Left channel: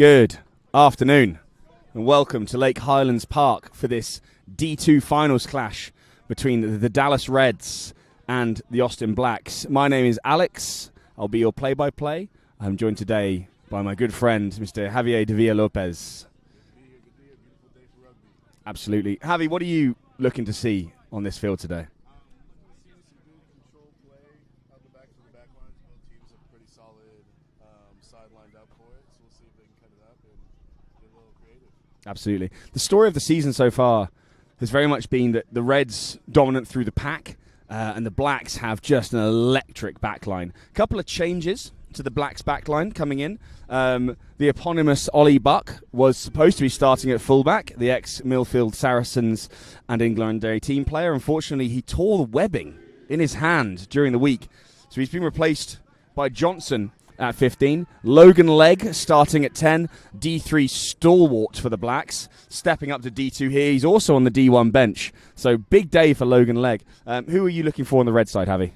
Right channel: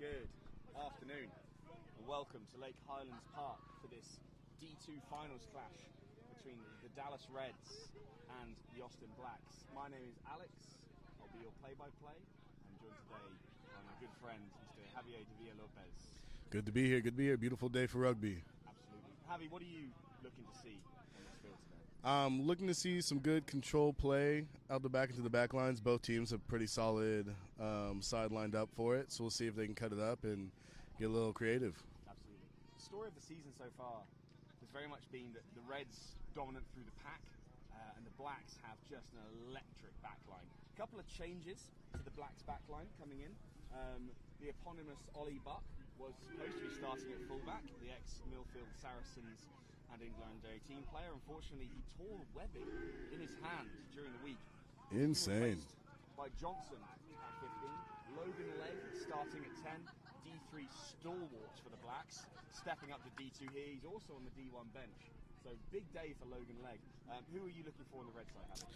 Good afternoon and welcome to Lake Highlands Park for this D2 finals clash between the Dallas Reds and the Austin Blacks. My name is Alex. I'll be your play-by-play. I'm joined today by my good friend, Mr. Javier de Villa-Lopez. Good to be here. Good to be here. Beautiful day for rugby. Absolutely. Javi, what are you looking to see on this field today? Looking to see some good control play out the back into the back lines. Both teams have pretty solid side lined up for it, so we'll see if they can cut it up and get a little creative. Absolutely. The story of the season so far has very much been that the Reds dominant through the pack and the Blacks have just an electric backline. A couple of changes to the Blacks backline coming in. The eponymous Ollie Buck was supposed to be starting at fullback, the ex-Millfield Saracens and England team player. Unfortunately, he tore the webbing in his hand during the week. So he's been replaced by Johnson at 15. Logan Legg starting at 10. D3 stalwart for the Blacks. Stepping up to D2 here. He's also on the D1 bench. So big day for Logan Legg. Who are you looking for on the red side, Javi?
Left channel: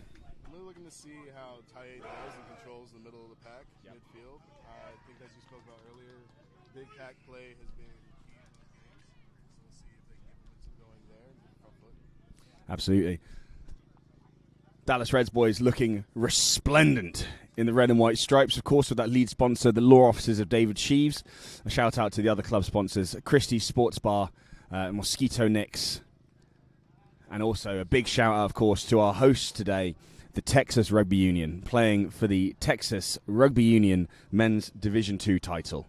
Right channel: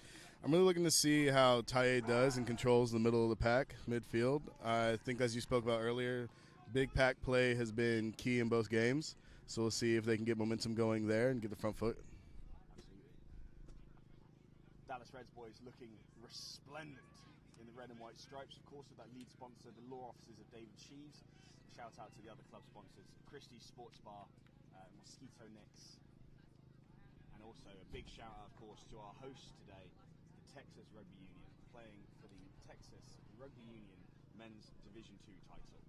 I'm really looking to see how Taye does and controls the middle of the pack, midfield. I think, as you spoke about earlier, big pack play has been key in both games. So we'll see if they can get momentum going there and get the front foot. Absolutely. Dallas Reds boys looking resplendent in the red and white stripes, of course, with that lead sponsor, the law offices of David Sheaves. A shout out to the other club sponsors, Christie's Sports Bar, Mosquito Nicks, and also a big shout out, of course, to our hosts today, the Texas Rugby Union, playing for the Texas Rugby Union Men's Division II title.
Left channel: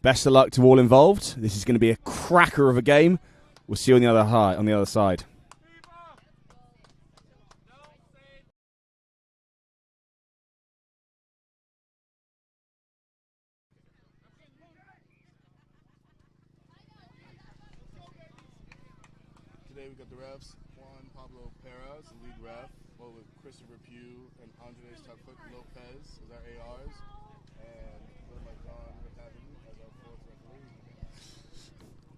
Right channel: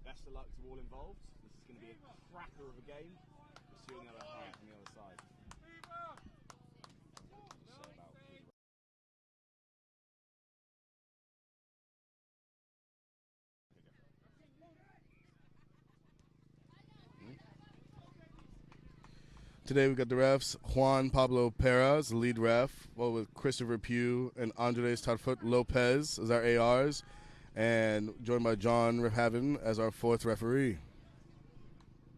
Best of luck to all involved. This is going to be a cracker of a game. We'll see you on the other side. Today we've got the refs, Juan Pablo Perez, the lead ref, with Christopher Pugh and Andres Tarfut Lopez as our ARs, and joined by John Rehaven as our fourth referee.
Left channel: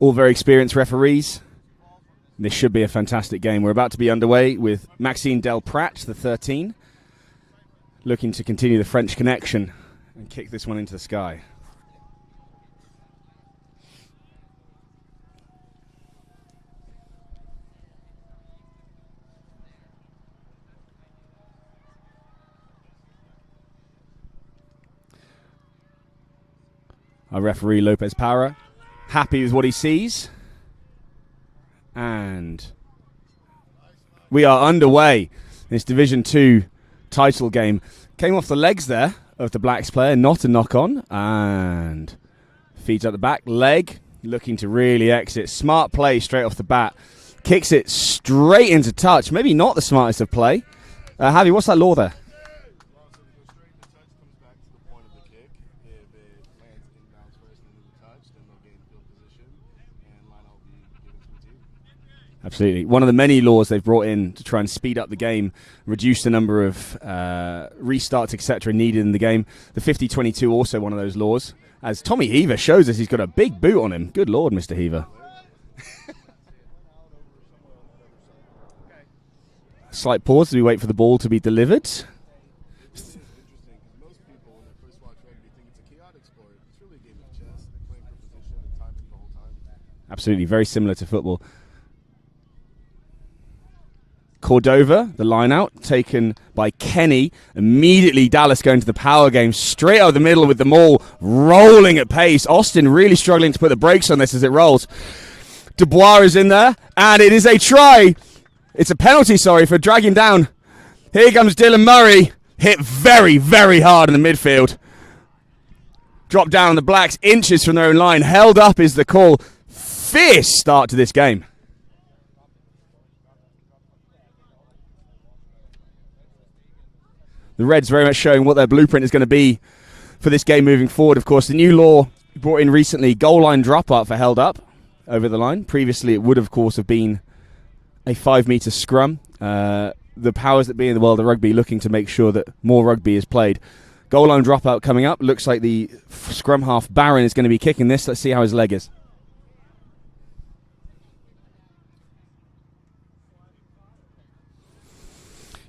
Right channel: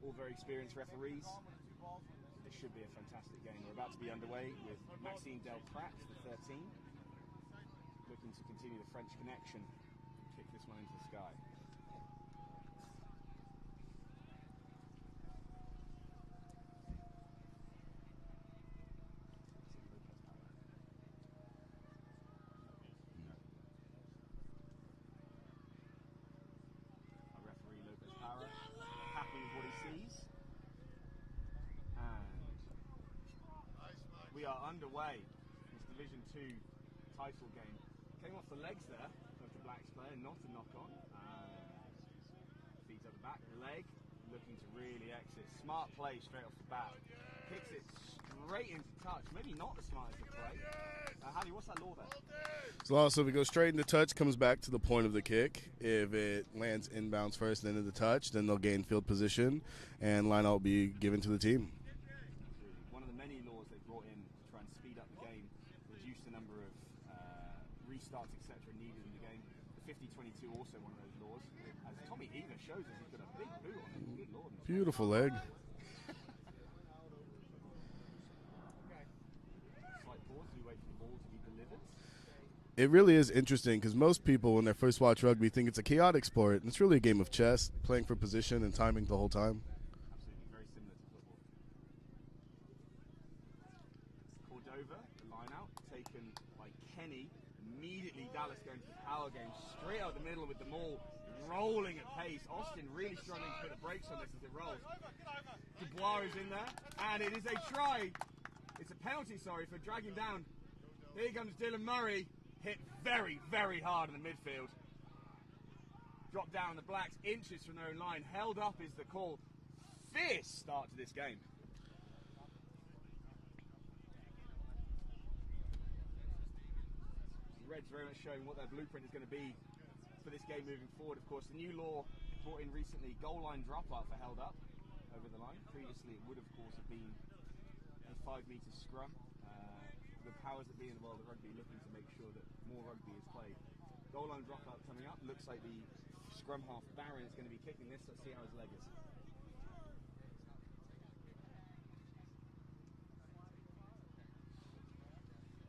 All very experienced referees. This should be a fantastic game. We're about to be underway with Maxime Delprat, the 13, looking to continue the French connection and kick this one into the sky. Our referee, Lopez Para, happy with what he sees. And we are underway. This Division 2 title game came off the legs there of the Blacks player, not a knock-on. And feeds up the back. Leg looking to really exit. Smart play straight off the bat. Kicks it straight into touch. Maybe not the smartest of play. Javi, what's that law there? So if it goes straight into touch, comes back to the point of the kick. If it lands inbounds first, then into the touch, then they'll gain field position, and line out will be given to the team. Absolutely. One of the many laws they've brought in to try and speed up the game, reduce the number of restarts, etc. needed in the game. The 50-22 also one of those laws. As Tommy Heaver shows us, he's got a big boot on him. Good Lord, Mr. Heaver. Slight pause as we wait for the ball to be delivered. It really is interesting because most people, when they first watch rugby, think it's a chaotic sport. And it's really a game of chess, playing for position and timing the whole time. Absolutely, very similar to football. Cordova, the line out, taken by Kenny. Immediately Dallas going to the power game, straight out of the middle with the maul, rolling at pace. Austin really struggling to put the brakes on this as it rolls. Dubois is in there, and it is a try. It's a penalty, for dragging down. Here comes Dylan Murray. Hit very, very hard in the midfield. Dropped down on the Blacks, inches from their own line. Held up is the call. Fierce start to this game. The Reds very much showing what their blueprint is going to be for this game moving forward. Of course, the new law brought in recently, goal line drop up for held up over the line. Previously, it would, of course, have been a 5-meter scrum. The powers that be in the world of rugby looking to make sure that more rugby is played. Goal line dropout coming up. Looks like the scrum half Barron is going to be kicking this. Let's see how his leg is.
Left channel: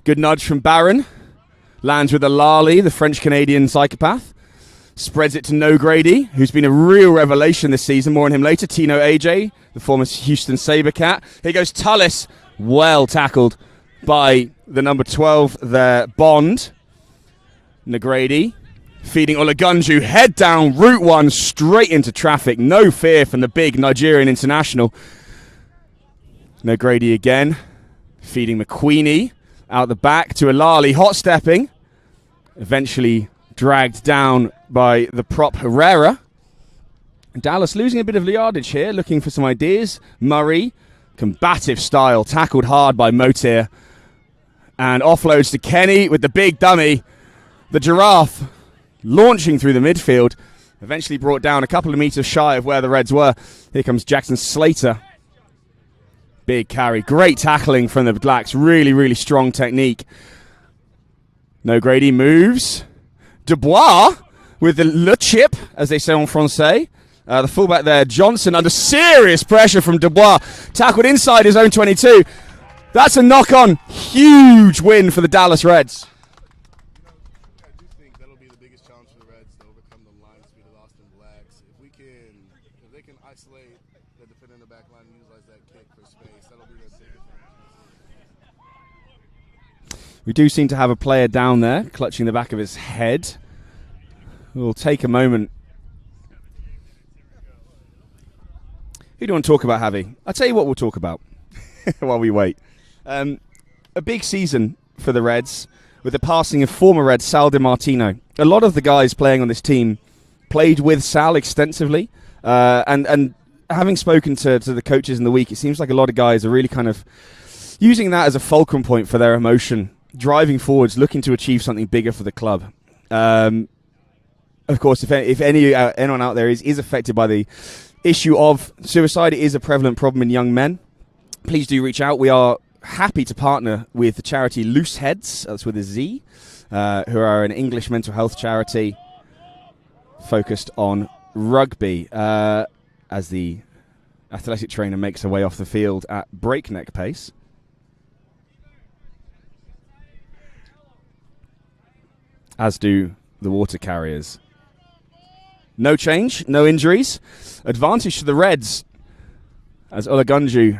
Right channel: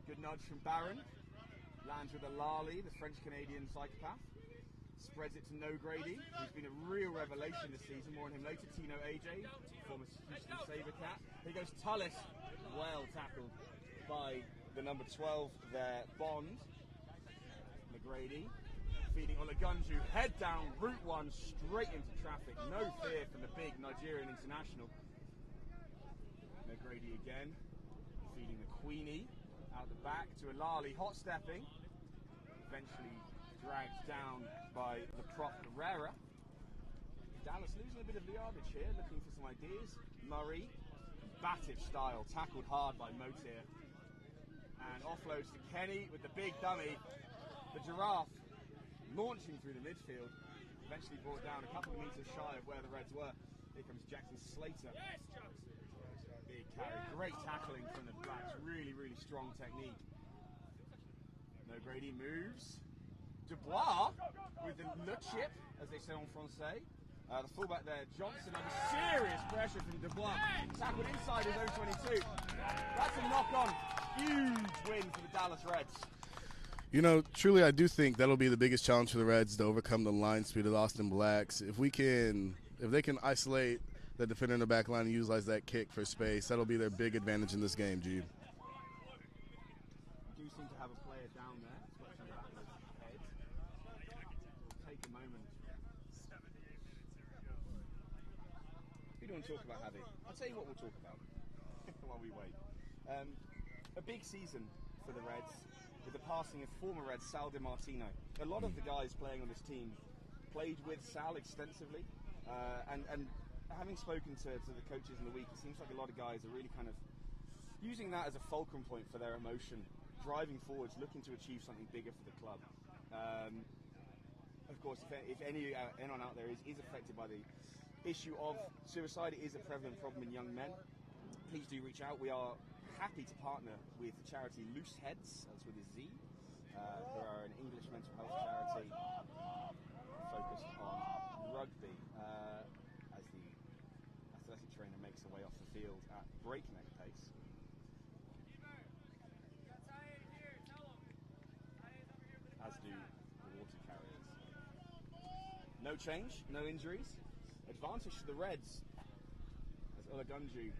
Good nudge from Barron. Lands with Alali, the French-Canadian psychopath. Spreads it to No Grady, who's been a real revelation this season. More on him later. Tino AJ, the former Houston Sabercat. Here goes Tullis. Well tackled by the number 12 there, Bond. Nagrady feeding Olagunju. Head down, route one, straight into traffic. No fear from the big Nigerian international. Nagrady again. Feeding McQueenie out the back to Alali. Hot stepping. Eventually dragged down by the prop Herrera. Dallas losing a bit of yardage here, looking for some ideas. Murray, combative style, tackled hard by Motir. And offloads to Kenny with the big dummy. The Giraffe launching through the midfield. Eventually brought down a couple of meters shy of where the Reds were. Here comes Jackson Slater. Big carry. Great tackling from the Blacks. Really, really strong technique. No Grady moves. Dubois with the le chip, as they say en français. The fullback there, Johnson, under serious pressure from Dubois. Tackled inside his own 22. That's a knock-on. Huge win for the Dallas Reds. You know, truly, I do think that'll be the biggest challenge for the Reds to overcome the line speed of the Austin Blacks. If they can isolate the defender in the back line and utilize that kick for space, that'll be their big advantage in this game, Jude. We do seem to have a player down there, clutching the back of his head. We'll take a moment. Who do you want to talk about, Javi? I'll tell you what we'll talk about while we wait. A big season for the Reds with the passing of former Red Sal DiMartino. A lot of the guys playing on this team played with Sal extensively, and having spoken to the coaches in the week, it seems like a lot of guys are really kind of using that as a fulcrum point for their emotion, driving forwards, looking to achieve something bigger for the club. Of course, if anyone out there is affected by the issue of suicide, it is a prevalent problem in young men. Please do reach out. We are happy to partner with the charity Loose Heads, that's with a Z, who are an English mental health charity focused on rugby, as the athletic trainer makes her way off the field at breakneck pace. As do the water carriers. No change, no injuries. Advantage to the Reds as Olagunju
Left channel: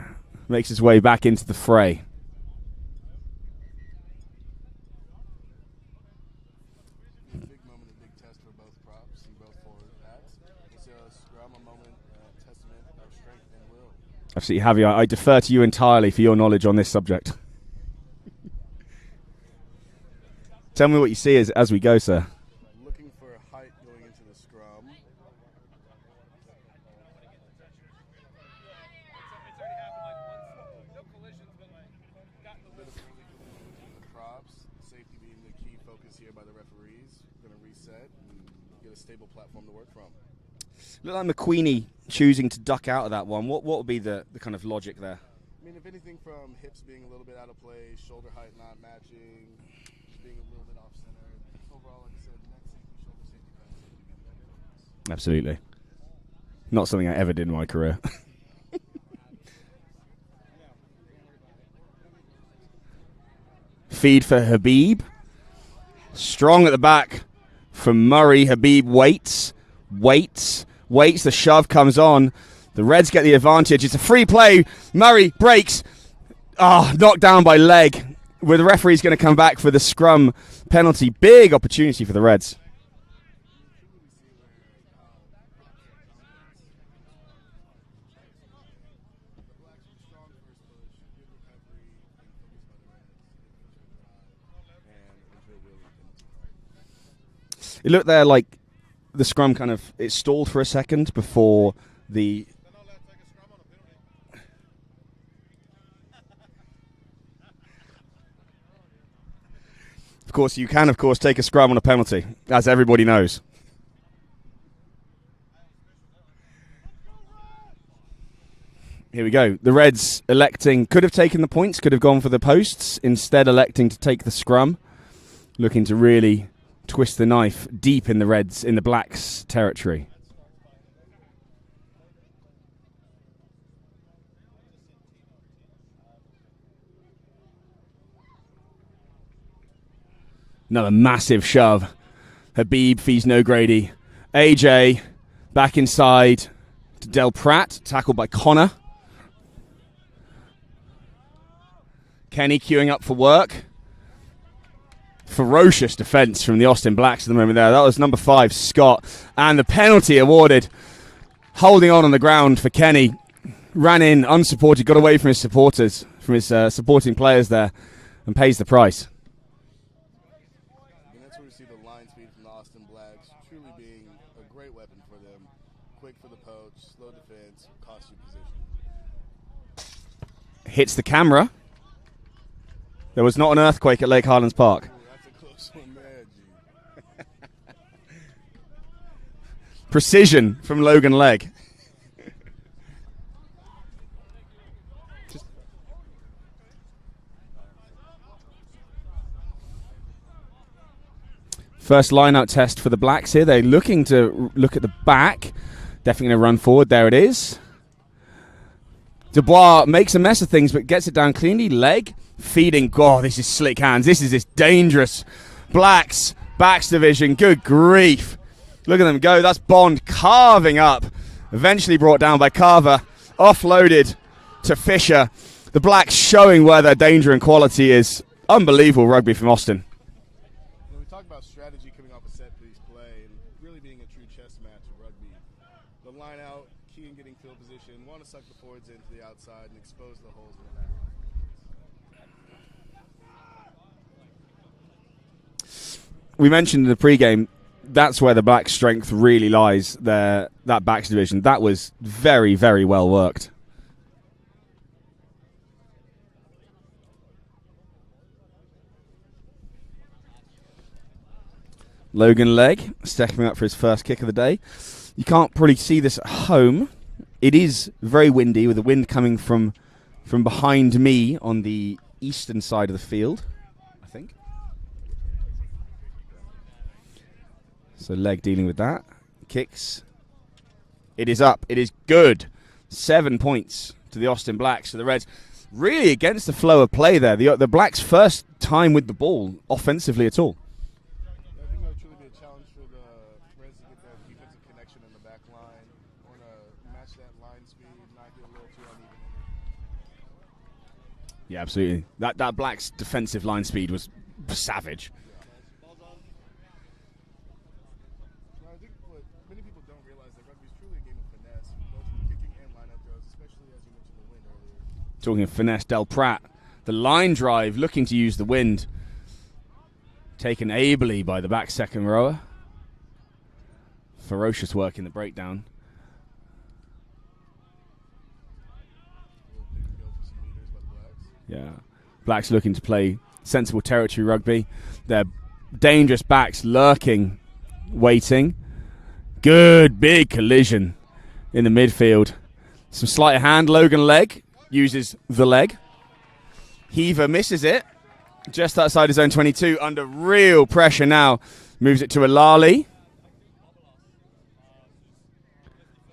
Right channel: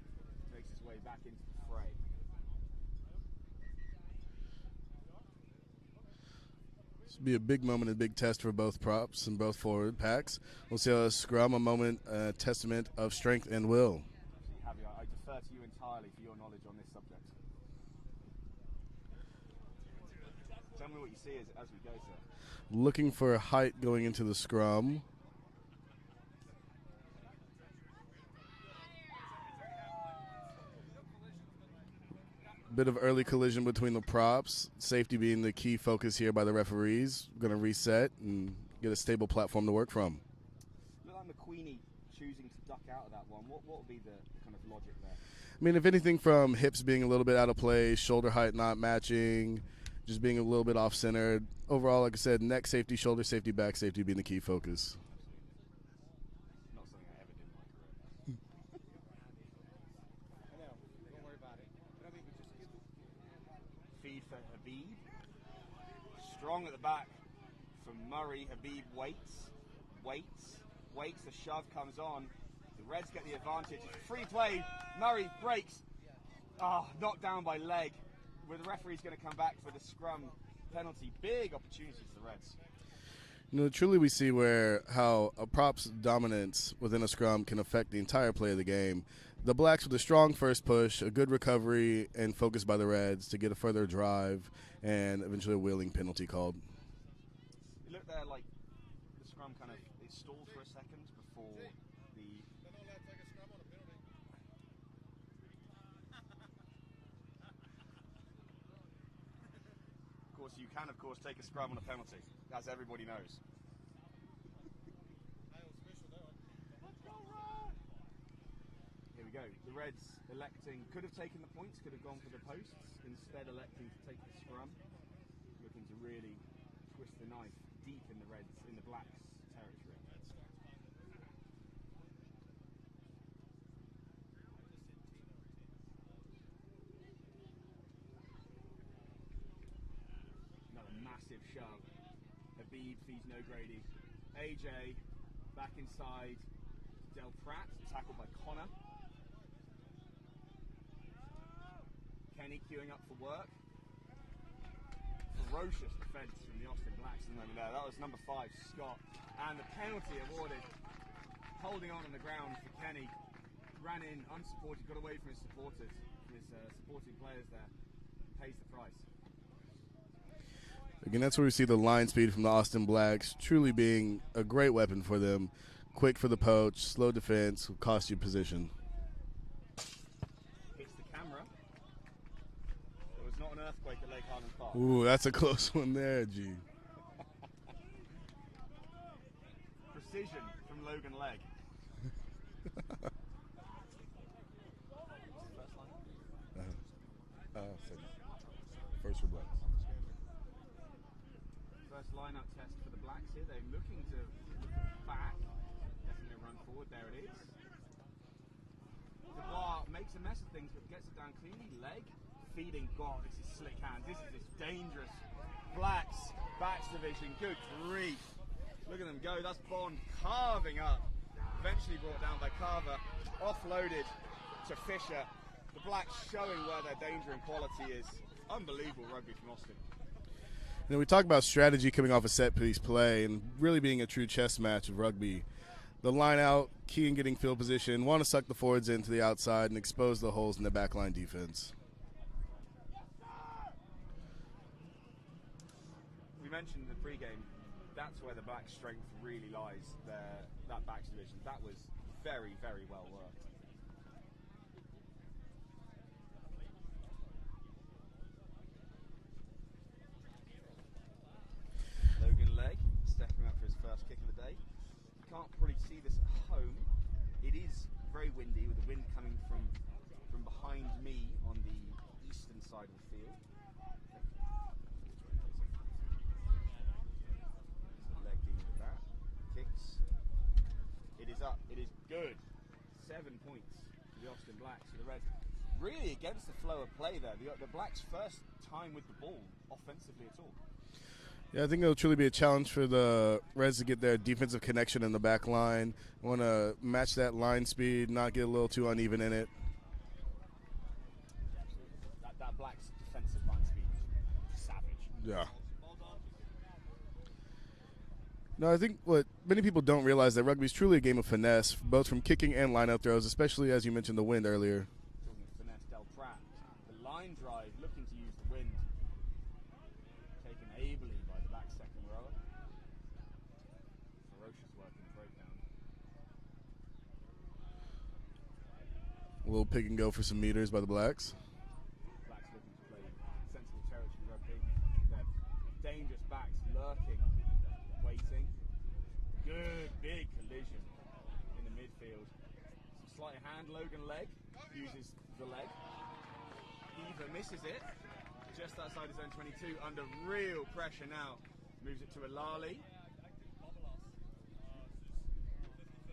makes his way back into the fray. This will be a big moment, a big test for both props and both forward packs. We'll see a scrum, a moment, a testament of strength and will. Absolutely, Javier. I defer to you entirely for your knowledge on this subject. Tell me what you see as we go, sir. Looking for height going into the scrum. Bit of early collision between the props. Safety being the key focus here by the referees. Going to reset and get a stable platform to work from. Look like McQueenie choosing to duck out of that one. What would be the kind of logic there? I mean, if anything, from hips being a little bit out of place, shoulder height not matching, just being a little bit off-centered. Overall, like I said, neck safety, shoulder safety, back safety being the key focus. Absolutely. Not something I ever did in my career. Feed for Habib. Strong at the back from Murray. Habib waits. The shove comes on. The Reds get the advantage. It's a free play. Murray breaks. Knocked down by leg. Where the referee's going to come back for the scrum penalty. Big opportunity for the Reds. You know, truly we see how a prop's dominance within a scrum can affect the entire play of the game. The Blacks with a strong first push, a good recovery, and focus by the Reds to get a further drive and eventually a wheeling penalty called. It looked there like the scrum it stalled for a second before the... Of course, you can, take a scrum on a penalty, as everybody knows. Here we go. The Reds could have taken the points, could have gone for the posts, instead electing to take the scrum, looking to really twist the knife deep in the Blacks' territory. Another massive shove. Habib feeds No Grady. AJ back inside to Del Pratt, tackled by Connor. Kenny queuing up for work. Ferocious defense from the Austin Blacks at the moment there. That was number 5, Scott. And the penalty awarded. Holding on the ground for Kenny. Ran in unsupported, got away from his supporters, from his supporting players there, and pays the price. Again, that's where we see the line speed from the Austin Blacks truly being a great weapon for them. Quick for the poach, slow defense, will cost you position. Hits the camera. There was not an earthquake at Lake Highlands Park. Ooh, that's a close one there, G. Precision from Logan Legg. First line-out test for the Blacks here. They're looking to look at the back. Definitely going to run forward. There it is. Dubois makes a mess of things, but gets it down cleanly. Legg feeding. Oh, this is slick hands. This is this dangerous Blacks backs division. Good grief. Look at them go. That's Bond carving up. Eventually brought down by Carver. Offloaded to Fisher. The Blacks showing where their danger and quality is. Unbelievable rugby from Austin. You know, we talk about strategy coming off a set-piece play and really being a true chess match of rugby. The line out, key in getting field position, want to suck the forwards into the outside and expose the holes in the backline defense. We mentioned in the pregame, that's where the Blacks' strength really lies, that backs division. That was very, very well worked. Logan Legg stepping up for his first kick of the day. You can't probably see this at home. It is very windy, with the wind coming from behind me on the eastern side of the field, I think. So Legg dealing with that. Kicks. It is up. It is good. 7 points to the Austin Blacks. So the Reds really against the flow of play there. The Blacks' first time with the ball offensively at all. Yeah, I think it'll truly be a challenge for the Reds to get their defensive connection in the back line. Want to match that line speed, not get a little too uneven in it. Yeah, absolutely. That Blacks' defensive line speed was savage. Yeah. No, I think what many people don't realize that rugby is truly a game of finesse, both from kicking and line-out throws, especially as you mentioned the wind earlier. Talking of finesse, Del Pratt, the line drive, looking to use the wind. Taken ably by the back second rower. Ferocious work in the breakdown. A little pick and go for some meters by the Blacks. Yeah. Blacks looking to play sensible territory rugby. Their dangerous backs lurking, waiting. Good big collision in the midfield. Some sleight of hand. Logan Legg uses the leg. Heaver misses it. Just outside his own 22, under real pressure now. Moves it to Alali.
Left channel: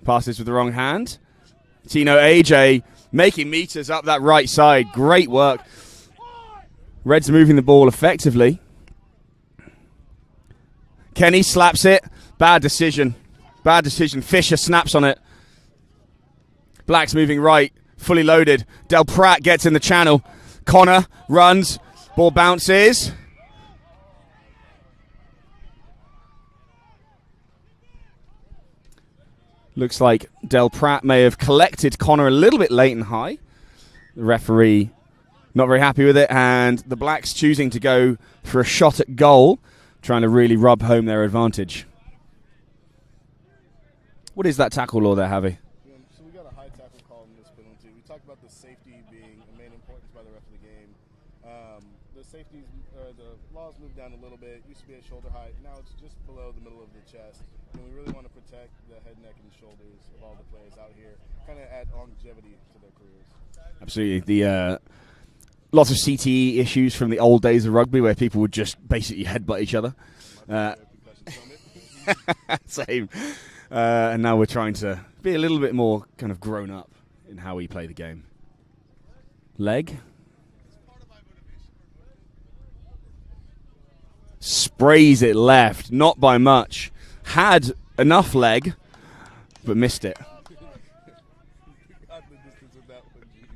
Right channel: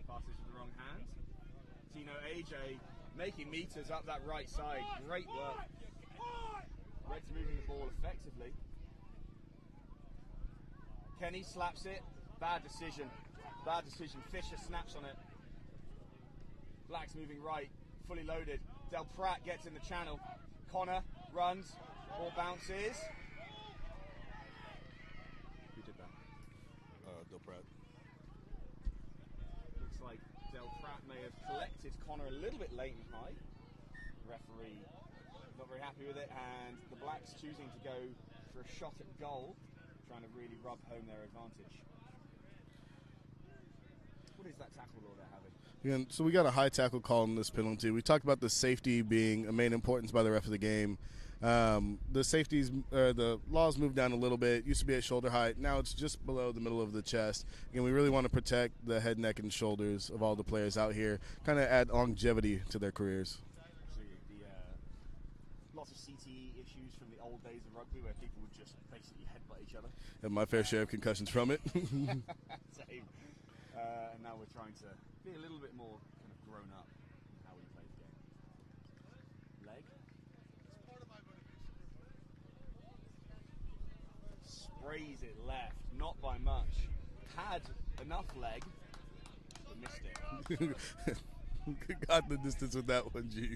Passes with the wrong hand. Tino AJ making meters up that right side. Great work. Reds moving the ball effectively. Kenny slaps it. Bad decision. Bad decision. Fisher snaps on it. Blacks moving right. Fully loaded. Del Pratt gets in the channel. Connor runs. Ball bounces. Looks like Del Pratt may have collected Connor a little bit late and high. The referee not very happy with it, and the Blacks choosing to go for a shot at goal, trying to really rub home their advantage. What is that tackle law there, Javi? Yeah, so we got a high tackle call in this penalty. We talked about the safety being a main importance by the ref of the game. The laws moved down a little bit. Used to be at shoulder height. Now it's just below the middle of the chest. We really want to protect the head, neck, and shoulders of all the players out here. Kind of add longevity to their careers. Absolutely. The lots of CTE issues from the old days of rugby, where people would just basically headbutt each other. And my fair share of concussions from it. Same. And now we're trying to be a little bit more kind of grown up in how we play the game. Leg. Sprays it left, not by much. Had enough leg, but missed it. Got the distance with that one, G.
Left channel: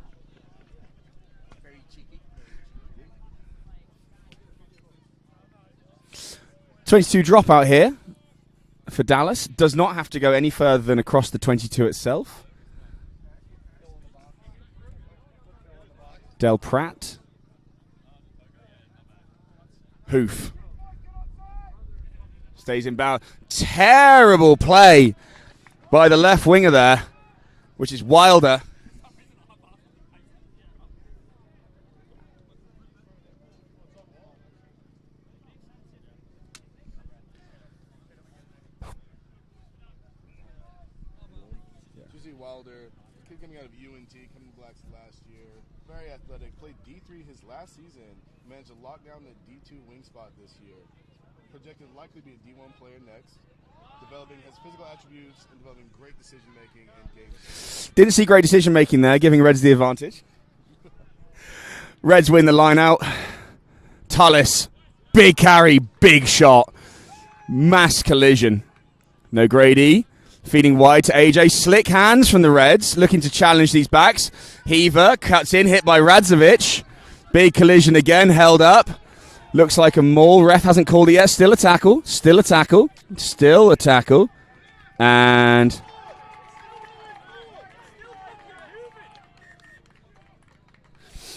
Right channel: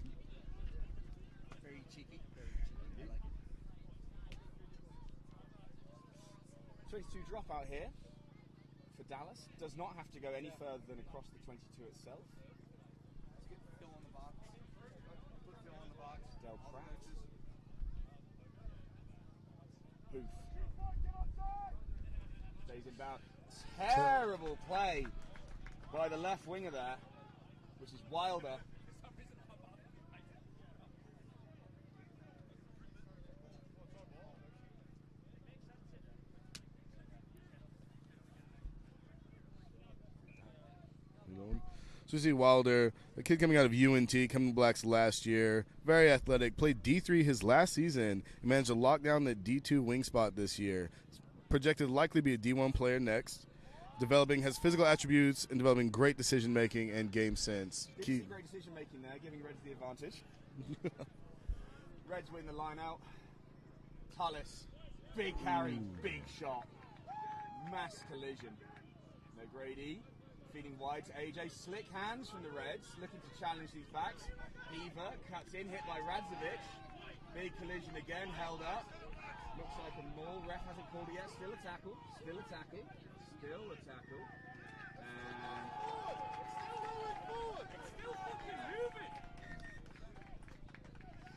22 dropout here for Dallas. Does not have to go any further than across the 22 itself. Del Pratt. Hoof. Stays in bounds. Terrible play by the left winger there, which is Wilder. So we see Wilder, a kid coming out of UNT, coming to Blacks last year, very athletic, played D3 his last season, and managed to lock down the D2 wing spot this year. Projected likely to be a D1 player next. Developing, has physical attributes and developing great decision making and game sense. Didn't see great decision making there, giving Reds the advantage. Reds win the line out. Tullis, big carry, big shot. Mass collision. No Grady. Feeding wide to AJ. Slick hands from the Reds, looking to challenge these backs. Heaver cuts in, hit by Radzovic. Big collision again, held up. Looks like a maul. Ref hasn't called it yet. Still a tackle. Still a tackle. Still a tackle. And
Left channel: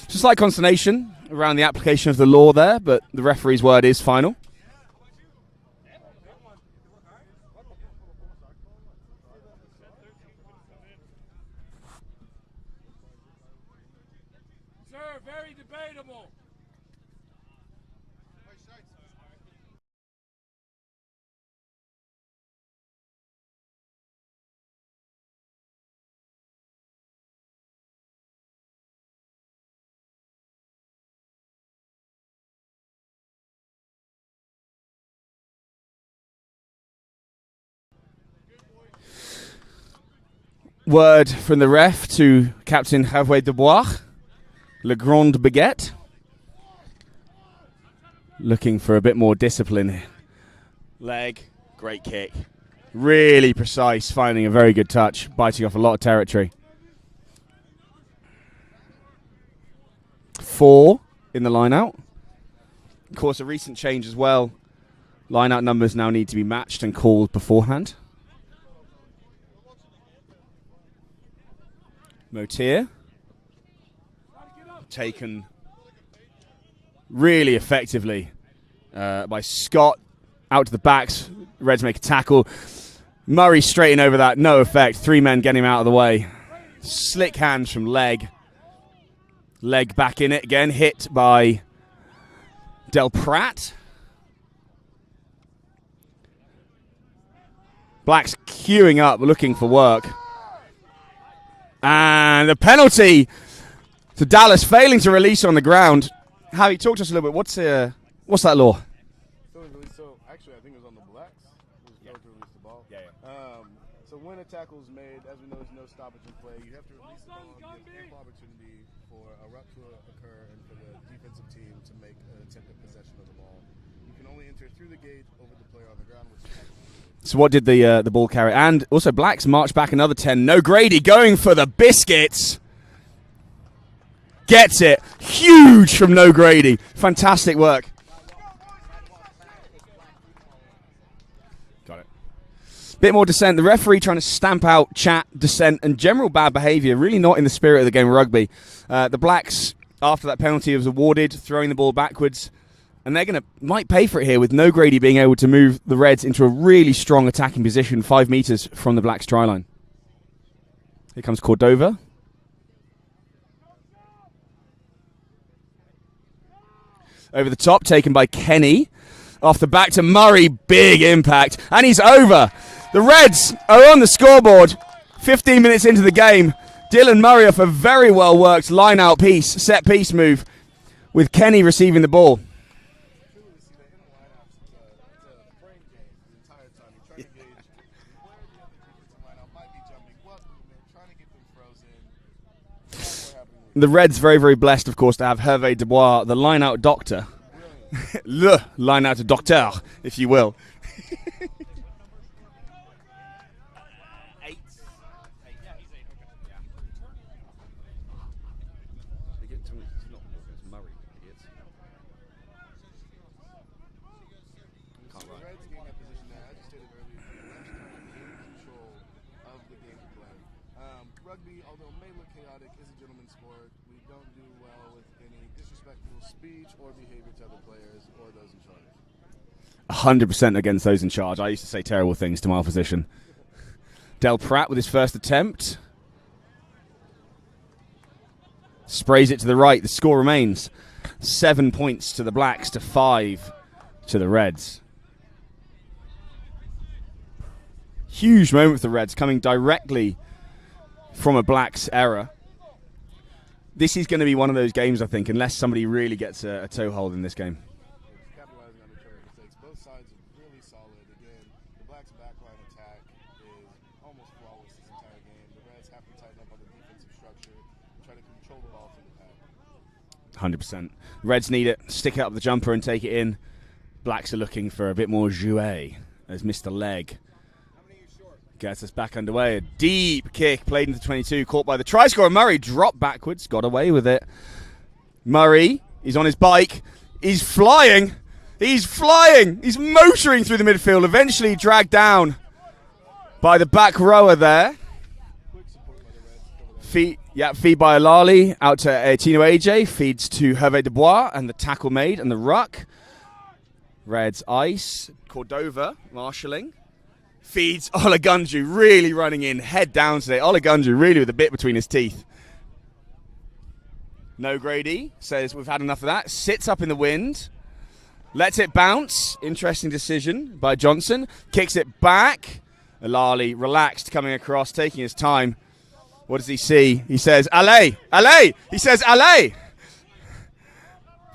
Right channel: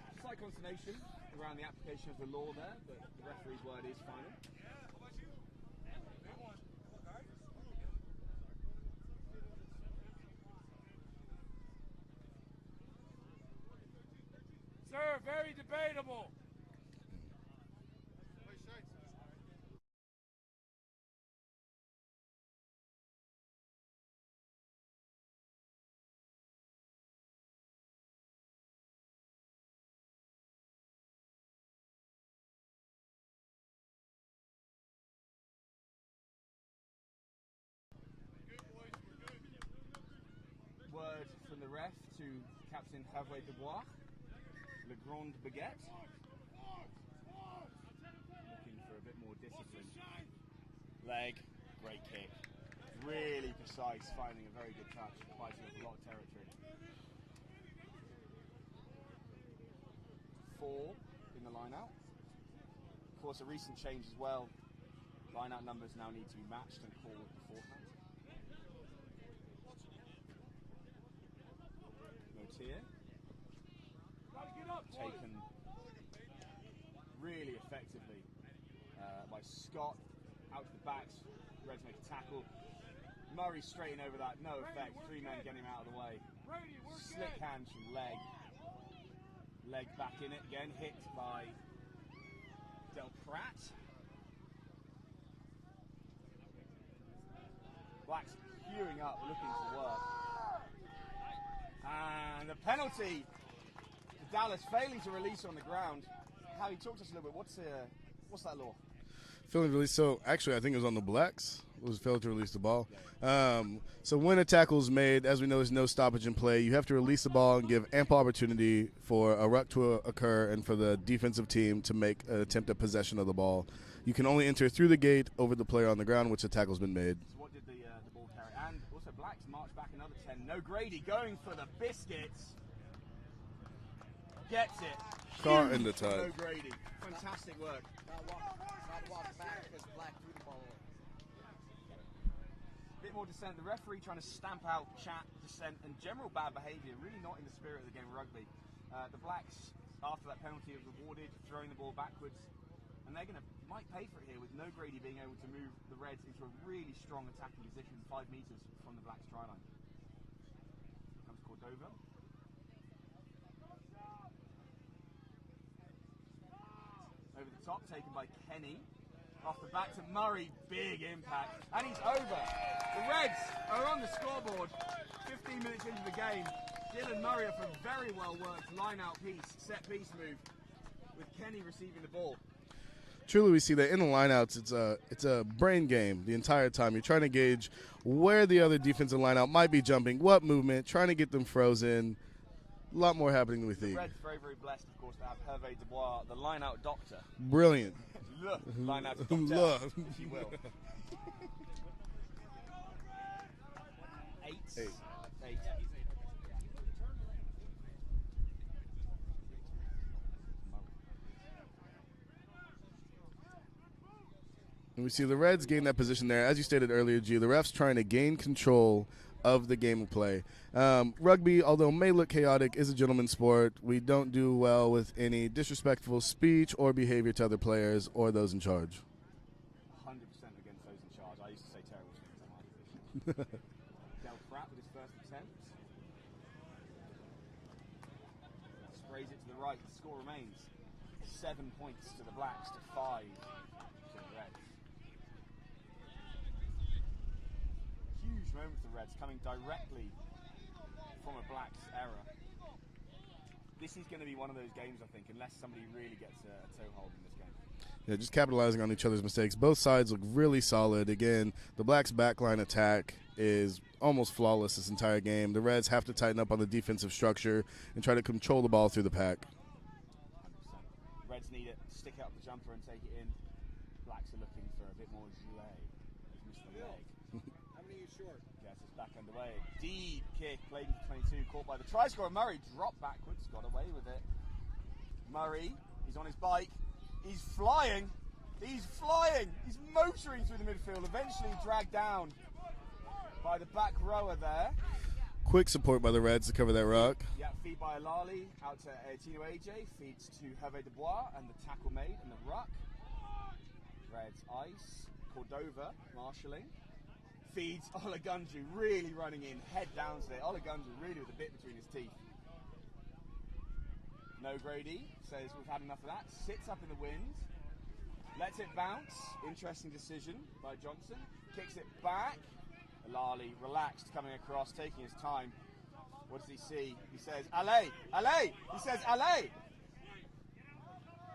just like consternation around the application of the law there, but the referee's word is final. Very debatable. Word from the ref to Captain Hervé Dubois. Le Grand Baguette. Looking for a bit more discipline. Leg, great kick. Really precise, finding a very good touch, biting off a lot of territory. 4 in the line out. Of course, a recent change as well. Line out numbers now need to be matched and called beforehand. Motier. Taken really effectively by Scott. Out to the backs. Reds make a tackle. Murray straighten over that. No effect. 3 men getting him out of the way. Slick hands from Leg. Leg back in it again. Hit by Del Pratt. Blacks queuing up, looking for work. And a penalty to Dallas, failing to release on the ground. Howie, talk to us a little bit. What's that law? Failing to release. So actually, I think it was on the Blacks. It was failed to release the ball. So when a tackle is made, as we know, there's no stoppage in play. You have to release the ball and give ample opportunity for a ruck to occur and for the defensive team to make an attempt at possession of the ball. You can only enter through the gate over the player on the ground, which the tackle's been made. So what did the ball carry? And also Blacks march back another 10. No Grady going for the biscuits. Gets it. Huge from No Grady. Fantastic work. Got it. Bit more dissent. The referee trying to stamp out chat, dissent, and general bad behaviour. Really not in the spirit of the game of rugby. The Blacks, after that penalty was awarded, throwing the ball backwards. And they're might pay for it here with No Grady being able to move the Reds into a really strong attacking position 5 meters from the Blacks' try line. Here comes Cordova. Over the top, taken by Kenny. Off the back to Murray, big impact. And he's over. The Reds are on the scoreboard. 15 minutes into the game. Dylan Murray off a very well worked line out piece, set piece move with Kenny receiving the ball. Truly, we see that in the lineouts, it's a brain game the entire time. You're trying to gauge where the other defensive lineout might be jumping, what movement, trying to get them frozen. A lot more happening with the Reds very, very blessed, of course, to have Hervé Dubois, the line-out doctor. Brilliant. Le line-out docteur, if you will. We see the Reds gain that position there. As you stated earlier, G, the refs trying to gain control of the game of play. Rugby, although may look chaotic, is a gentleman's sport. We don't do well with any disrespectful speech or behavior to other players or those in charge. 100% against those in charge. I used to say terrible things to my opposition. Del Pratt with his first attempt. Sprays it to the right. The score remains 7 points to the Blacks to 5 to the Reds. Huge moment for the Reds, coming directly from a Blacks error. This is going to be one of those games, I think, unless somebody really gets a toehold in this game. Yeah, just capitalizing on each other's mistakes. Both sides look really solid. Again, the Blacks' backline attack is almost flawless this entire game. The Reds have to tighten up on the defensive structure and try to control the ball through the pack. 100%. Reds need it. Stick it up the jumper and take it in. Blacks are looking for a bit more jouet as Mr. Leg gets us back underway. A deep kick played into 22, caught by the try scorer. Murray dropped backwards, got away with it. Murray, he's on his bike. He's flying. He's flying. He's motoring through the midfield, eventually dragged down by the back rower there. Quick support by the Reds to cover that feed, rock. Yeah, feed by Alali out to Tino AJ. Feeds to Hervé Dubois and the tackle made and the ruck. Reds ice. Cordova marshalling. Feeds Olagunju, really running in, head down today. Olagunju really with a bit between his teeth. No Grady says we've had enough of that. Sits up in the wind. Lets it bounce. Interesting decision by Johnson. Kicks it back. Alali relaxed, coming across, taking his time. What does he see? He says, allez, allez. He says, allez.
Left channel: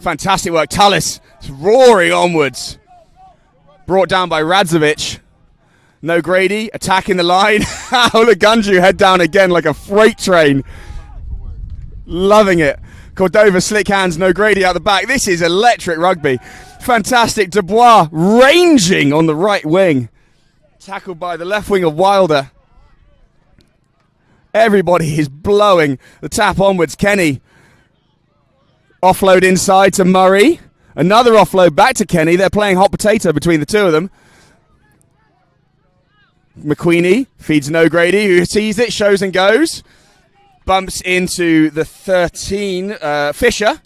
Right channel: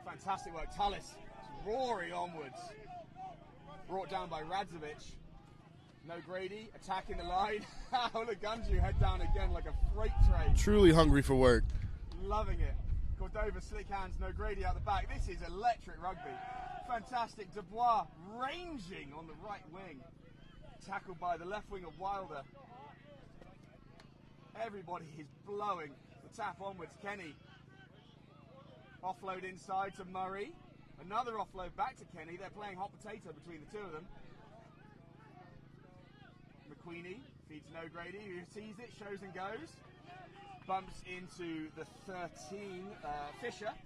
Fantastic work. Tallis roaring onwards. Brought down by Radzovic. No Grady, attacking the line. Olagunju head down again like a freight train. Truly hungry for work. Loving it. Cordova, slick hands, no Grady out the back. This is electric rugby. Fantastic. Dubois ranging on the right wing. Tackled by the left wing of Wilder. Everybody is blowing the tap onwards. Kenny. Offload inside to Murray. Another offload back to Kenny. They're playing hot potato between the two of them. McQueenie feeds no Grady, who sees it, shows and goes. Bumps into the 13, Fisher.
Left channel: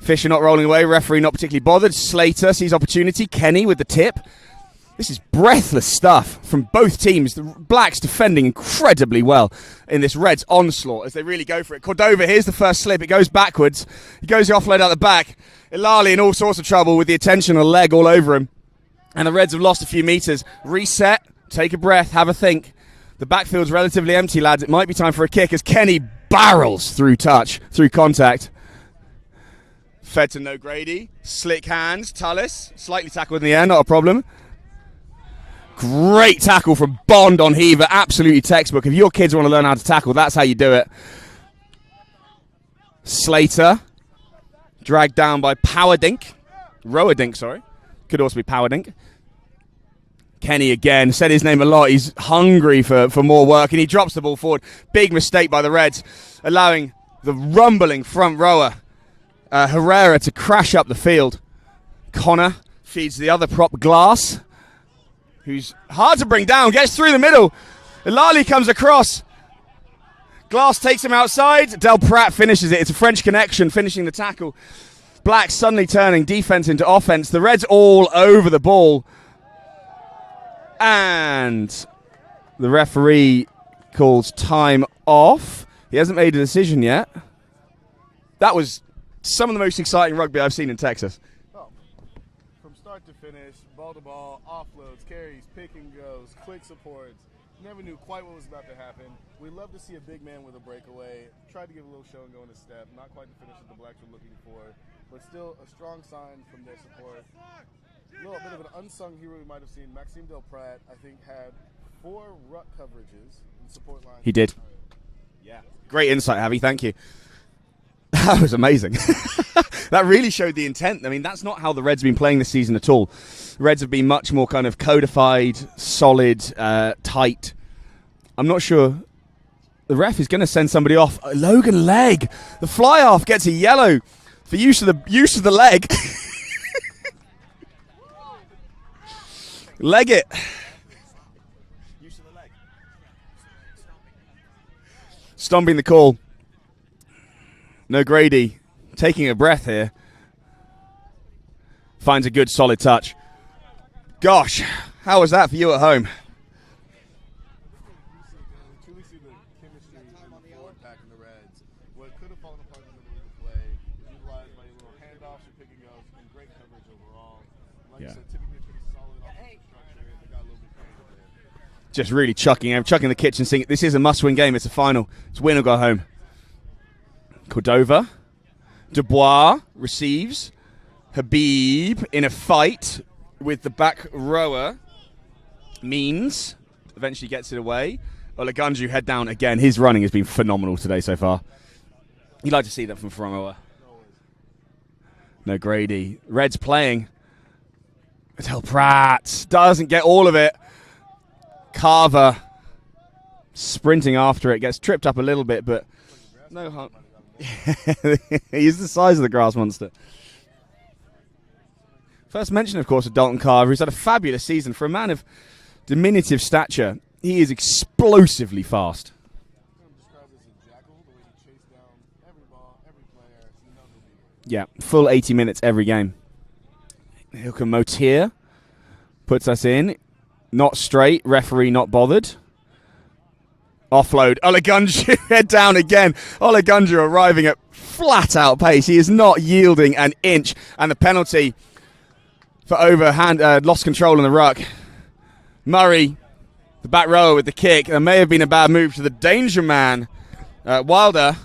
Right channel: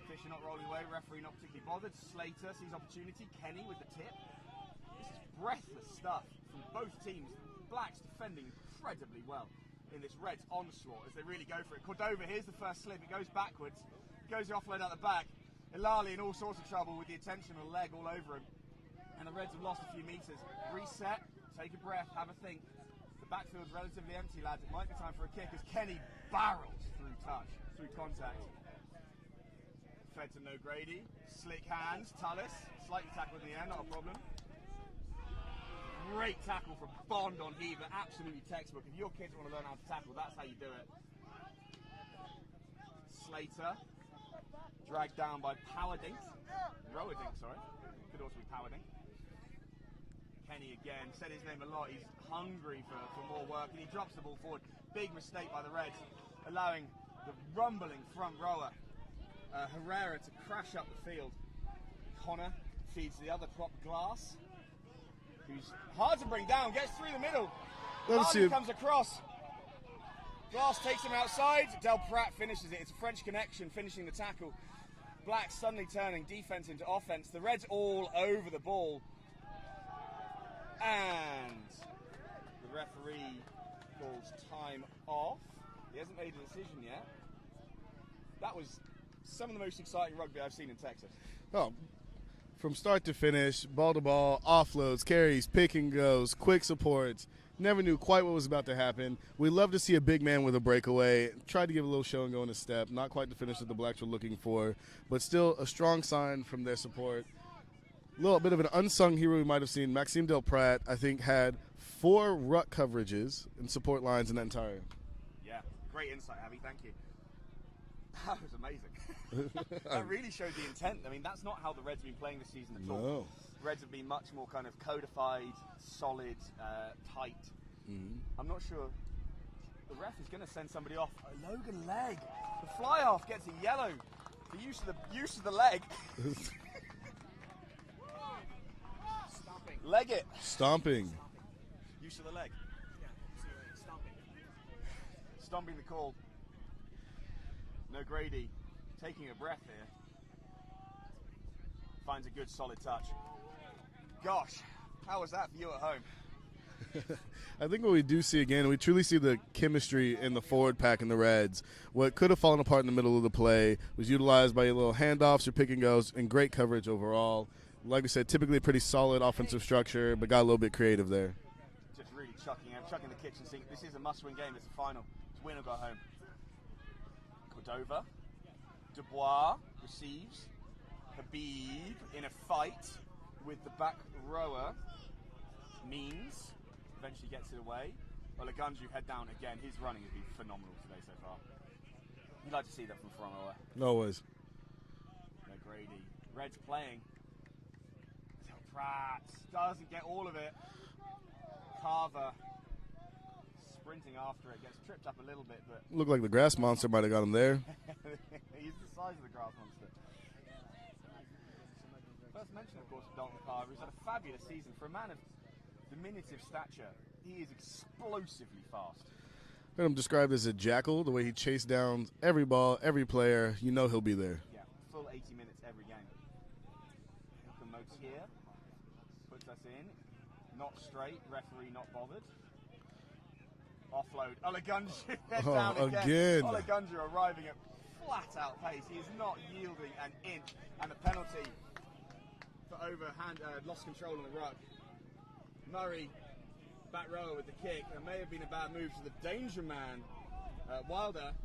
Fisher not rolling away, referee not particularly bothered. Slater sees opportunity. Kenny with the tip. This is breathless stuff from both teams. The Blacks defending incredibly well in this Reds onslaught as they really go for it. Cordova, here's the first slip. It goes backwards. He goes the offload out the back. Ilali in all sorts of trouble with the attention and leg all over him. And the Reds have lost a few meters. Reset, take a breath, have a think. The backfield's relatively empty, lads. It might be time for a kick as Kenny barrels through touch, through contact. Fed to no Grady. Slick hands. Tallis, slightly tackled in the air, not a problem. Great tackle from Bond on Heaver. Absolutely textbook. If your kids want to learn how to tackle, that's how you do it. Slater. Dragged down by Powerdink. Rowadink, sorry. Could also be Powerdink. Kenny again. Said his name a lot. He's hungry for more work, and he drops the ball forward. Big mistake by the Reds, allowing the rumbling front rower, Herrera, to crash up the field. Connor feeds the other prop, Glass, who's hard to bring down, gets through the middle. Ilali comes across. Glass takes him outside. Del Pratt finishes it. It's a French connection, finishing the tackle. Black suddenly turning defense into offense. The Reds all over the ball. And the referee calls time off. He hasn't made a decision yet. That was some of the most exciting rugby I've seen in Texas. Oh, from start to finish, ball to ball, offloads, carries, pick and goes, quick supports. Never knew quite what was about to happen. We love to see a big man with a breakaway. Tried to give a little show and go in a step. Not quite the finish that the Blacks were looking for, but still a strong sign from their support. A little bit of an unsung hero we might have seen. Maxime Del Pratt, I think, had 4 ruck coverages in support lines. He did. Yeah. Great insight, Javi. Thank you. That was amazing. That really showed the intent. I mean, that's not how the Reds have been playing this season at all. The Reds have been much more kind of codified, solid, tight. I'm not sure. The ref is going to send somebody off. Logan Legg. The fly-off gets a yellow for use of the leg. Leg it. Stomping. Use of the leg. Stomping the call. No Grady. Taking a breath here. Finds a good solid touch. Gosh, how was that for you at home? I think what we do see again, we truly see the chemistry in the forward pack in the Reds. What could have fallen apart in the middle of the play was utilized by little handoffs or pick and goes and great coverage overall. Like I said, typically a pretty solid offensive structure, but got a little bit creative there. Just really chucking the kitchen sink. This is a must-win game. It's a final. It's win or go home. Cordova. Dubois receives. Habib in a fight with the back rower. Means eventually gets it away. Olagunju head down again. His running has been phenomenal today so far. You'd like to see that from Faramoa. Always. No Grady. Reds playing. Adel Pratt doesn't get all of it. Carver sprinting after it. Gets tripped up a little bit, but... Looked like the grass monster might have got him there. He's the size of the grass monster. First mention, of course, of Dalton Carver, who's had a fabulous season. For a man of diminutive stature, he is explosively fast. Heard him described as a jackal, the way he chased down every ball, every player. You know he'll be there. Yeah, full 80 minutes every game. Hilke Motier puts us in. Not straight. Referee not bothered. Offload. Olagunju head down again. Olagunju arriving at flat-out pace. He is not yielding an inch. And the penalty for overhand, lost control in the ruck. Murray, the back rower with the kick. There may have been a bad move to the danger man. Wilder,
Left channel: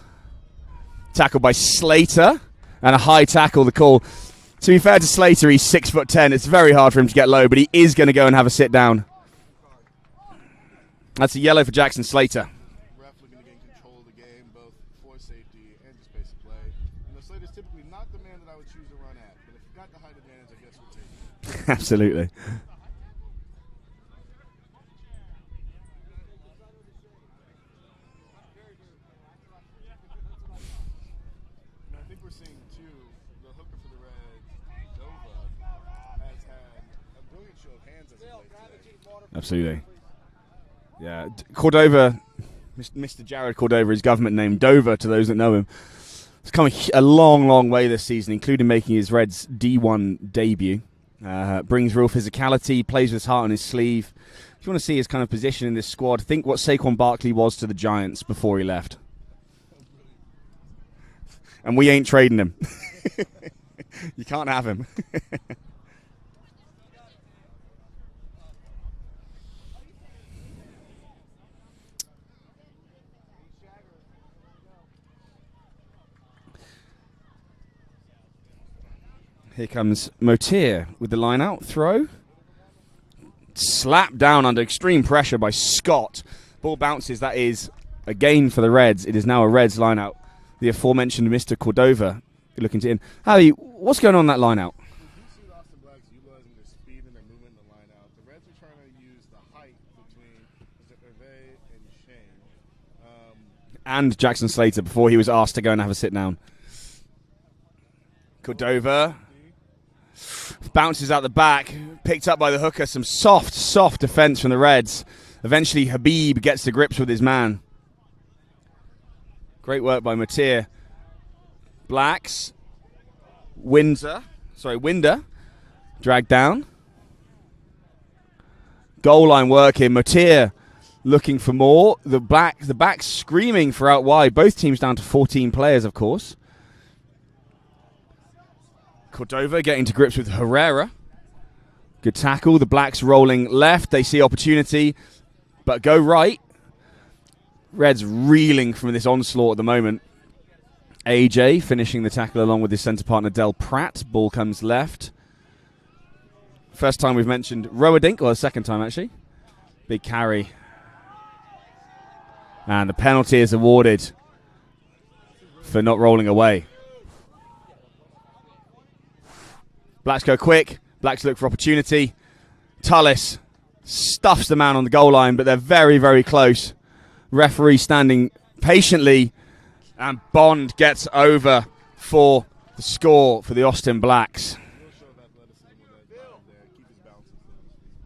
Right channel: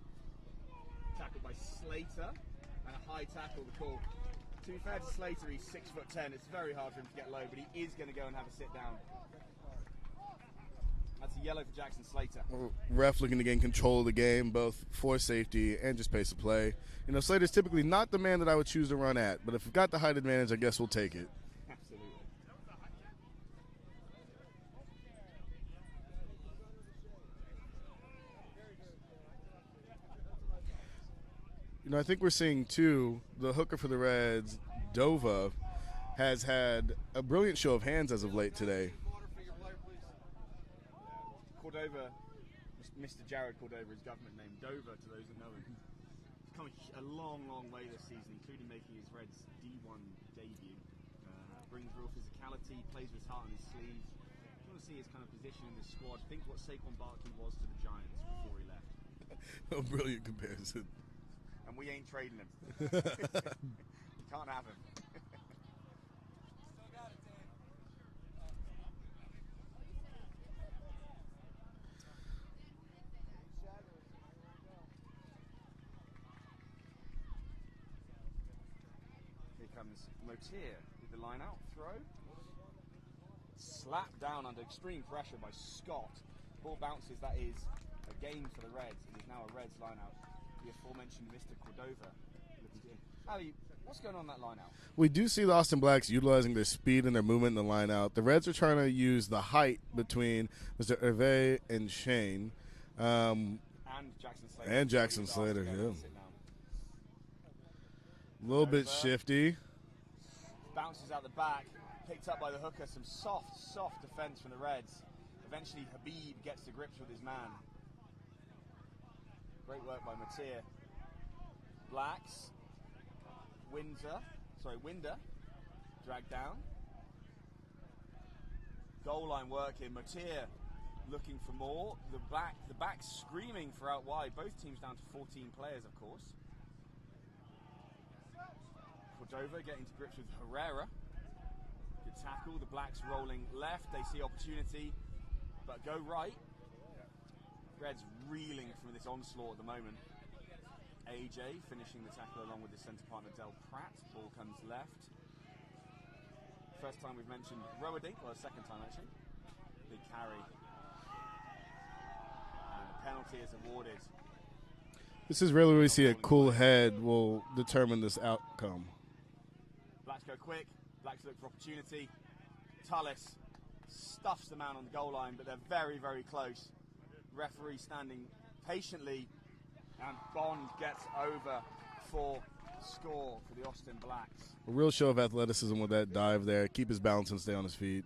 tackled by Slater. And a high tackle, the call. To be fair to Slater, he's 6'10". It's very hard for him to get low, but he is going to go and have a sit down. That's a yellow for Jackson Slater. Ref looking to gain control of the game, both for safety and just pace of play. You know, Slater's typically not the man that I would choose to run at, but if we've got the height advantage, I guess we'll take it. Absolutely. You know, I think we're seeing, too, the hooker for the Reds, Dova, has had a brilliant show of hands as of late today. Absolutely. Yeah, Cordova, Mr. Jared Cordova, his government name, Dover, to those that know him. He's come a long, long way this season, including making his Reds D1 debut. Brings real physicality, plays with his heart on his sleeve. If you want to see his kind of position in this squad, think what Saquon Barkley was to the Giants before he left. A brilliant comparison. And we ain't trading him. You can't have him. Here comes Motier with the line out throw. Slapped down under extreme pressure by Scott. Ball bounces. That is a gain for the Reds. It is now a Reds line out. The aforementioned Mr. Cordova looking to in. Harry, what's going on in that line out? We do see the Austin Blacks utilizing their speed and their movement in the line out. The Reds are trying to use the height between Mr. Hervé and Shane. And Jackson Slater and before Jackson he was asked Slater, to go and yeah. have a sit down. Cordova. Cordova bounces out the back, picked up by the hooker. Some soft defense from the Reds. Eventually Habib gets to grips with his man. Great work by Motier. Blacks. Winder. Dragged down. Goal line work here. Motier looking for more. The back screaming for out wide. Both teams down to 14 players, of course. Cordova getting to grips with Herrera. Good tackle. The Blacks rolling left. They see opportunity, but go right. Reds reeling from this onslaught at the moment. AJ finishing the tackle along with his centre partner Del Pratt. Ball comes left. First time we've mentioned Rowadink, or the second time actually. Big carry. And the penalty is awarded. This is really for not rolling away. Head will determine this outcome. Blacks go quick. Blacks look for opportunity. Tullis stuffs the man on the goal line, but they're very, very close. Referee standing patiently, and Bond gets over for the score for the Austin Blacks. A real show of athleticism with that dive there. Keep his balance and stay on his feet.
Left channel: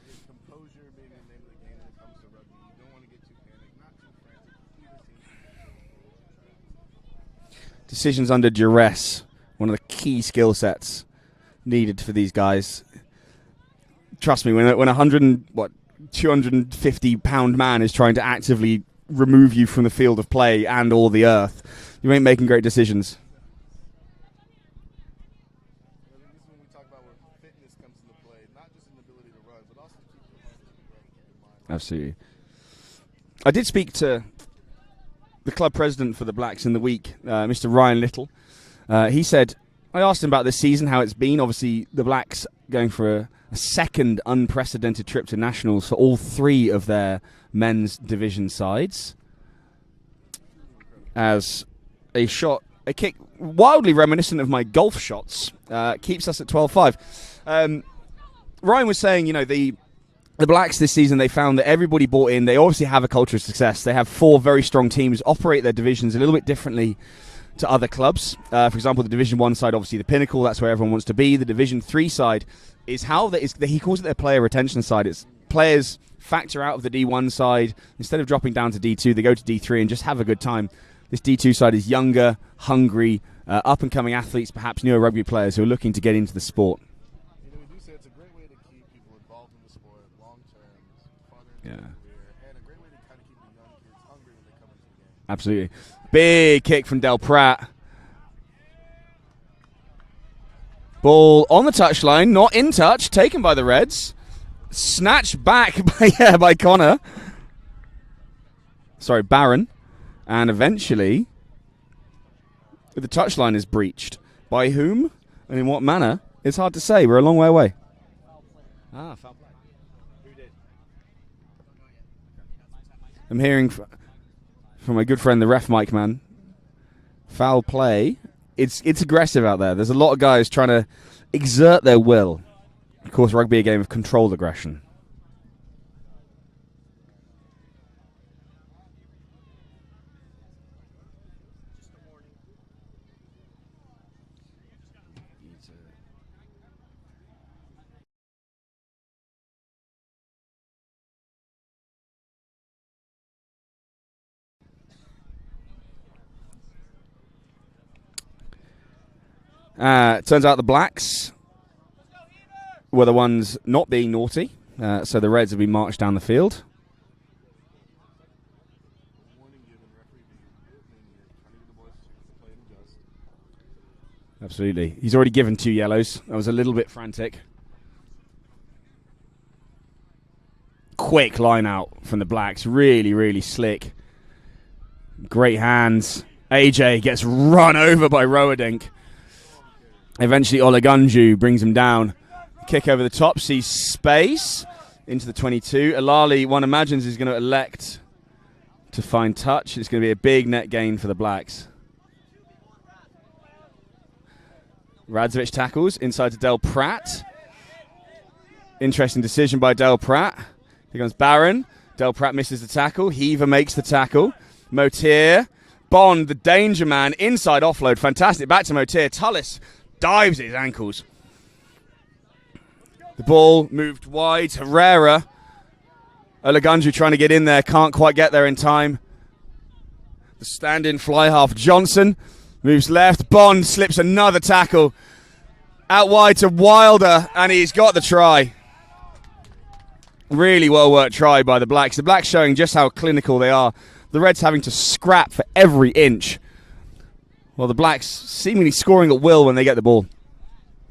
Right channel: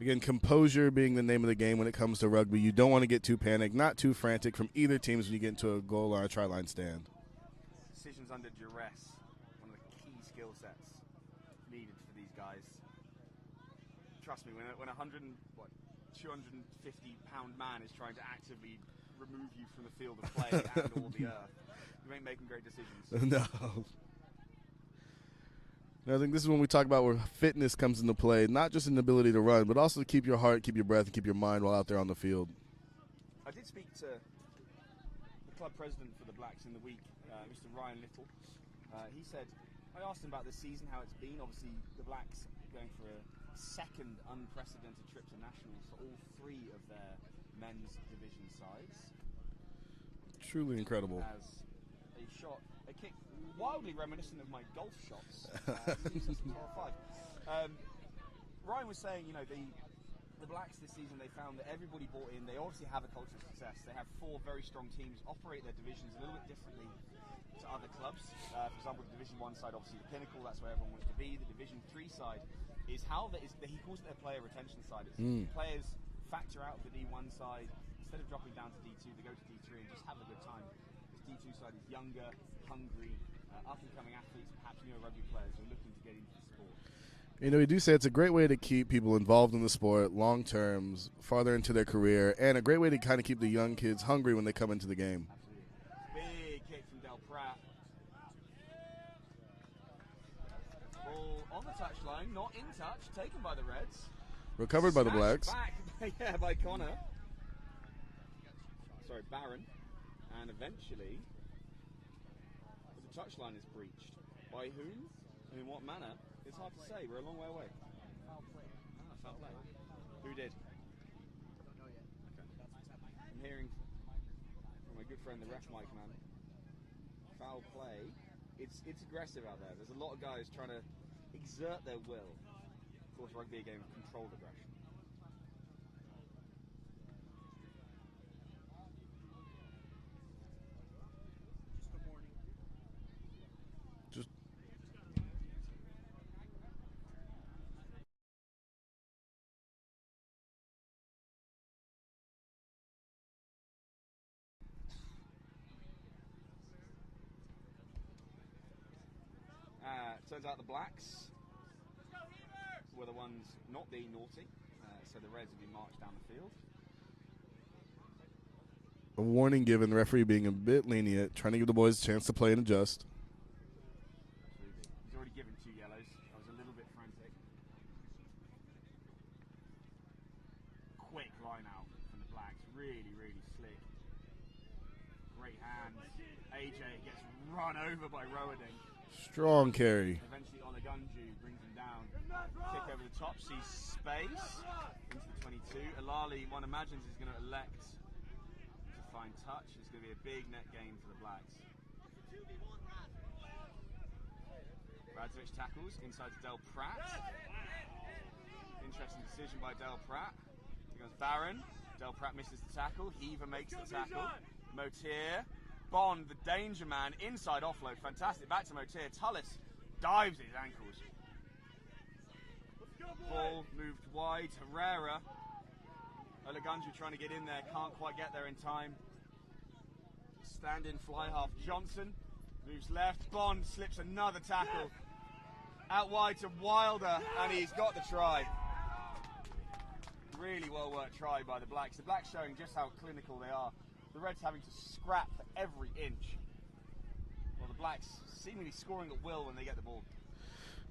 Again, composure being the name of the game when it comes to rugby. You don't want to get too panicked, not too frantic from either teams when you get into a goal or a try-line stand. Decisions under duress, one of the key skill sets needed for these guys. Trust me, when a 250-pound man is trying to actively remove you from the field of play and all the earth, you ain't making great decisions. No. I think this is when we talk about where fitness comes into play, not just an ability to run, but also to keep your heart, keep your breath, and keep your mind while Absolutely. out there on the field. I did speak to the club president for the Blacks in the week, Mr. Ryan Little. He said, I asked him about this season, how it's been. Obviously, the Blacks going for a second unprecedented trip to nationals for all three of their men's division sides. Truly incredible. As a kick wildly reminiscent of my golf shots, keeps us at 12-5. Ryan was saying, the Blacks this season, they found that everybody bought in. They obviously have a culture of success. They have 4 very strong teams, operate their divisions a little bit differently to other clubs. For example, the Division 1 side, obviously the pinnacle, that's where everyone wants to be. The Division 3 side is he calls it their player retention side. It's players factor out of the D1 side. Instead of dropping down to D2, they go to D3 and just have a good time. This D2 side is younger, hungry, up-and-coming athletes, perhaps newer rugby players who are looking to get into the sport. We do say it's a great way to keep people involved in the sport long terms, farther into their career, and a great way to kind of keep the young kids hungry when they come into the game. Absolutely. Big kick from Del Pratt. Ball on the touchline, not in touch, taken by the Reds. Recovered Snatched by the back by Connor. Sorry, Barron. And eventually, the touchline is breached. By whom and in what manner? It's hard to say. We're a long way away. Foul play. Who did? I'm hearing from my good friend, the ref mic man. Foul play. It's aggressive out there. There's a lot of guys trying to exert their will. Of course, rugby a game of controlled aggression. Turns out the Blacks were the ones not being naughty, so the Reds have been marched down the field. A warning given, the referee being a bit lenient, trying to give the boys a chance to play and adjust. Absolutely. He's already given 2 yellows. I was a little bit frantic. Quick line out from the Blacks. Really, really slick. Great hands. AJ gets run over by Rowadink. Strong carry. Eventually, Olagunju brings him down. Kick over the top, sees space into the 22. Alali, one imagines, is going to elect to find touch. It's going to be a big net gain for the Blacks. Radzovic tackles inside to Del Pratt. Interesting decision by Del Pratt. Here comes Barron. Del Pratt misses the tackle. Heaver makes the tackle. Motier. Bond, the danger man, inside offload. Fantastic. Back to Motier. Tullis dives at his ankles. The ball moved wide. Herrera. Olagunju trying to get in there. Can't quite get there in time. The stand-in fly half. Johnson moves left. Bond slips another tackle. Out wide to Wilder, and he's got the try. Really well-worked try by the Blacks. The Blacks showing just how clinical they are. The Reds having to scrap for every inch, while the Blacks seemingly scoring at will when they get the ball.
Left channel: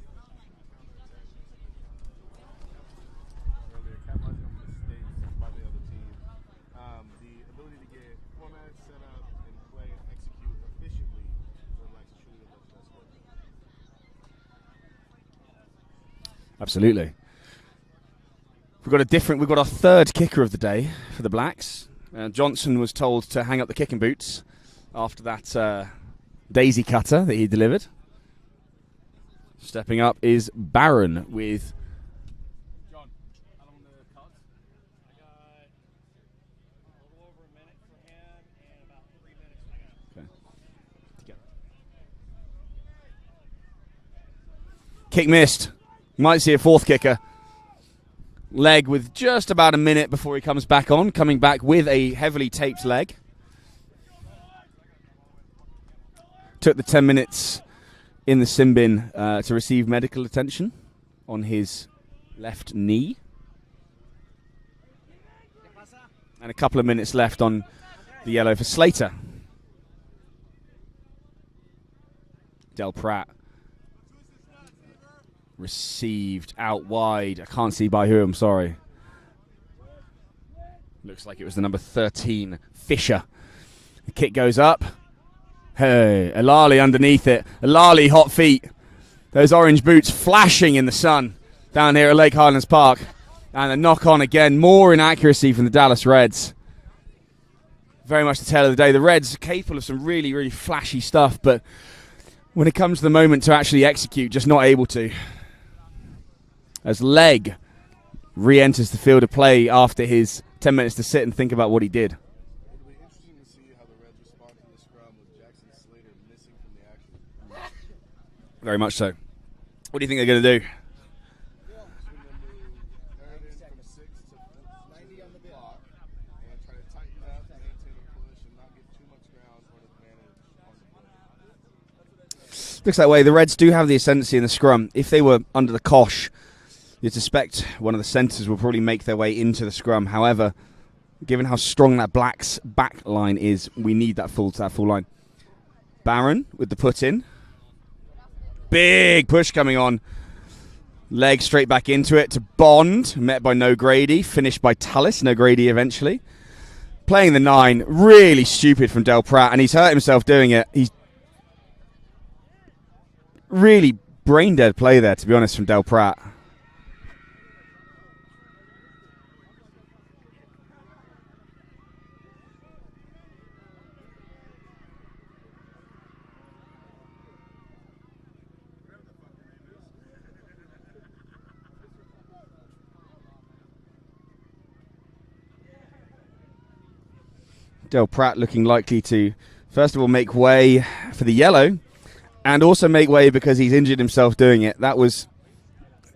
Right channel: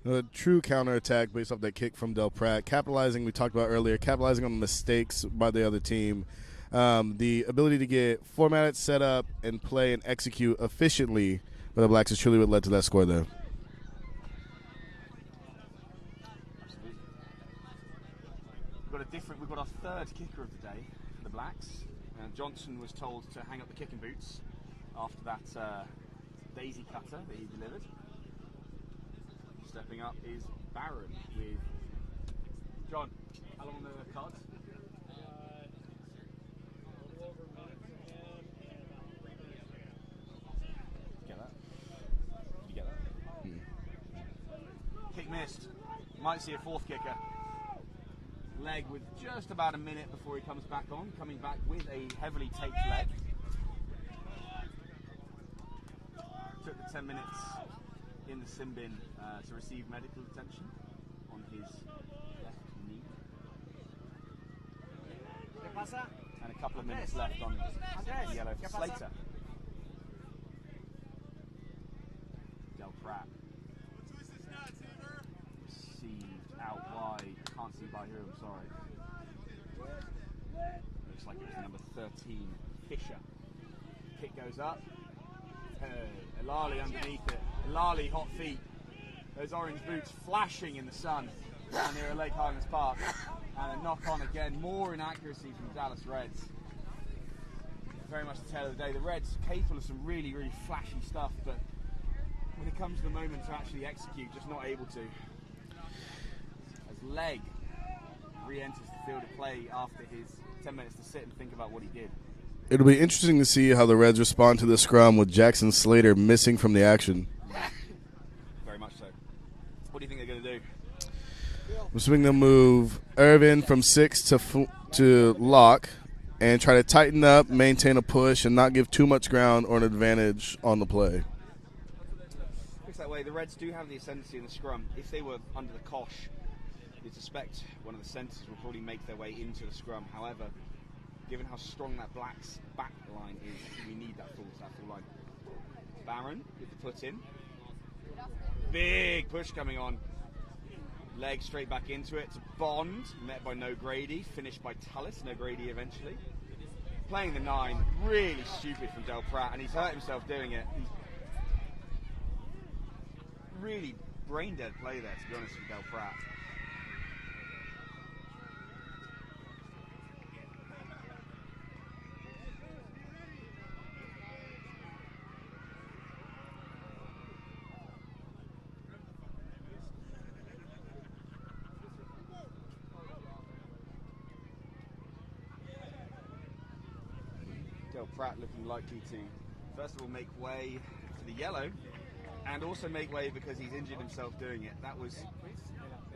A true counterattack based off that kick from Del Pratt. Capitalizing, we talked about earlier, capitalizing on the mistakes by the other team. The ability to get formatted, set up, and play and execute efficiently by the Blacks is truly what led to that score there. Absolutely. We've got our third kicker of the day for the Blacks. Johnson was told to hang up the kicking boots after that daisy cutter that he delivered. Stepping up is Barron with... John, how long on the card? Kick missed. Might see a fourth kicker. Leg with just about a minute before he comes back on, coming back with a heavily taped leg. Took the 10 minutes in the sin bin to receive medical attention on his left knee. And a couple of minutes left on the yellow for Slater. Del Prat received out wide. I can't see by who, I'm sorry. Looks like it was the number 13, Fisher. The kick goes up. Hey, Alali underneath it. Alali, hot feet. Those orange boots flashing in the sun down here at Lake Highlands Park. And a knock on again. More inaccuracy from the Dallas Reds. Very much the tale of the day. The Reds are capable of some really, really flashy stuff, but when it comes to the moment to actually execute, just not able to. As Leg re-enters the field of play after his 10 minutes to sit and think about what he did. It'll be interesting to see how the Reds respond to the scrum with Jackson Slater missing from the action. Very much so. What do you think they're going to do? I'm assuming they'll move Irvin from 6 to lock and try to tighten up, maintain a push, and not give too much ground or an advantage on the play. Looks that way. The Reds do have the ascendancy in the scrum. If they were under the cosh, you'd suspect one of the centres will probably make their way into the scrum. However, given how strong that Black's back line is, we need that full line. Barron with the put in. Big push coming on. Leg straight back into it to Bond, met by No Grady, finished by Tallis, No Grady eventually. Playing the 9, really stupid from Del Prat, and he's hurt himself doing it. He's really brain dead play there, to be honest, from Del Prat. Del Prat looking likely to, first of all, make way for the yellow, and also make way because he's injured himself doing it. That was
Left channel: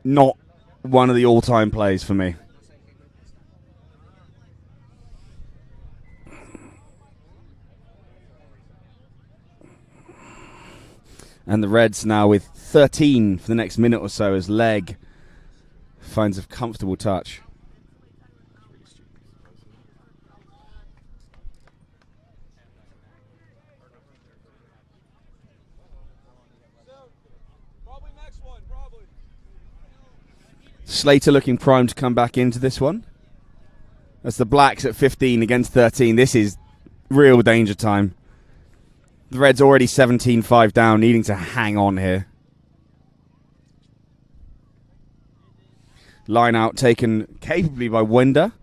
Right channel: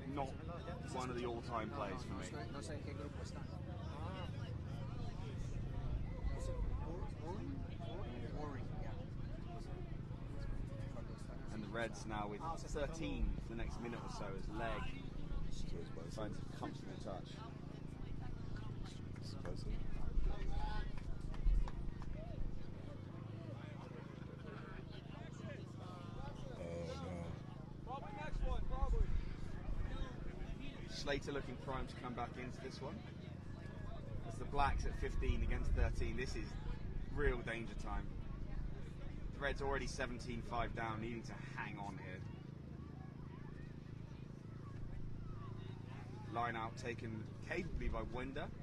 not one of the all-time plays for me. And the Reds now with 13 for the next minute or so as Leg finds a comfortable touch. Slater looking primed to come back into this one. As the Blacks at 15 against 13. This is real danger time. The Reds already 17-5 down, needing to hang on here. Line out taken capably by Winder.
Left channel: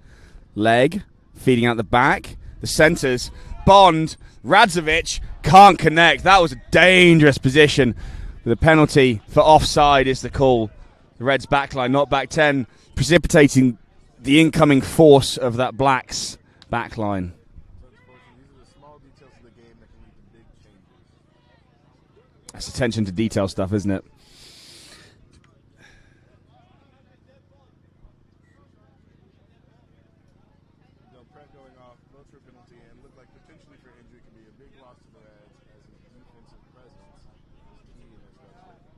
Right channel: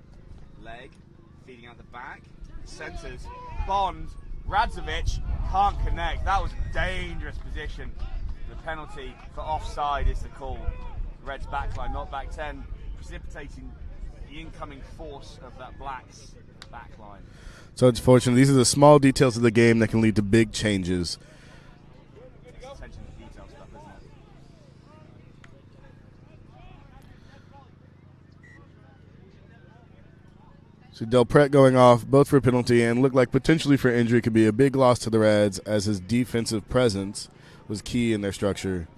Leg feeding out the back. The centres. Bond. Radzovic can't connect. That was a dangerous position. The penalty for offside is the call. The Reds backline, not back 10, precipitating the incoming force of that Blacks backline. So it's fortunate. These are the small details of the game that can lead to big changes. That's attention to detail stuff, isn't it? So Del Prat going off, both for a penalty and looked like potentially for injury, could be a big loss to the Reds as his defensive presence was key in their structure.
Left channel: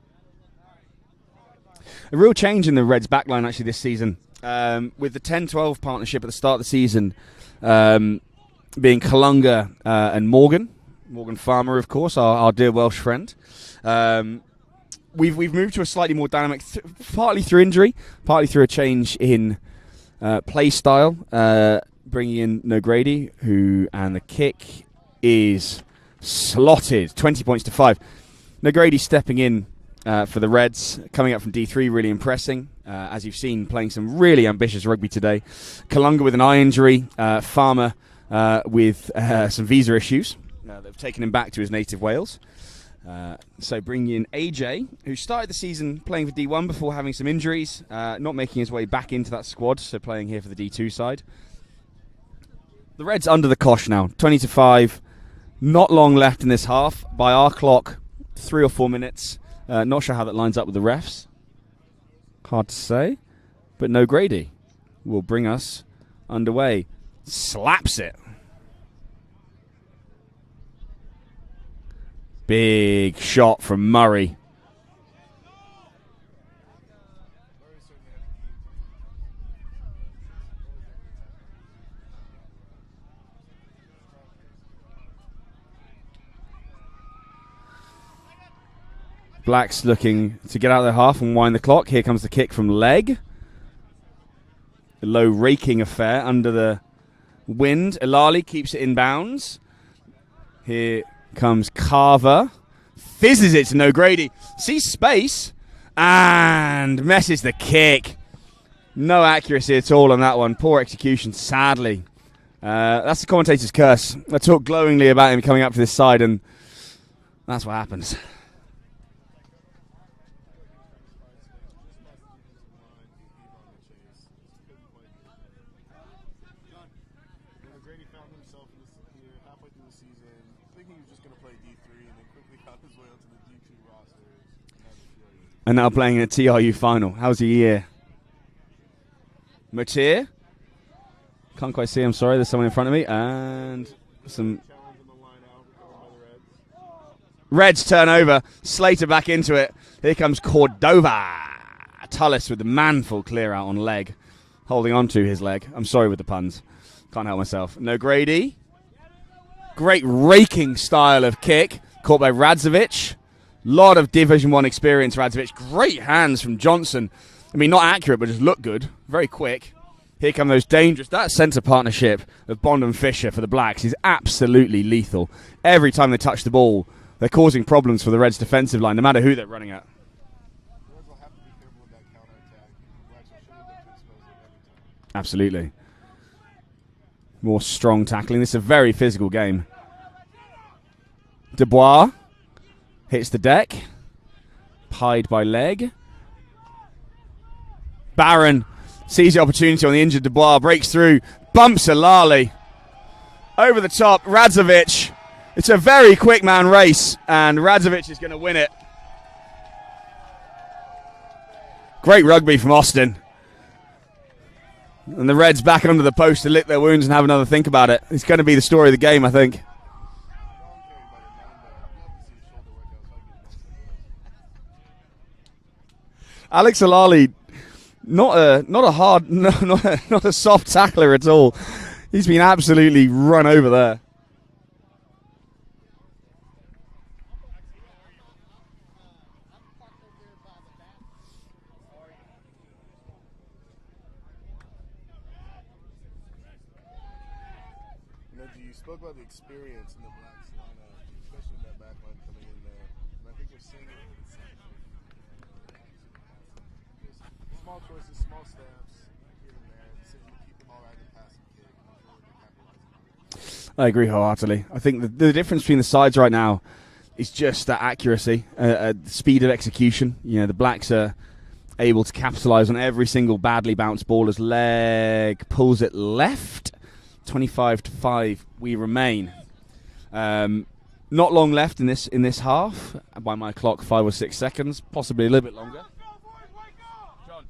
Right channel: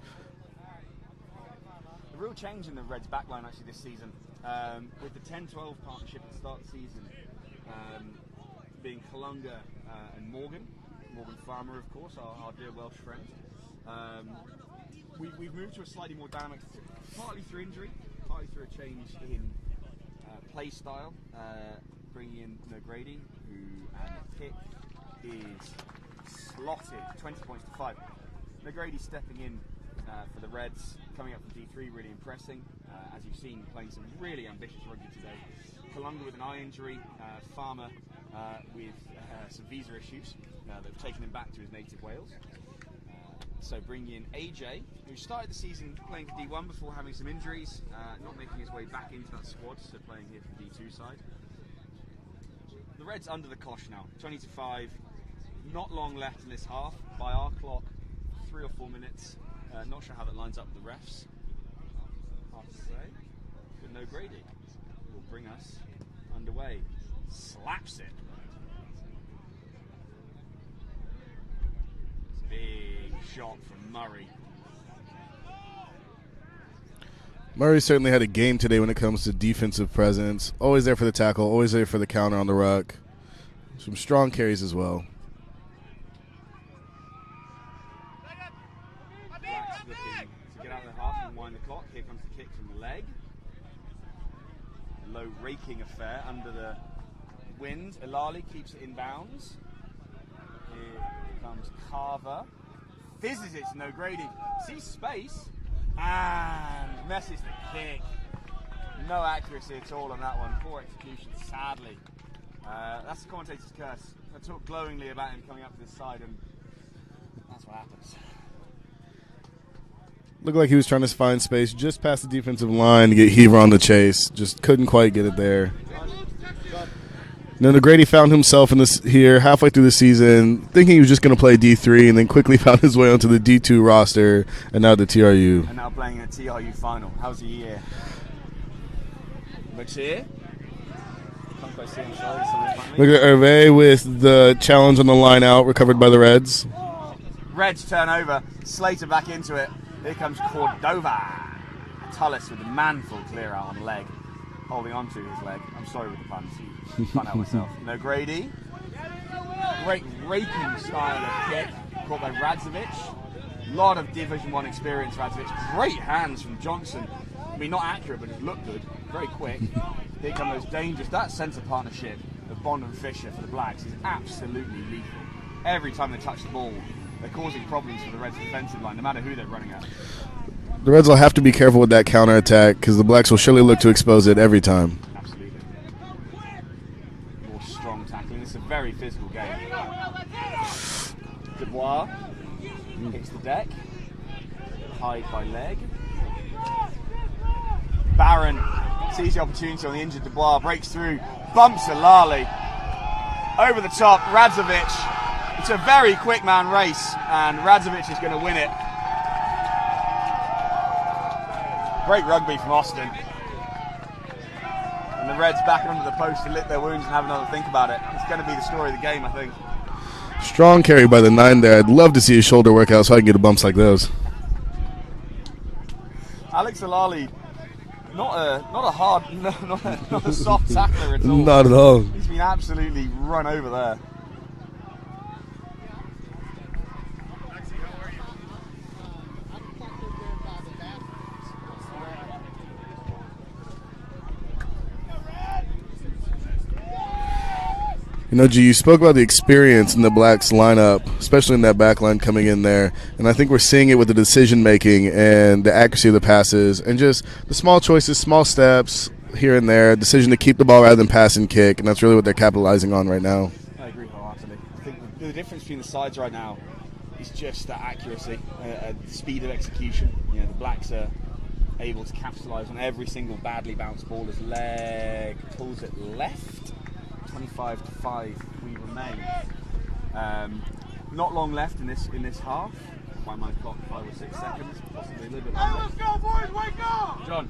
A real change in the Reds backline actually this season. With the 10-12 partnership at the start of the season being Kalunga and Morgan Farmer, of course, our dear Welsh friend. We've moved to a slightly more dynamic, partly through injury, partly through a change in play style, bringing in No Grady, and the kick is slotted, 20 points to 5. No Grady stepping in for the Reds, coming up from D3, really impressing. As you've seen, playing some really ambitious rugby today. Kalunga with an eye injury, Farmer with some visa issues. They've taken him back to his native Wales. So bringing in AJ, who started the season playing for D1 before having some injuries, not making his way back into that squad, so playing here for the D2 side. The Reds under the cosh now, 20-5. Not long left in this half. By our clock, 3 or 4 minutes. Not sure how that lines up with the refs. Hard to say. But No Grady. will bring us underway. Slaps it. Big shot from Murray. Murray certainly had a game today when it comes to defensive presence. Always there for the tackle, always there for the counter on the ruck. Some strong carries as well. Blacks looking to get out of their half and wind the clock. Here comes the kick from leg. A low raking affair under the wind. Ilali keeps it in bounds. Here comes Carver. Fizzes it to O'Grady. Sees space and messes the kick. No accuracy at all on that one. Poor execution, sadly. That's the commentator's curse. I talk glowingly about him coming up to this side, and that's what happens. Looked like he was trying to find space just past the defensive line to get Heaver on the chase. Just couldn't quite get it there. Then O'Grady found himself in this here halfway through the season, thinking he was just going to play D3, and then quickly found his way onto the D2 roster, and now the TRU. And now playing in a TRU final. How's the year? Matier? Can't quite see him, sorry. There's someone in front of me. Look at Hervé with the challenge on the line out, recovered by the Reds. Reds turnover. Slater back into it. Here comes Cordova. Tullis with the manful clear out on leg. Holding on to his leg. I'm sorry with the puns. Can't help myself. No Grady. Great raking style of kick. Caught by Radzovic. Lot of Division 1 experience, Radzovic. Great hands from Johnson. I mean, not accurate, but just look good. Very quick. Here come those dangerous. That centre partnership of Bond and Fisher for the Blacks is absolutely lethal. Every time they touch the ball, they're causing problems for the Reds' defensive line, no matter who they're running at. The Reds will have to be careful with that counter-attack because the Blacks will surely look to expose it every time. Absolutely. More strong tackling. This is a very physical game. Dubois hits the deck. Pied by leg. Barron sees the opportunity on the injured Dubois. Breaks through. Bumps Ilali. Over the top. Radzovic. It's a very quick man race, and Radzovic is going to win it. Great rugby from Austin. And the Reds back under the post to lick their wounds and have another think about it. It's going to be the story of the game, I think. Strong carry by the 9 there. I'd love to see his shoulder work out so I can get a bumps like those. Alex Ilali, not a soft tackler at all. Not at all. He's been absolutely run over there. You know, G, you spoke about the experience in the Blacks lineup, especially in that back line coming in there. And I think we're seeing it with the decision-making and the accuracy of the passes and just the small choices, small steps here and there, decision to keep the ball rather than pass and kick. And that's really what they're capitalizing on right now. I agree wholeheartedly. I think the difference between the sides right now is just that accuracy, speed of execution. You know, the Blacks are able to capitalize on every single badly bounced ball as leg pulls it left. 25-5 we remain. Not long left in this half. By my clock, 5 or 6 seconds, possibly a little bit longer. Let's go, boys, wake up! John.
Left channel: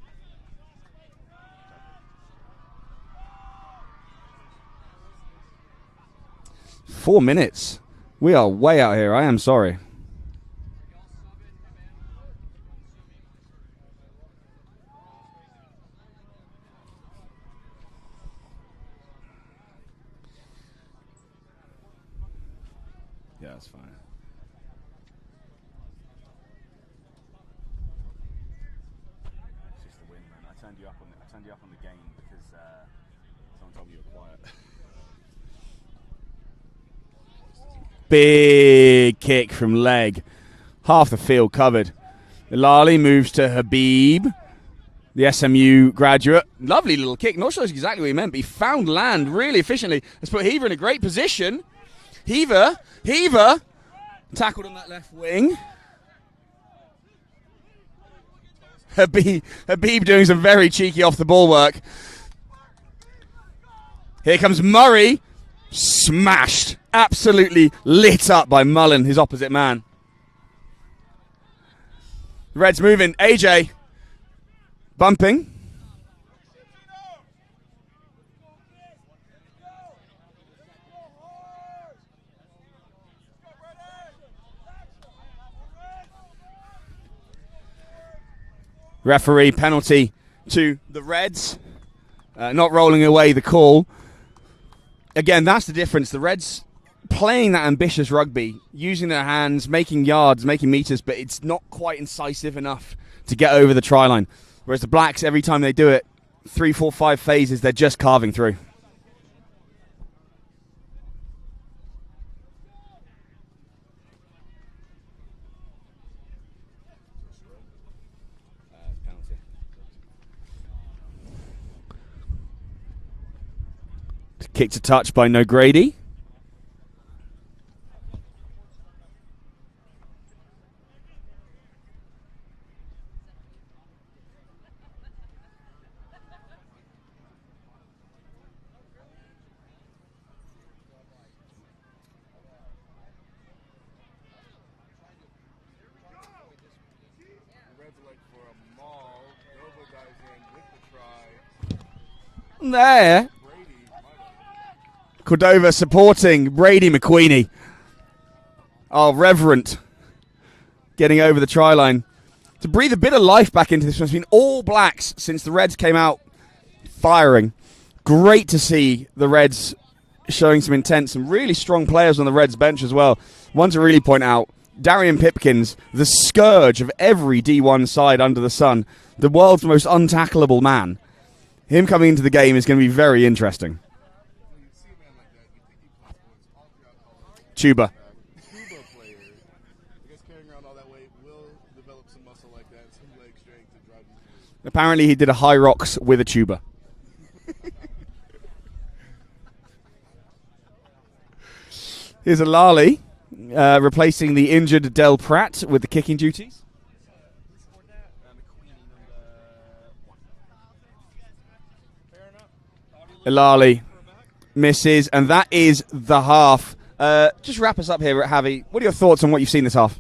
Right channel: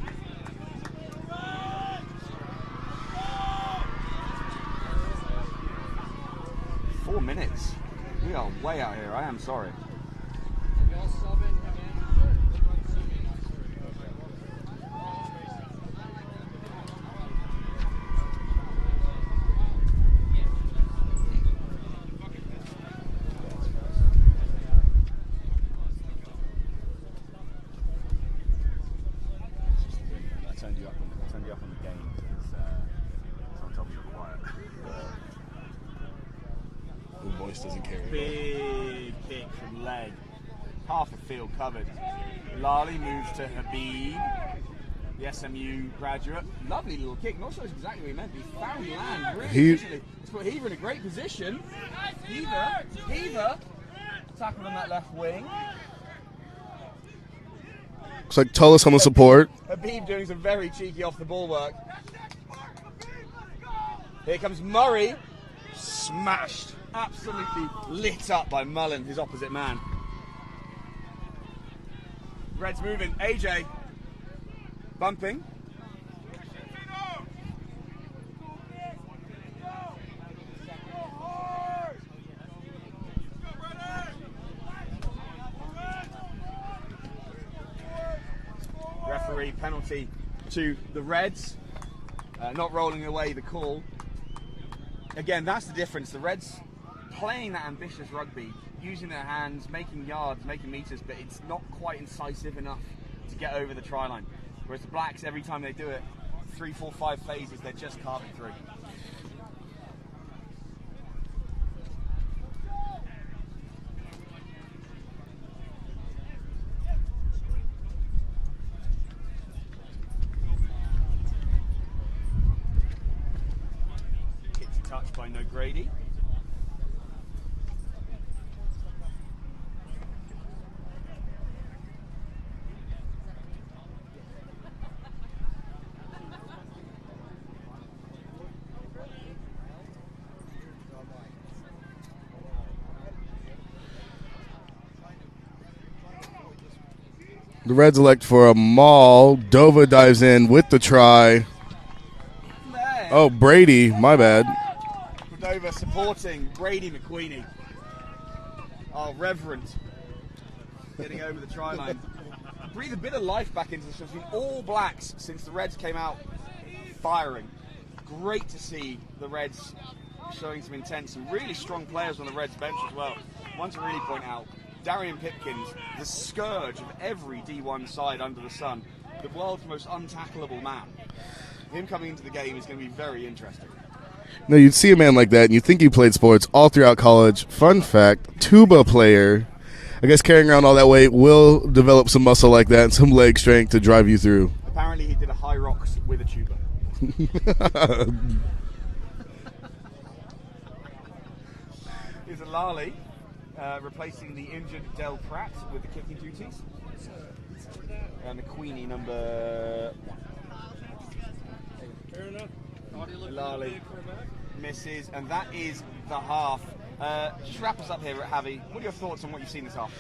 Four minutes. We are way out here. I am sorry. Big kick from leg. Half the field covered. Ilali moves to Habib, the SMU graduate. Lovely little kick. Not sure exactly what he meant, but he found land really efficiently. Let's put Heaver in a great position. Heaver tackled on that left wing. Looks like Tullis on the support. Habib doing some very cheeky off the ball work. Here comes Murray. Smashed. Absolutely lit up by Mullen, his opposite man. Reds moving. AJ bumping. Referee penalty to the Reds. Not rolling away the call. Again, that's the difference. The Reds playing that ambitious rugby, using their hands, making yards, making meters, but it's not quite incisive enough to get over the try line. Whereas the Blacks, every time they do it, 3, 4, 5 phases, they're just carving through. Kick to touch by No Grady. The Reds elect for a maul. Dova dives in with the try. There. Oh, Brady, my bad. Cordova supporting Brady McQueenie. Oh, reverent. Getting over the try line. To breathe a bit of life back into this one. It's been all Blacks since the Reds came out firing. Great to see the Reds showing some intent. Some really strong players on the Reds bench as well. One to really point out, Darian Pipkins, the scourge of every D1 side under the sun. The world's most untackleable man. Him coming into the game is going to be very interesting. No, you'd see a man like that, and you'd think he played sports all throughout college. Fun Tuba. fact, tuba player. I guess carrying around all that weight will develop some muscle like that and some leg strength to drive you through. Apparently he did a high rocks with a tuba. Here's a Lally replacing the injured Del Pratt with the kicking duties. And the Queenie number 1. Lally misses, and that is the half. Just wrap us up here, Javi. What are your thoughts on what you've seen this half?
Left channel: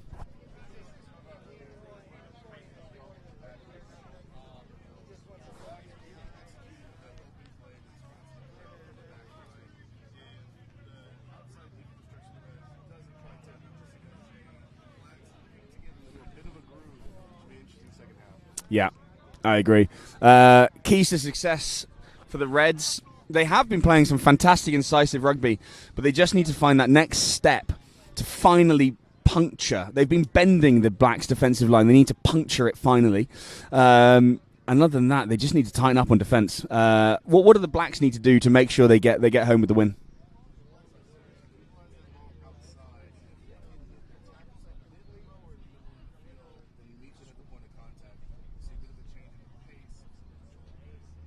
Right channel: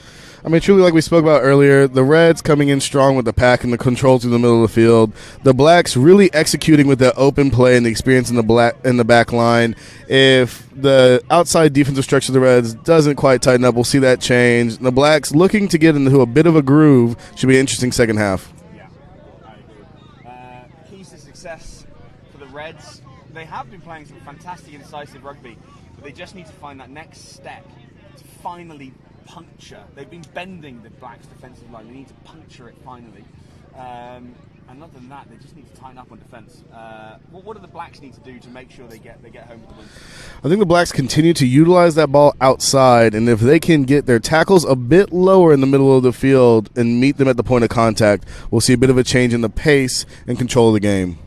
I mean, truly, like we spoke about earlier, the Reds coming in strong with the pack and the control through the middle of the field. The Blacks really executing with that open play and the experience in the back line. If the outside defensive structure of the Reds doesn't quite tighten up, we'll see that change. The Blacks looking to get into a bit of a groove. Should be an interesting second half. Yeah, I agree. Keys to success for the Reds. They have been playing some fantastic, incisive rugby, but they just need to find that next step to finally puncture. They've been bending the Blacks' defensive line. They need to puncture it finally. And other than that, they just need to tighten up on defence. What do the Blacks need to do to make sure they get home with the win? I think the Blacks continue to utilize that ball outside, and if they can get their tackles a bit lower in the middle of the field and meet them at the point of contact, we'll see a bit of a change in the pace and control of the game.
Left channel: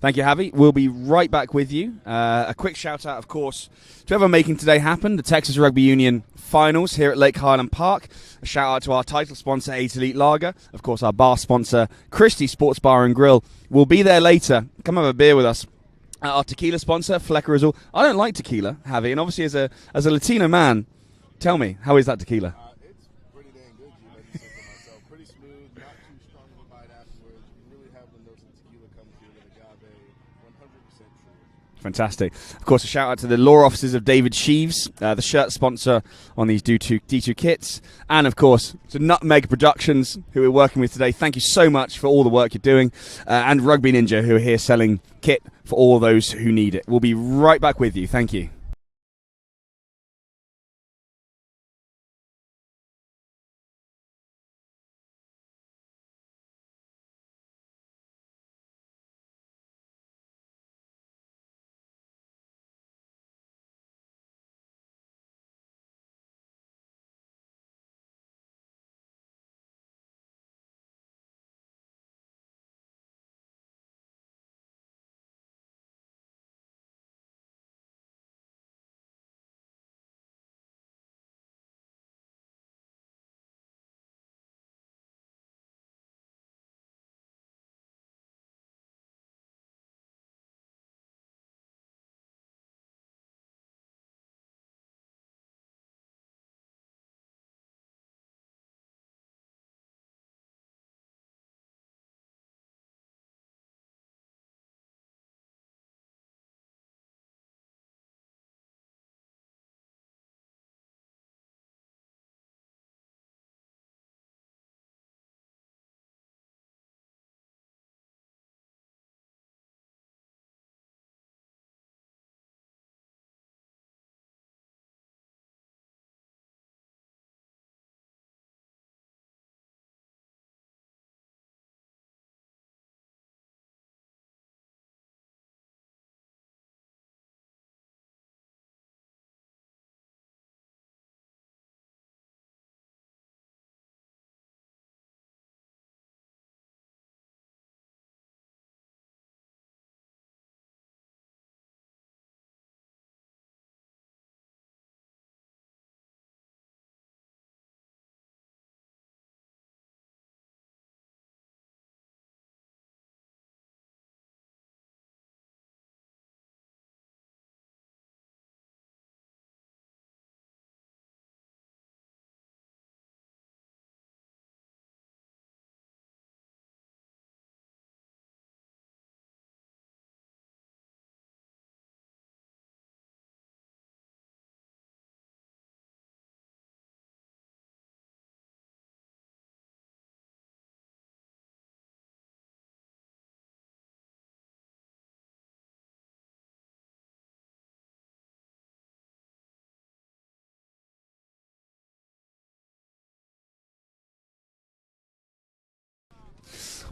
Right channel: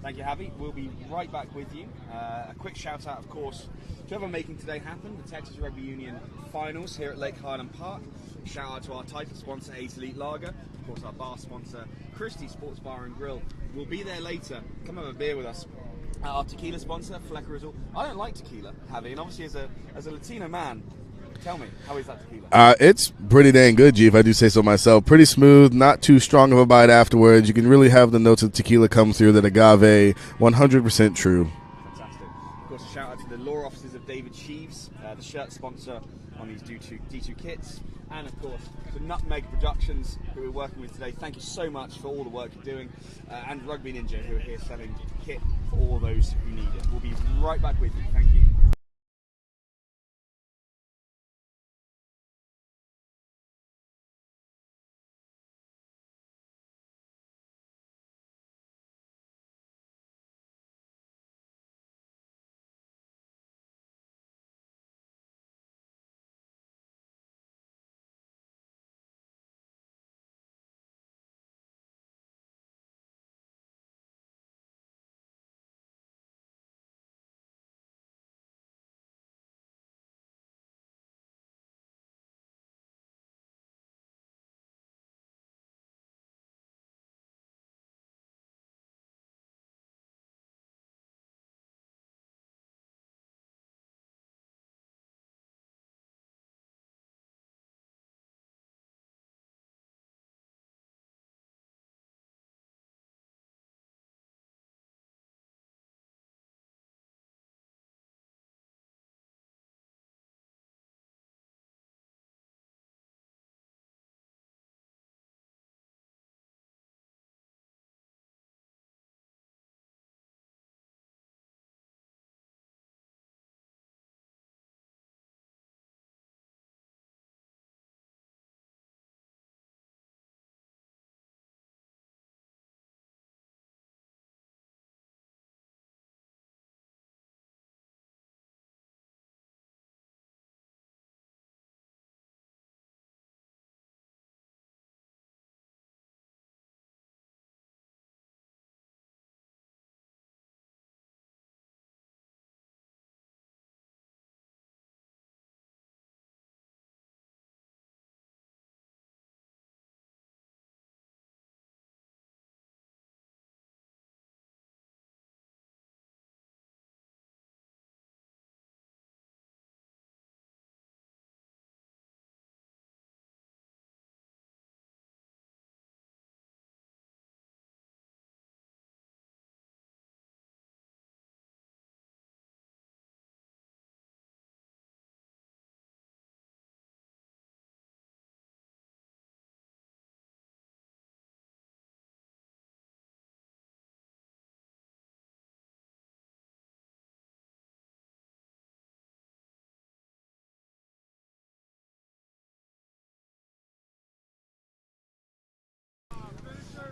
Thank you, Javi. We'll be right back with you. A quick shout-out, of course, to everyone making today happen, the Texas Rugby Union Finals here at Lake Highland Park. A shout-out to our title sponsor, 8 Elite Lager. Of course, our bar sponsor, Christie Sports Bar and Grill. We'll be there later. Come have a beer with us. Our tequila sponsor, Flecker Azul. I don't like tequila, Javi, and obviously as a Latino man, tell me, how is that tequila? It's pretty dang good, G, if I do say so myself. Pretty smooth, not too strong of a bite afterwards. You can really have the notes of tequila come through, that agave, 100% true. Fantastic. Of course, a shout out to the law offices of David Sheaves, the shirt sponsor on these D2 kits. And, of course, to Nutmeg Productions, who we're working with today. Thank you so much for all the work you're doing. And Rugby Ninja, who are here selling kit for all those who need it. We'll be right back with you. Thank you.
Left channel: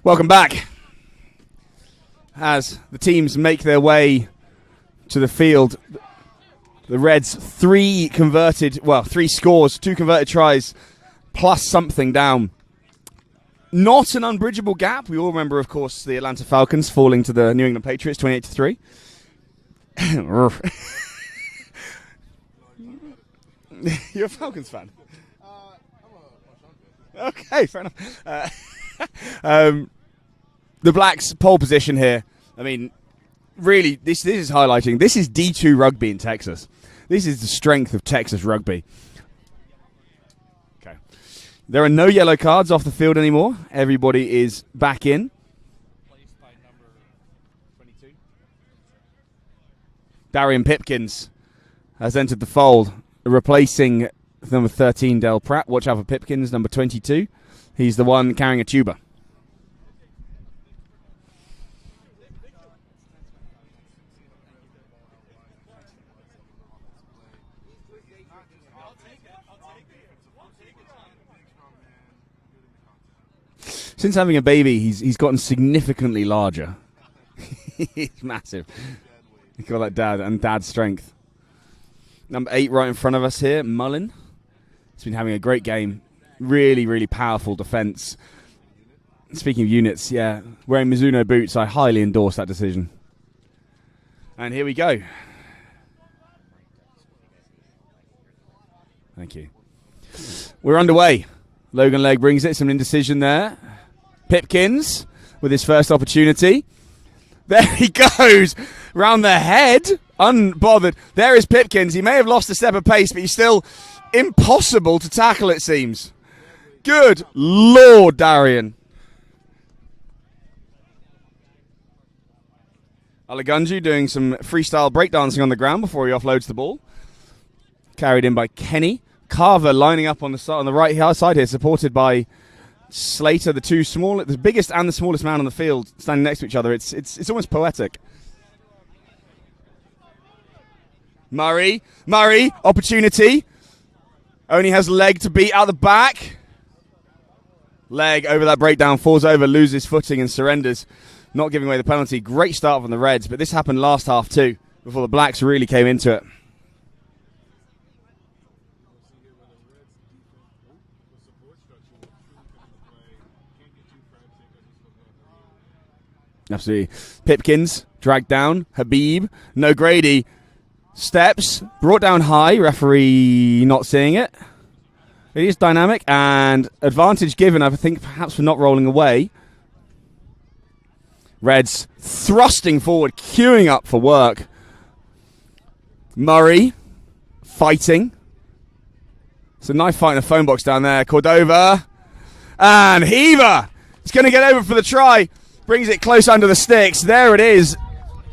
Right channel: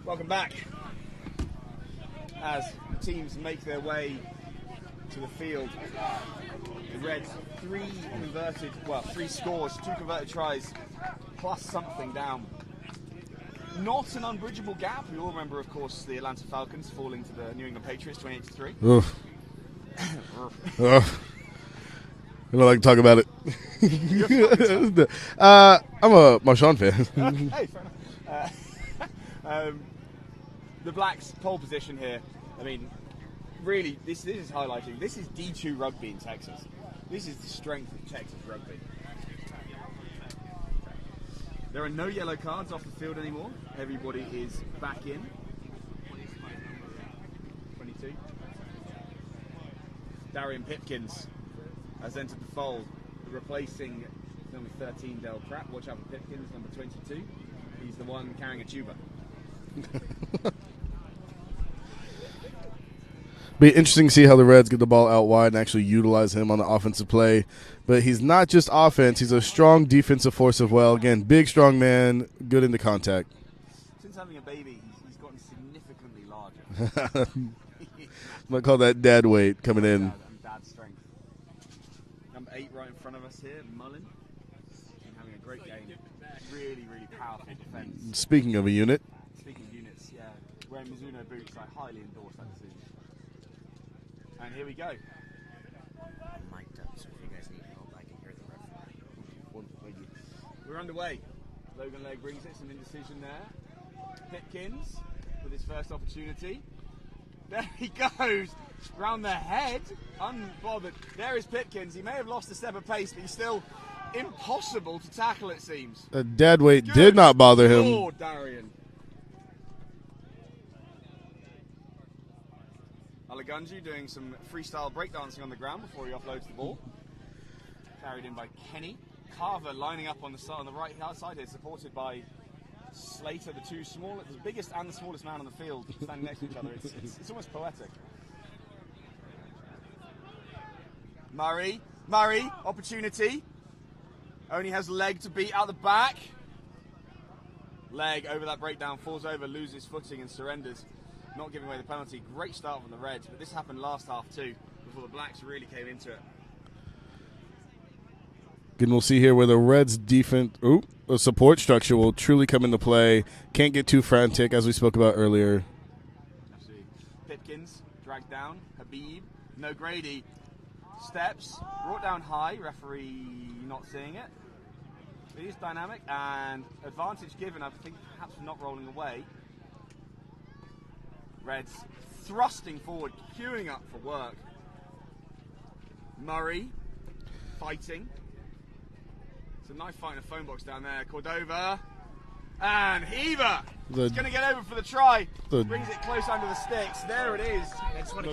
Welcome back. As the teams make their way to the field, the Reds 3 scores, 2 converted tries, plus something down. Not an unbridgeable gap. We all remember, of course, the Atlanta Falcons falling to the New England Patriots 28-3. I don't like to talk about it. I'm a Marshawn fan. Okay, fair enough. The Blacks' pole position here. I mean, really, this is highlighting. This is D2 rugby in Texas. This is the strength of Texas rugby. Okay. There are no yellow cards off the field anymore. Everybody is back in. Darian Pipkins has entered the fold, replacing number 13, Del Pratt. Watch out for Pipkins, number 22. He's the one carrying a tuba. Be interesting to see how the Reds get the ball out wide and actually utilize him on the offensive play. But he's not just offense. He's a strong defensive force as well. Again, big, strong man, good into contact. Since having a baby, he's gotten significantly larger. He's massive. I call that dad weight coming in. Dad and dad strength. Number 8 right in front of us here, Mullen. He's been having a great game. Really, really powerful defense. Speaking of a unit. Speaking of units, yeah. Wearing Mizuno boots, I highly endorse that decision. And here we go. Thank you. We're underway. Logan Legg brings it. Some indecision there. Pipkins with his first opportunity. There he goes. Round the head. Unbothered. There is Pipkins. He may have lost a step of pace, but he's still impossible to tackle, it seems. A dead weight Good did not bother him. Lord, Darian. Alagunju doing some freestyle breakdancing on the ground before he offloads the ball. Carried in by Kenny. Carver lining up on the right side here, supported by Slater, the biggest and the smallest man on the field, standing next to each other. It's almost poetic. Murray, opportunity. Only has Legg to beat out the back. Legg over that breakdown, falls over, loses footing and surrenders, not giving away the penalty. Great start from the Reds, but this happened last half too, before the Blacks really came into it. And we'll see here where the Reds' defense, support structure will truly come into play. Can't get too frantic, as we spoke about earlier. Absolutely. Pipkins dragged down. Habib, no Grady. Steps, brought down high. Referee not seeing it. It is dynamic, and advantage given, I think, perhaps for not rolling away. Reds thrusting forward, queuing up for work. Murray fighting. It's a knife fight in a phone box down there. Cordova. And Heaver. He's going to get over for the try. Brings it close under the sticks. There it is.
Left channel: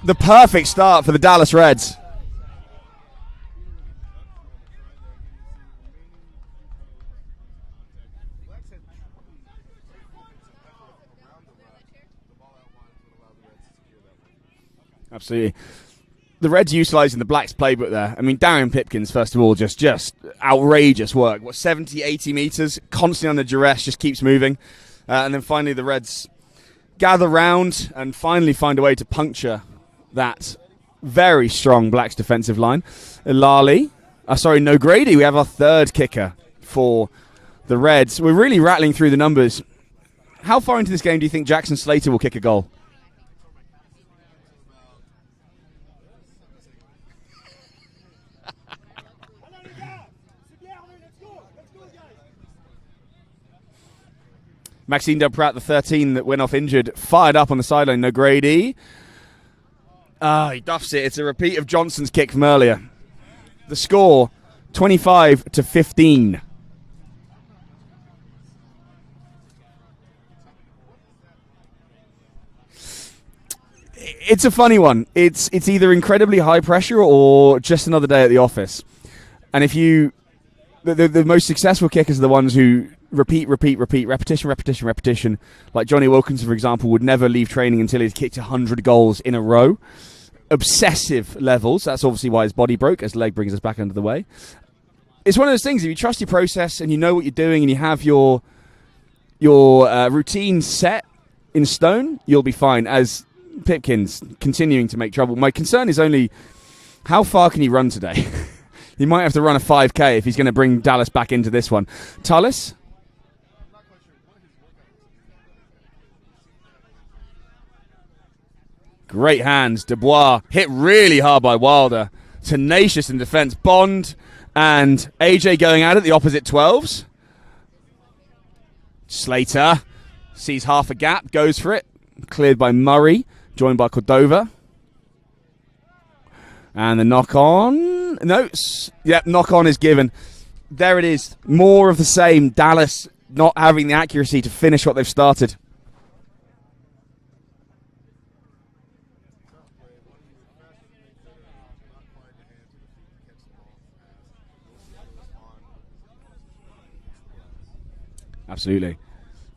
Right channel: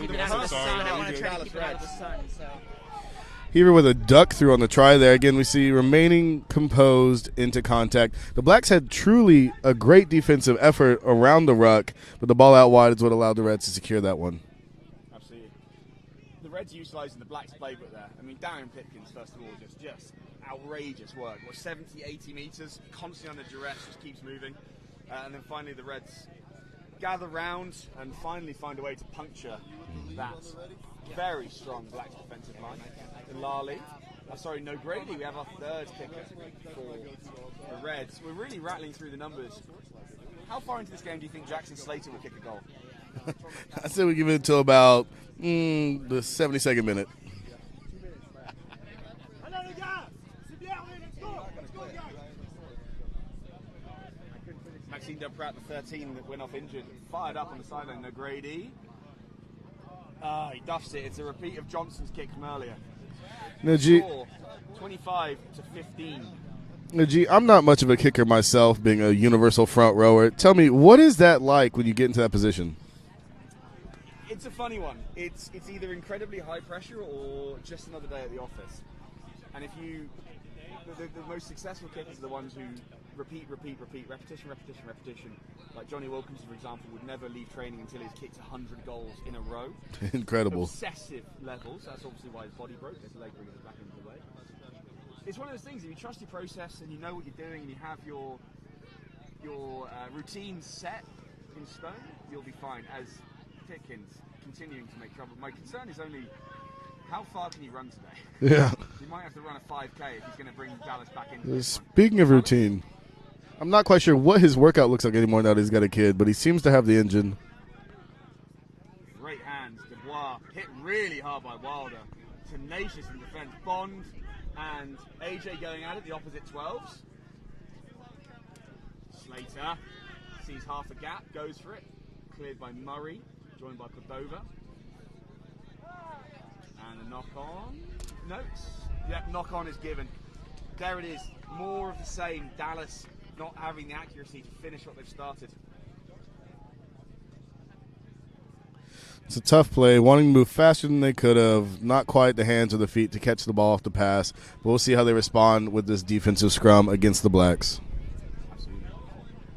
The perfect start for the Dallas Reds. Heaver with a duck through on the try there. Again, we see remaining composed into contact. The Blacks had truly a great defensive effort around the ruck, but the ball out wide is what allowed the Reds to secure that one. Absolutely. The Reds utilising the Blacks playbook there. I mean, Darian Pipkins, first of all, just outrageous work. 70, 80 metres, constantly under duress, just keeps moving. And then finally the Reds gather round and finally find a way to puncture that very strong Blacks defensive line. No Grady. We have our third kicker for the Reds. We're really rattling through the numbers. How far into this game do you think Jackson Slater will kick a goal? I say we give it until about the 72nd minute. Maxine Del Pratt, the 13 that went off injured, fired up on the sideline. No Grady. He duffs it. It's a repeat of Johnson's kick from earlier. The score, 25-15. I'm not much of a kicker myself, being a universal front rower. Tell me, what is that like when you get into that position? It's a funny one. It's either incredibly high pressure or just another day at the office. And if you, the most successful kickers are the ones who repeat, repetition. Like Johnny Wilkinson, for example, would never leave training until he's kicked 100 goals in a row. Incredible. Obsessive levels. That's obviously why his body broke, as Legg brings us back under the way. It's one of those things, if you trust your process and you know what you're doing and you have your routine set in stone, you'll be fine, as Pipkin's continuing to make trouble. My concern is only how far can he run today? Yeah. He might have to run a 5K if he's going to bring Dallas back into this one. Speaking of Tullis? routine, I'm not quite sure what his workout looks like anymore now that he's got a kid, but he seems to have the engine. Great hands. Dubois hit really hard by Wilder. Tenacious in defense. Bond and AJ going at it, the opposite 12s. Slater sees half a gap, goes for it. Cleared by Murray, joined by Cordova. And the knock on. No, yep, knock on is given. There it is. More of the same. Dallas not having the accuracy to finish what they've started. It's a tough play, wanting to move faster than they could have, not quite the hands or the feet to catch the ball off the pass. But we'll see how they respond with this defensive scrum against the Blacks. Absolutely.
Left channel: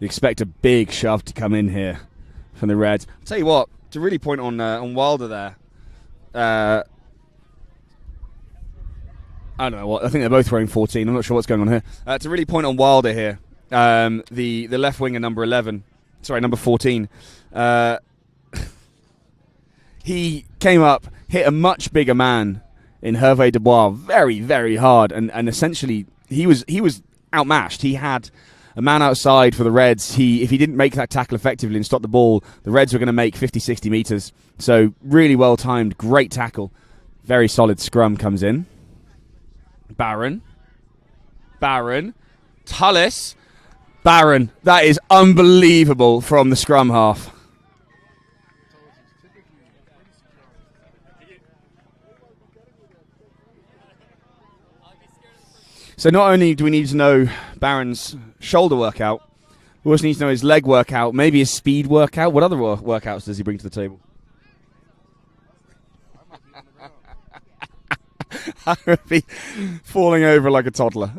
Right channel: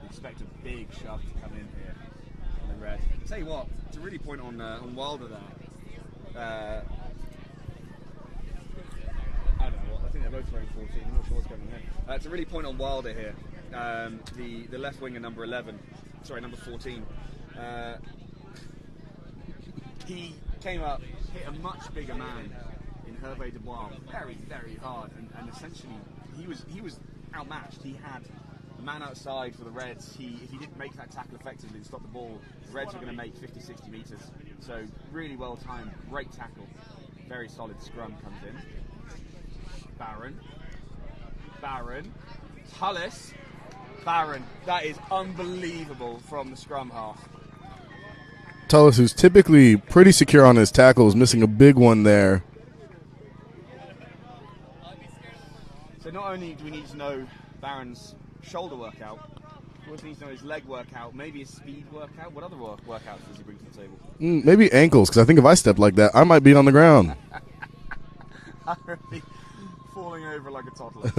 You expect a big shove to come in here from the Reds. Tell you what, to really point on Wilder there, I don't know what. I think they're both wearing 14. I'm not sure what's going on here. To really point on Wilder here, the left winger number 14. He came up, hit a much bigger man in Hervé Dubois very, very hard, and essentially he was outmatched. He had a man outside for the Reds. If he didn't make that tackle effectively and stop the ball, the Reds were going to make 50, 60 meters. So really well timed, great tackle. Very solid scrum comes in. Barron, Tullis, Barron. That is unbelievable from the scrum half. Tullis, who's typically pretty secure on his tackles, missing a big one there. So not only do we need to know Barron's shoulder workout, we also need to know his leg workout, maybe his speed workout. What other workouts does he bring to the table? Maybe ankles, because I think if I stepped like that, I might be on the ground. I would be falling over like a toddler.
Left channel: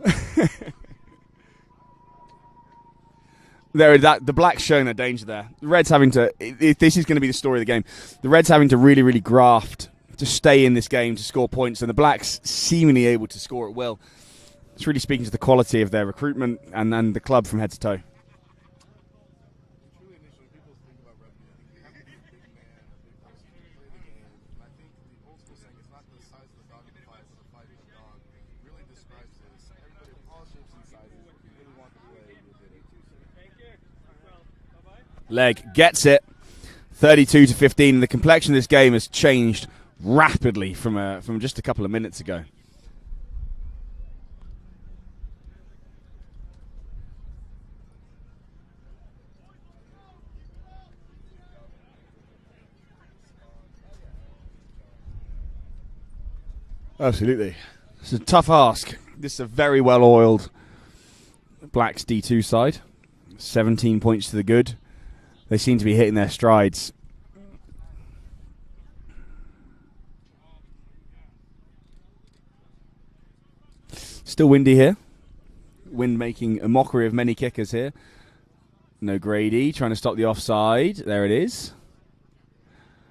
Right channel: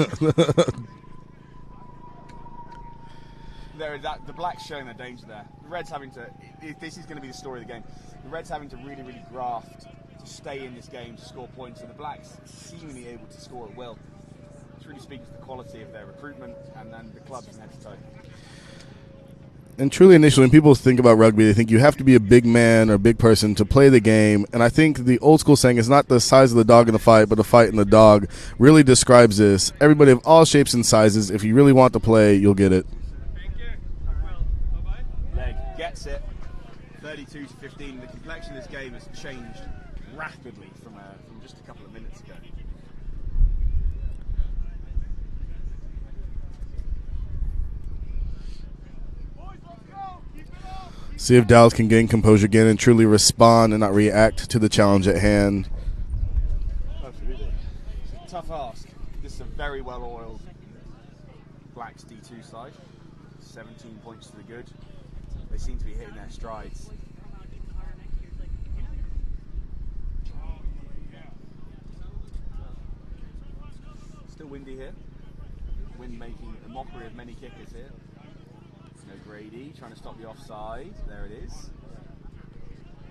The Blacks showing their danger there. The Reds having to, if this is going to be the story of the game, the Reds having to really, really graft to stay in this game, to score points, and the Blacks seemingly able to score at will. It's really speaking to the quality of their recruitment and the club from head to toe. And truly, initially, when people think about rugby, they think you have to be a big man or a big person to play the game. And I think the old school saying is not the size of the dog in the fight, but the fight in the dog really describes this. Everybody of all shapes and sizes, if you really want to play, you'll get it. Leg gets it, 32-15. The complexion of this game has changed rapidly from just a couple of minutes ago. See if Dallas can gain composure again and truly respond and not react to the challenge at hand. Absolutely. It's a tough ask. This is a very well-oiled Blacks D2 side. 17 points to the good. They seem to be hitting their strides. Still windy here. Wind making a mockery of many kickers here. No Grady trying to stop the offside. There it is.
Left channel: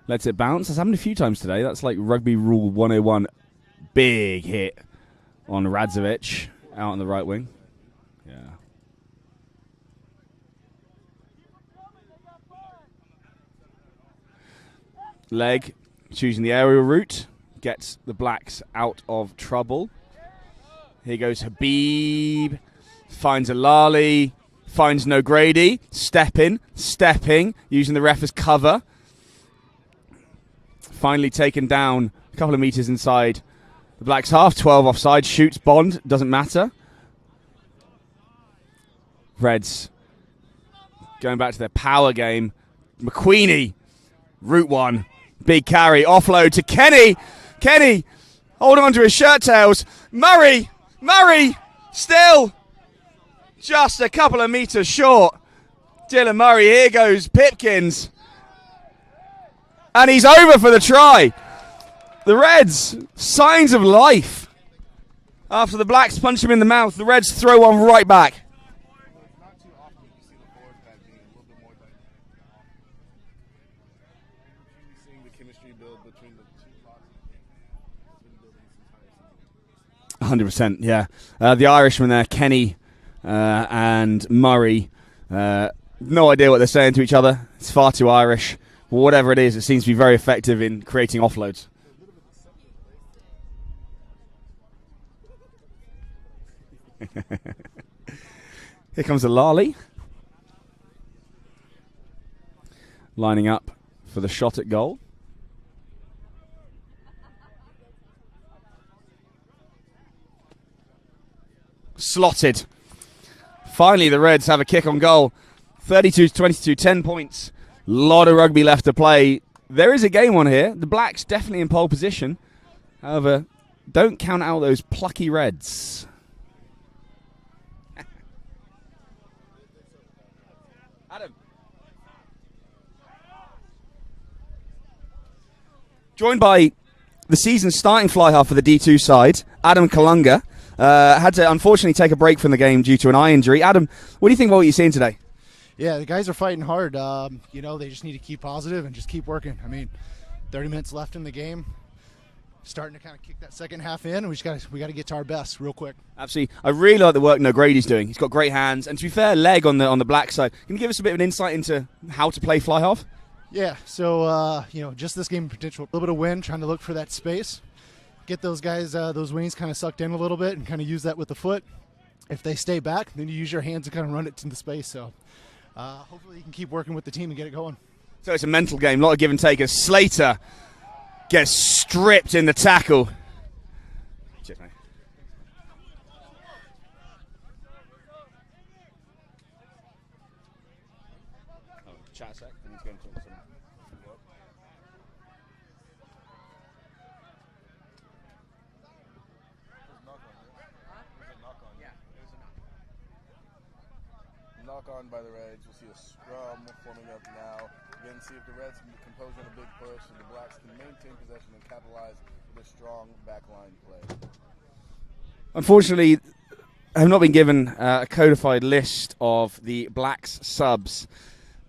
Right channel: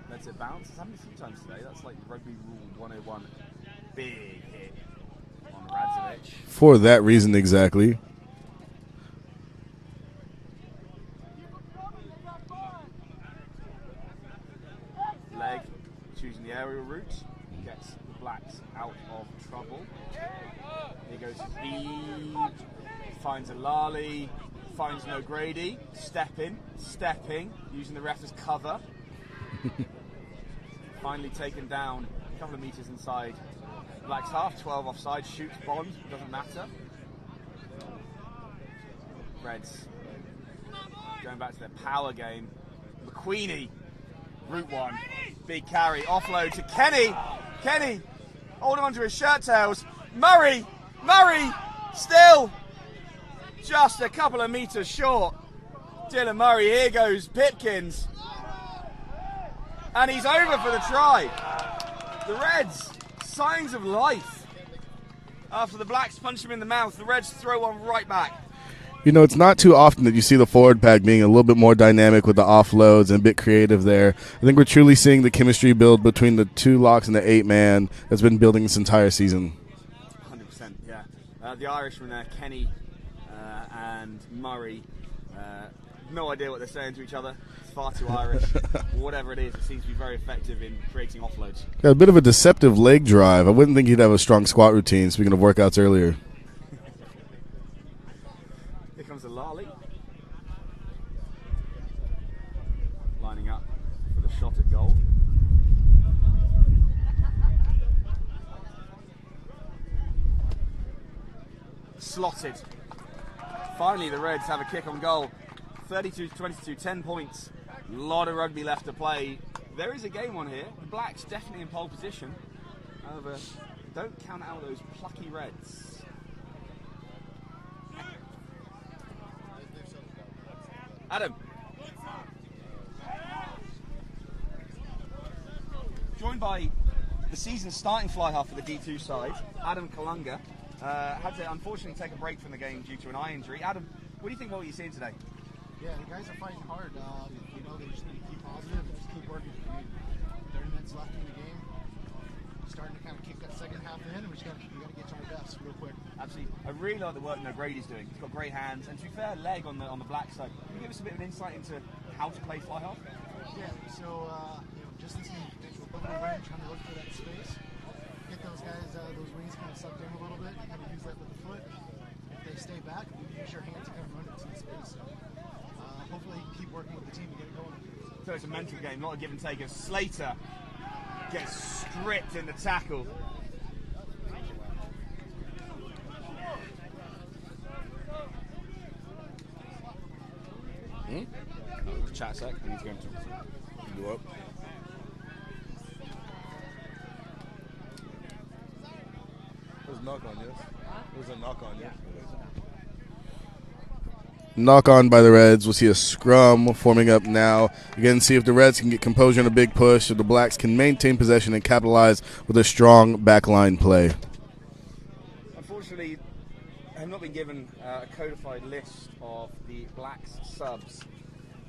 Lets it bounce. That's happened a few times today. That's like Rugby Rule 101. Big hit on Radzovic. For that reason, exactly. Yeah. Leg choosing the aerial route. Gets the Blacks out of trouble. Here goes Habib. Finds Alali. Finds no Grady, stepping, using the ref as cover. Finally taken down a couple of meters inside the Blacks half, 12 offside, shoots Bond, doesn't matter. Reds going back to their power game. McQueenie, route one, big carry, offload to Kenny. Kenny holding on to his shirt tails. Murray, still. Just a couple of meters short. Dylan Murray, here goes Pipkins. And he's over for the try. The Reds, signs of life. After the Blacks punch him in the mouth, the Reds throw one right back. You know, it's not too often that you see the forward pack being a little bit more dynamic with the offloads and a bit creative there. I think we're truly seeing the chemistry build between the two locks and the 8-man that's been building this entire season. 100%, yeah. The Irishman there, Kenny and Murray, No idea what they're saying to each other. It's far too Irish. Whatever it is, it seems to be very effective in creating offloads. Got a bit of a deceptive leg drive. I wouldn't think he'd have a strong squat routine, speaking of workouts earlier. Here comes the Lally. Lining up for the shot at goal. Slotted. Finally, the Reds have a kick on goal. 32-22, 10 points. A lot of rugby left to play. There is a game on here. The Blacks definitely in pole position. However, don't count out those plucky Reds. Adam. Joined by the season's starting fly half for the D2 side, Adam Kalunga. Had to unfortunately take a break from the game due to an eye injury. Adam, what do you think about what you're seeing today? Yeah, the guys are fighting hard. They just need to keep positive and just keep working. 30 minutes left in the game. Starting to kind of kick that second half in, and we got to get to our best real quick. Absolutely. I really like the work Grady's doing. He's got great hands, and to be fair, leg on the black side. Can you give us a bit of an insight into how to play fly half? Yeah, so, just this game potential. A little bit of wind, trying to look for that space. Get those guys, those wings kind of sucked in a little bit and kind of use that with the foot. If they stay back, then you use your hands to kind of run it into space. So hopefully you can keep working with the team and get it going. So it's a mental game, a lot of give and take as Slater gets stripped in the tackle. Chat a sec. I need to go and talk to someone. You up? It was a knock on, yes. Knock on by the Reds. We'll see a scrum forming up now. Again, see if the Reds can get composure in a big push, if the Blacks can maintain possession and capitalize with a strong backline play. Unfortunately, I have not been given a codified list of the Blacks subs.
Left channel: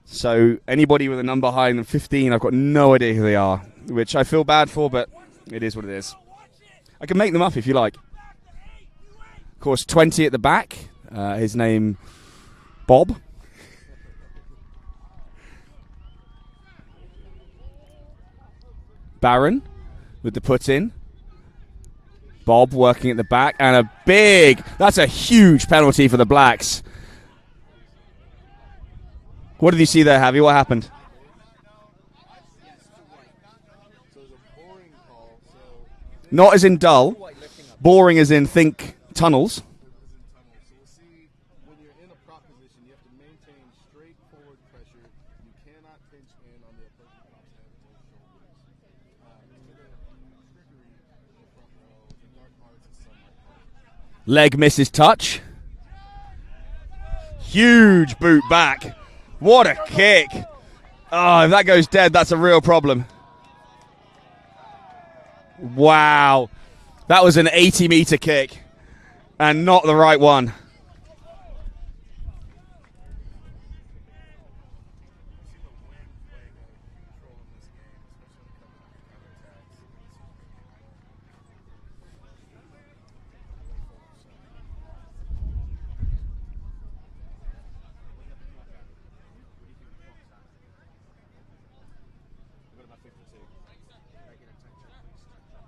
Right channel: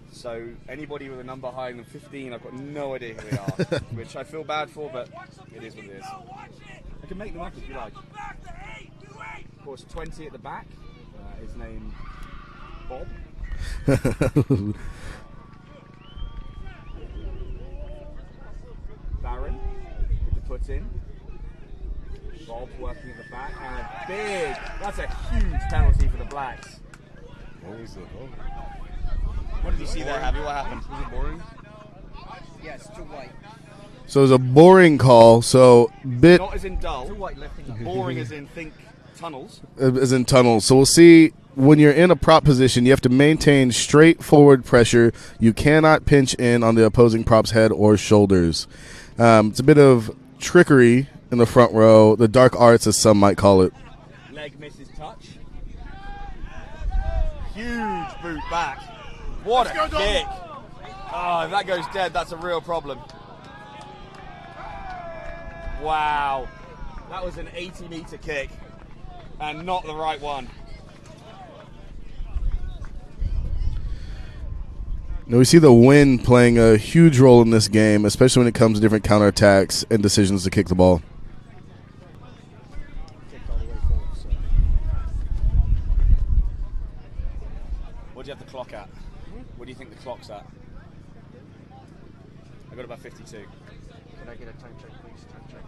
So anybody with a number higher than 15, I've got no idea who they are, which I feel bad for, but it is what it is. I can make them up if you like. Of course, 20 at the back. His name, Bob. Barron with the put in. Bob working at the back, and that's a huge penalty for the Blacks. What did you see there, Javi? What happened? So it was a boring call. So not as in dull, boring as in think tunnels. As in tunnels. So we'll see. When you're in a prop position, you have to maintain straight forward pressure. You cannot pinch in on the opposing prop's head or shoulders. It's a bit of trickery in the front row, the dark arts as some might call it. Leg misses touch. Huge boot back. What a kick. Oh, if that goes dead, that's a real problem. Wow. That was an 80-meter kick and not the right one. Now we see the wind playing a huge role in this game, especially when it comes to different counterattacks and decisions to kick the ball. What do you have the clock at? What do you think the clock's at? I got about 52. Can I get a time check, please? Time check.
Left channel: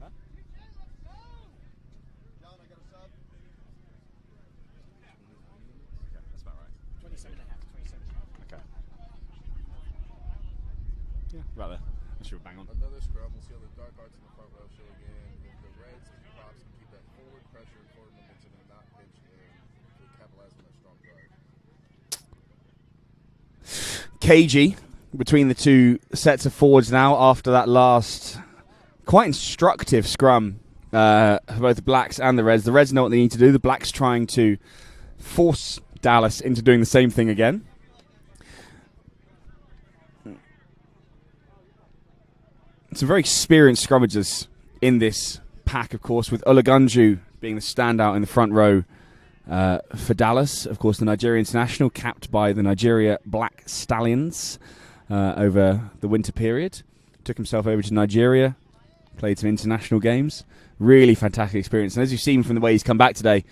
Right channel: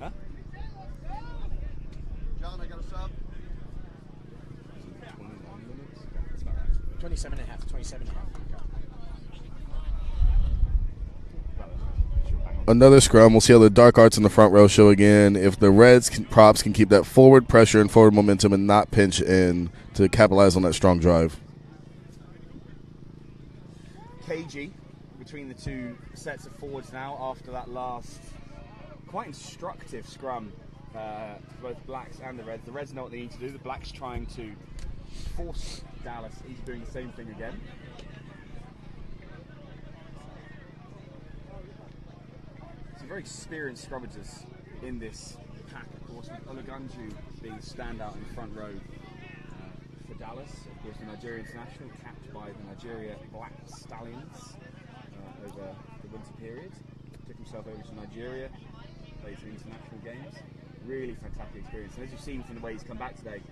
Huh? John, I got a sub. 27 and a half. 27 and a half. Another scrum. We'll see how the dark arts in the front row show again. If the Reds props can keep that forward pressure and forward momentum and not pinch in to capitalize on that strong drive. Cagey between the two sets of forwards now after that last quite instructive scrum for both the Blacks and the Reds. The Reds know what they need to do. The Blacks trying to force Dallas into doing the same thing again. Some very experienced scrummagers in this pack, of course, with Olagunju being the standout in the front row for Dallas. Of course, the Nigeria international, capped by the Nigeria Black Stallions. over the winter period. Took himself over to Nigeria, played some international games. Really fantastic experience. And as you've seen from the way he's come back today,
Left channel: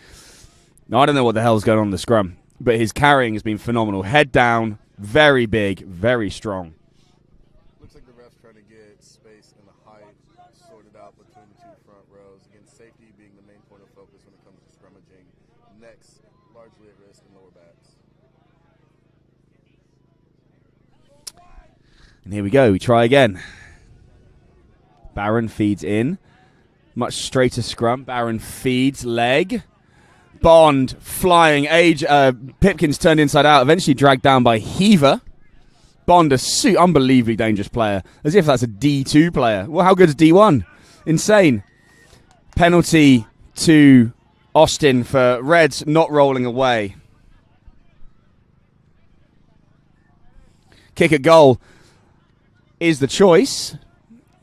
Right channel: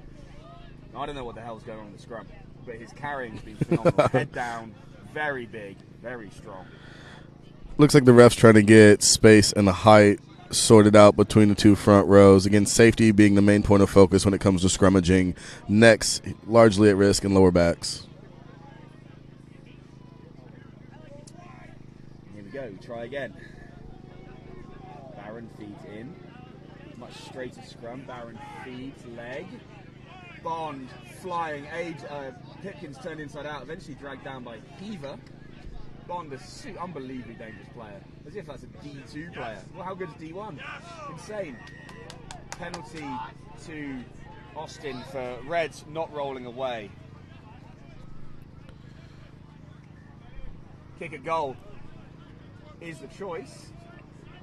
I don't know what the hell's going on in the scrum, but his carrying has been phenomenal. Head down, very big, very strong. Looks like the ref's trying to get space and the height sorted out between the two front rows. Again, safety being the main point of focus when it comes to scrummaging. Necks largely at risk and lower backs. And here we go. We try again. Barron feeds in. Much straighter scrum. Barron feeds leg. Bond flying. Pipkins turned inside out. Eventually dragged down by Heaver. Bond, a unbelievably dangerous player. As if that's a D2 player. Well, how good is D1? Insane. Penalty to Austin for Reds not rolling away. Kick at goal is the choice,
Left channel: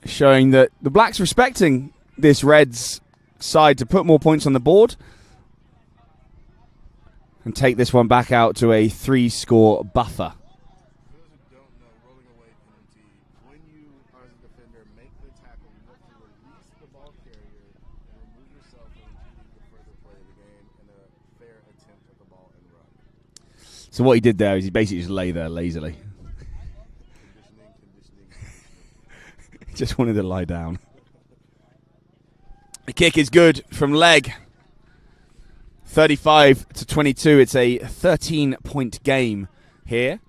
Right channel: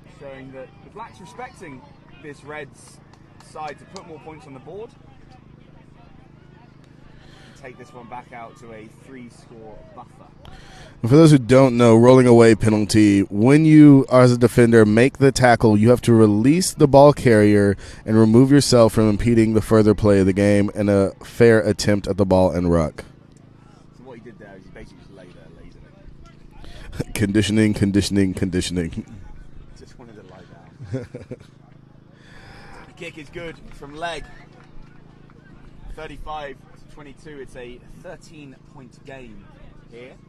showing that the Blacks respecting this Reds side to put more points on the board and take this one back out to a 3-score buffer. For those who don't know, rolling away penalty, when you, as a defender, make the tackle, you have to release the ball carrier and remove yourself from impeding the further play of the game and a fair attempt at the ball and ruck. So what he did there is he basically just lay there lazily. Conditioning. Just wanted to lie down. The kick is good from leg. 35-22. It's a 13-point game here.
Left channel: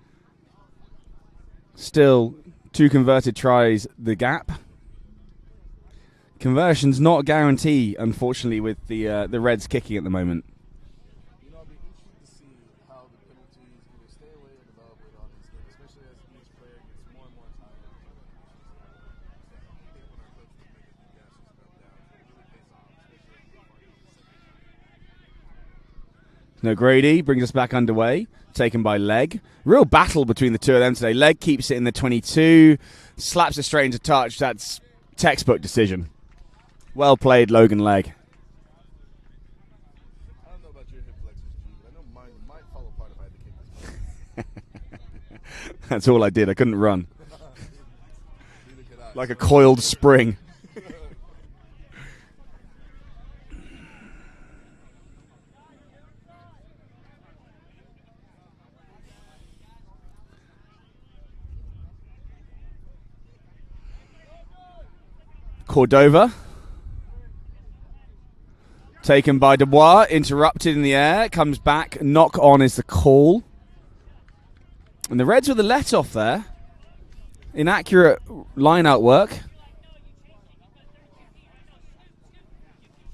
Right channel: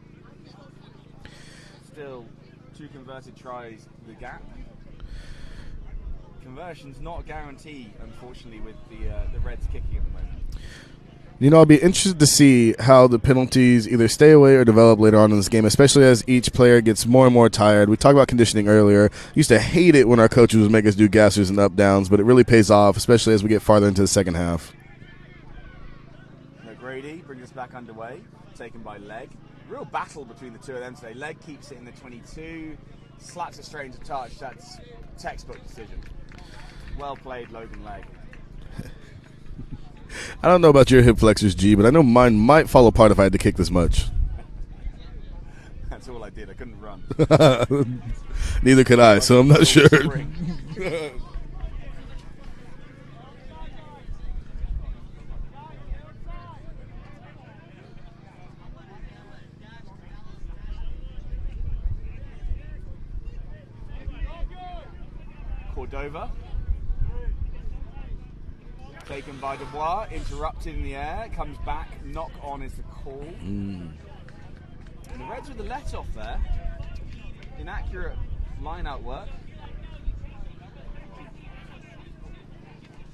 Still 2 converted tries the gap. Conversion's not a guarantee, unfortunately, with the Reds kicking at the moment. You know, I'll be interested to see how the penalties either stay away or develop later on in this game, especially as each player gets more and more tired. We talked about conditioning earlier. Used to hate it when our coaches would make us do gassers and up downs, but it really pays off, especially as we get farther into the second half. No, Grady brings us back underway, taken by Leg. Real battle between the two of them today. Leg keeps it in the 22, slaps it straight into touch. That's textbook decision. Well played, Logan Leg. I don't know about your hip flexors, G, but I know mine might fall apart if I had to kick this much. That's all I did. I couldn't run. Neither could I, like so a I'm not coiled sure. spring. Cordova. Taken by Dubois, interrupted in the air, comes back, knock on is the call. And the Reds with the let off there. Inaccurate line-out work.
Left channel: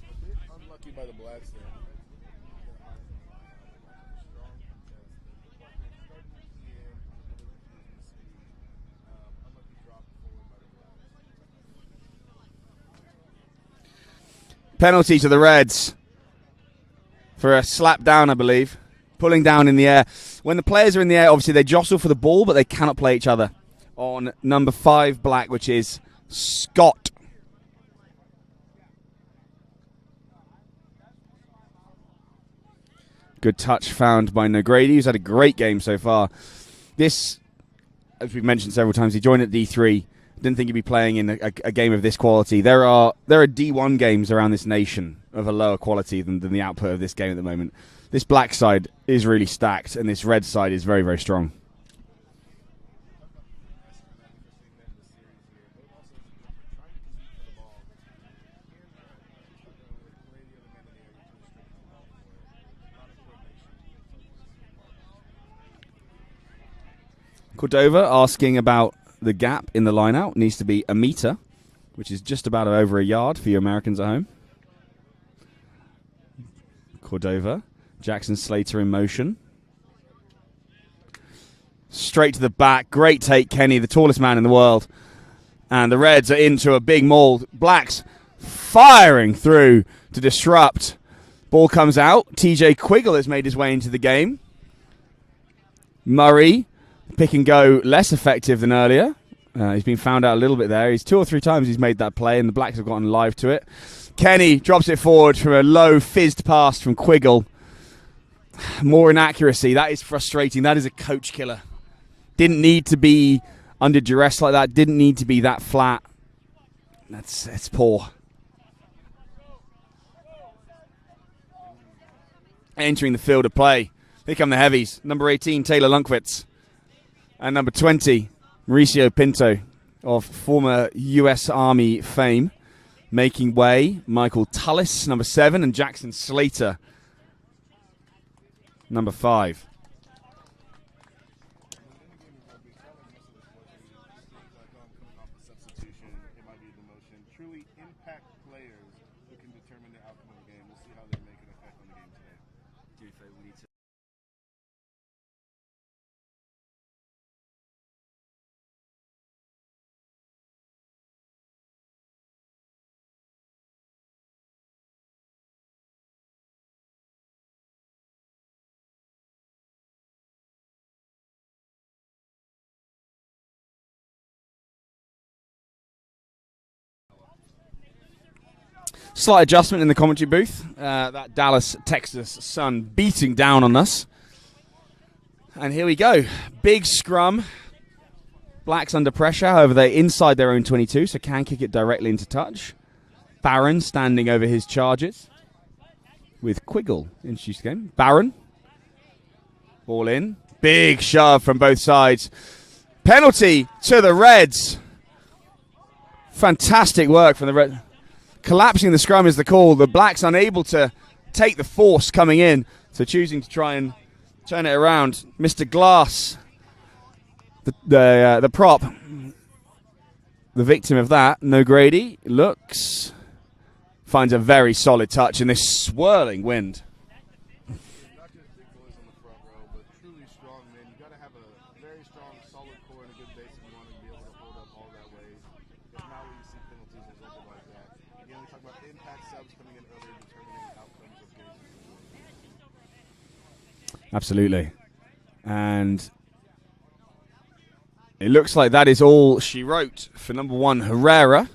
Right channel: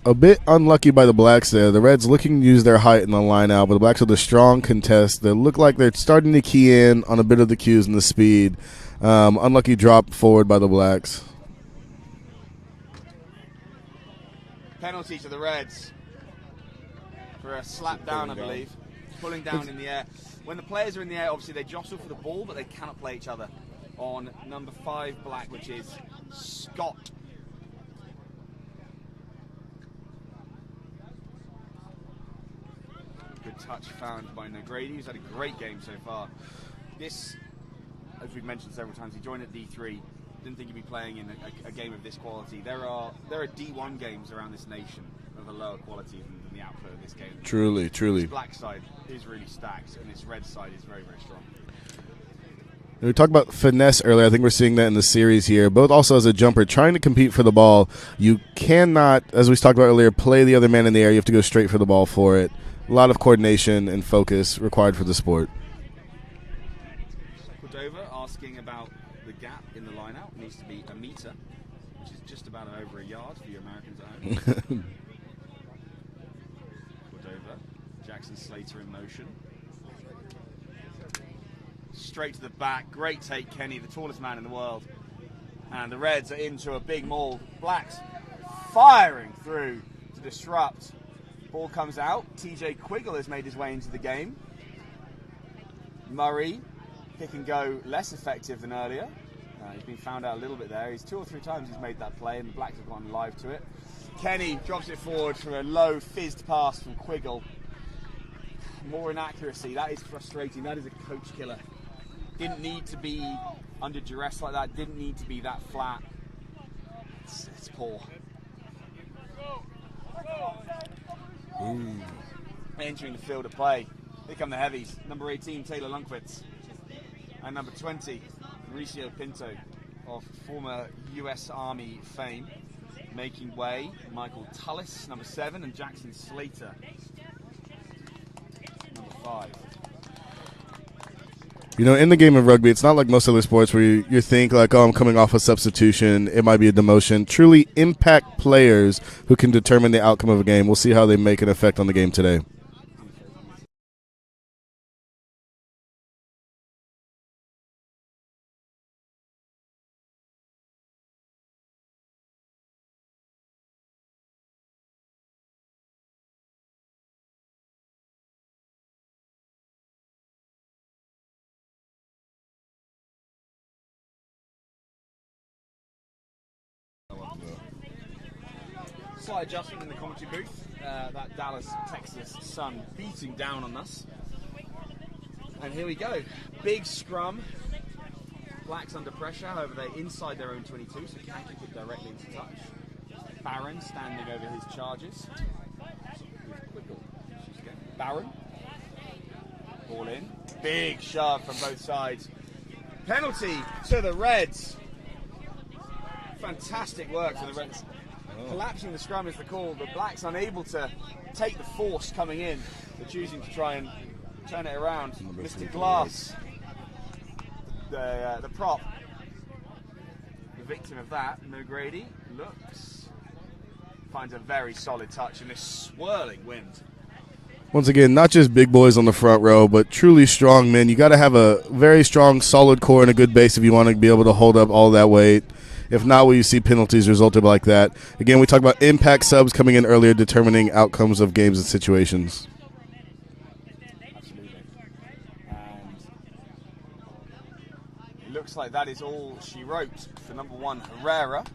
A bit unlucky by the Blacks there. The Reds looking to use their height in the line-out, but the Blacks with a strong contest. They look like they're starting to key in on a bit of the cues and the speed. Unlucky drop forward by the Blacks. Penalty to the Reds for a slap down, I believe. Pulling down in the air. When the players are in the air, obviously they jostle for the ball, but they cannot play each other. On number 5 Black, which is Scott. Good touch found by Nogrady, who's had a great game so far. This, as we've mentioned several times, he joined at D3. Didn't think he'd be playing in a game of this quality. There are D1 games around this nation of a lower quality than the output of this game at the moment. Truly. This Black side is really stacked, and this Red side is very, very strong. We talked about finesse earlier. I think we're seeing that in the series here. Both also as a jumper, trying to compete for the ball. You cannot, as we talked about earlier, play the other man in the air. You have to go straight for the ball for it. A lot of coordination and focus required for the sport. Cordova asking about the gap in the line-out. Needs to be a meter, which is just about over a yard for you Americans at home. Cordova. Jackson Slater in motion. Straight to the back. Great take, Kenny, the tallest man in the world. And the Reds are into a big maul. Blacks firing through to disrupt. Ball comes out. TJ Quiggle has made his way into the game. Murray, pick and go, less effective than earlier. He's been found out a little bit there. He's 2 or 3 times he's made that play, and the Blacks have gotten live to it. Kenny drops it forward from a low fizzed pass from Quiggle. More inaccuracy. That is frustrating. That is a coach killer. Didn't need to be under duress like that. Didn't need to be that flat. It's poor. Entering the field of play. Here come the heavies. Number 18, Taylor Lunkwitz. And number 20, Mauricio Pinto of former U.S. Army fame. Making way, Michael Tullis, number 7, and Jackson Slater, number 5. You know, in the game of rugby, it's not like most other sports where you think like, oh, I'm coming off a substitution, it might be a demotion. Truly impact players who can determine the outcome of a game. We'll see how they make an effect on the game today. Slight adjustment in the commentary booth. That Dallas, Texas sun beating down on us. And here we go. Big scrum. Blacks under pressure. However, they're inside their own 22, so can kick it directly into touch. Barron standing over his charges with Quiggle introduced the game. Barron. Ball in. Big shove from both sides. Penalty to the Reds. Fantastic work from the Reds. Collapsing the scrum is the call. The Blacks unable to take the force coming in, so choosing to try and turn it around. Mr. Glass, the prop, the victim of that. No Grady looks, finds a very solid touch in this swirling wind. Once again, not just big boys on the front row, but truly strong men. You got to have a very strong, solid core and a good base if you want to be able to hold up all that weight. If not, will you see penalties resulted like that? Again, we talked about impact subs coming in earlier, determining outcomes of games and situations. Absolutely. And it looks like that is all she wrote for number 1, Herrera.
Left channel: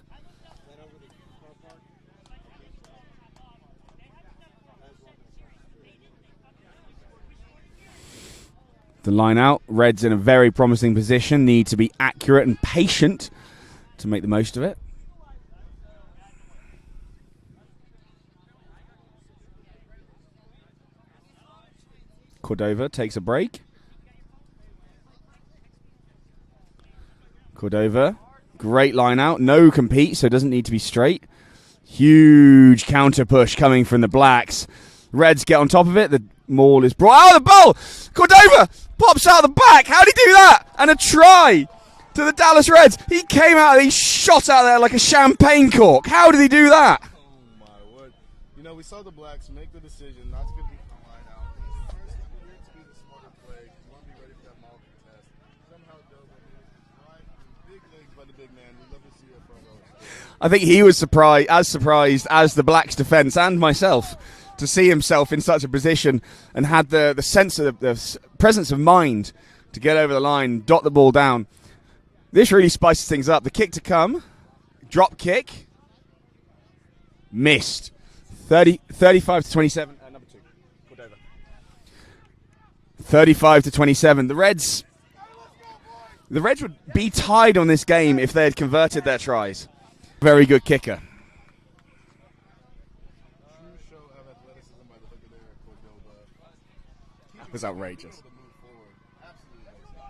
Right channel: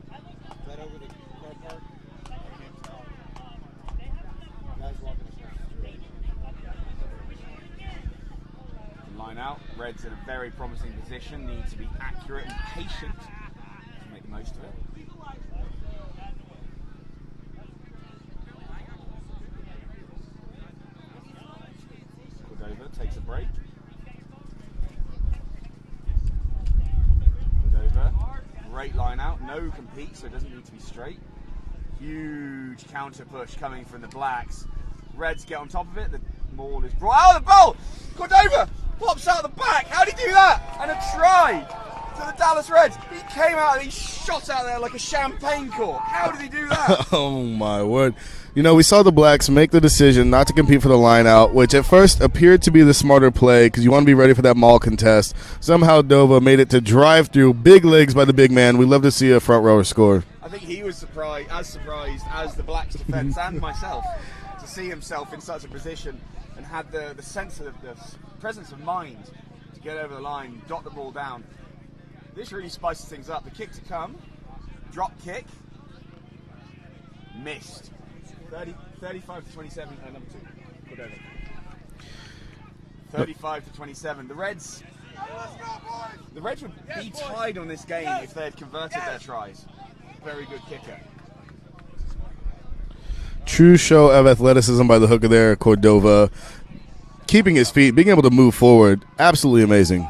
The line out. Reds in a very promising position. Need to be accurate and patient to make the most of it. Cordova takes a break. Cordova, great line out. No compete, so it doesn't need to be straight. Huge counter push coming from the Blacks. Reds get on top of it. The maul is brought out of the ball. Cordova pops out of the back. How did he do that? And a try to the Dallas Reds. He came out, he shot out there like a champagne cork. How did he do that? Oh, my word. You know, we saw the Blacks make the decision not to compete for the line out, which at first appeared to be the smarter play because you want to be ready for that maul contest. Somehow Dova made it to drive through, big legs by the big man. We love to see a front rower score. I think he was surprised as the Blacks defense and myself to see himself in such a position, and had the sense of the presence of mind to get over the line, dot the ball down. This really spices things up. The kick to come, drop kick, missed. 35 to 27. Number 2. 35 to 27. The Reds would be tied on this game if they had converted their tries. Very good kicker. True show of athleticism by the hooker there, Cordova. Keeping his feet, being able to move forward, absolutely amazing.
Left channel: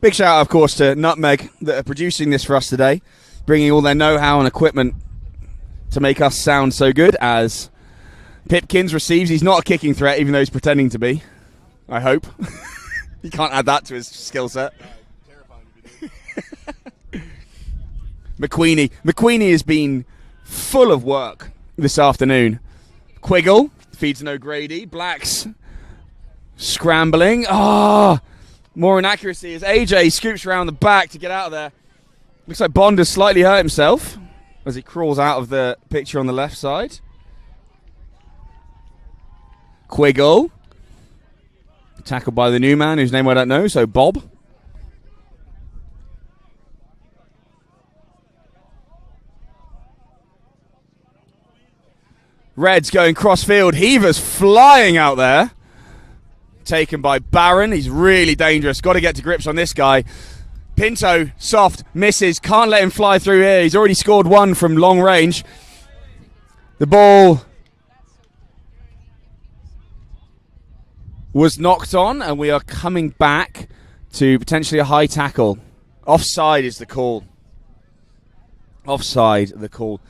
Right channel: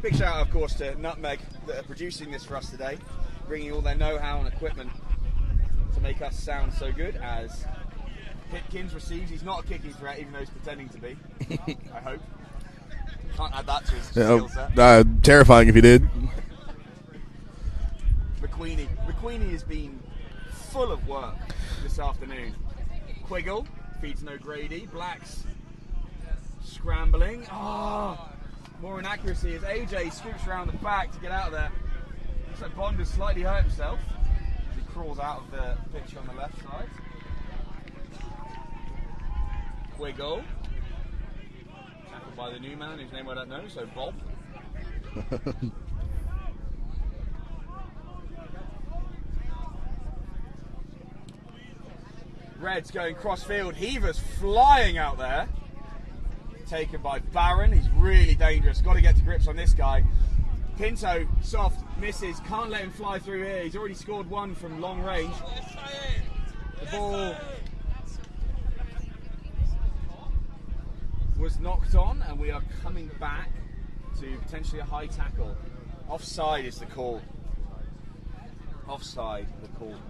Big shout out, of course, to Nutmeg that are producing this for us today, bringing all their know-how and equipment to make us sound so good. As Pipkins receives, he's not a kicking threat, even though he's pretending to be. I hope. He can't add that to his skill set. Terrifying if he did. McQueenie has been full of work this afternoon. Quiggle feeds no Grady. Blacks scrambling. More inaccuracy as AJ scoops around the back to get out of there. Looks like Bond has slightly hurt himself as he crawls out of the picture on the left side. Quiggle. Tackled by the new man whose name I don't know, so Bob. Reds going cross-field. Heavers flying out there. Taken by Barron. He's really dangerous. Got to get to grips on this guy. Pinto, soft, misses. Can't let him fly through here. He's already scored one from long range. The ball was knocked on, and we are coming back to potentially a high tackle. Offside is the call. Offside, the call.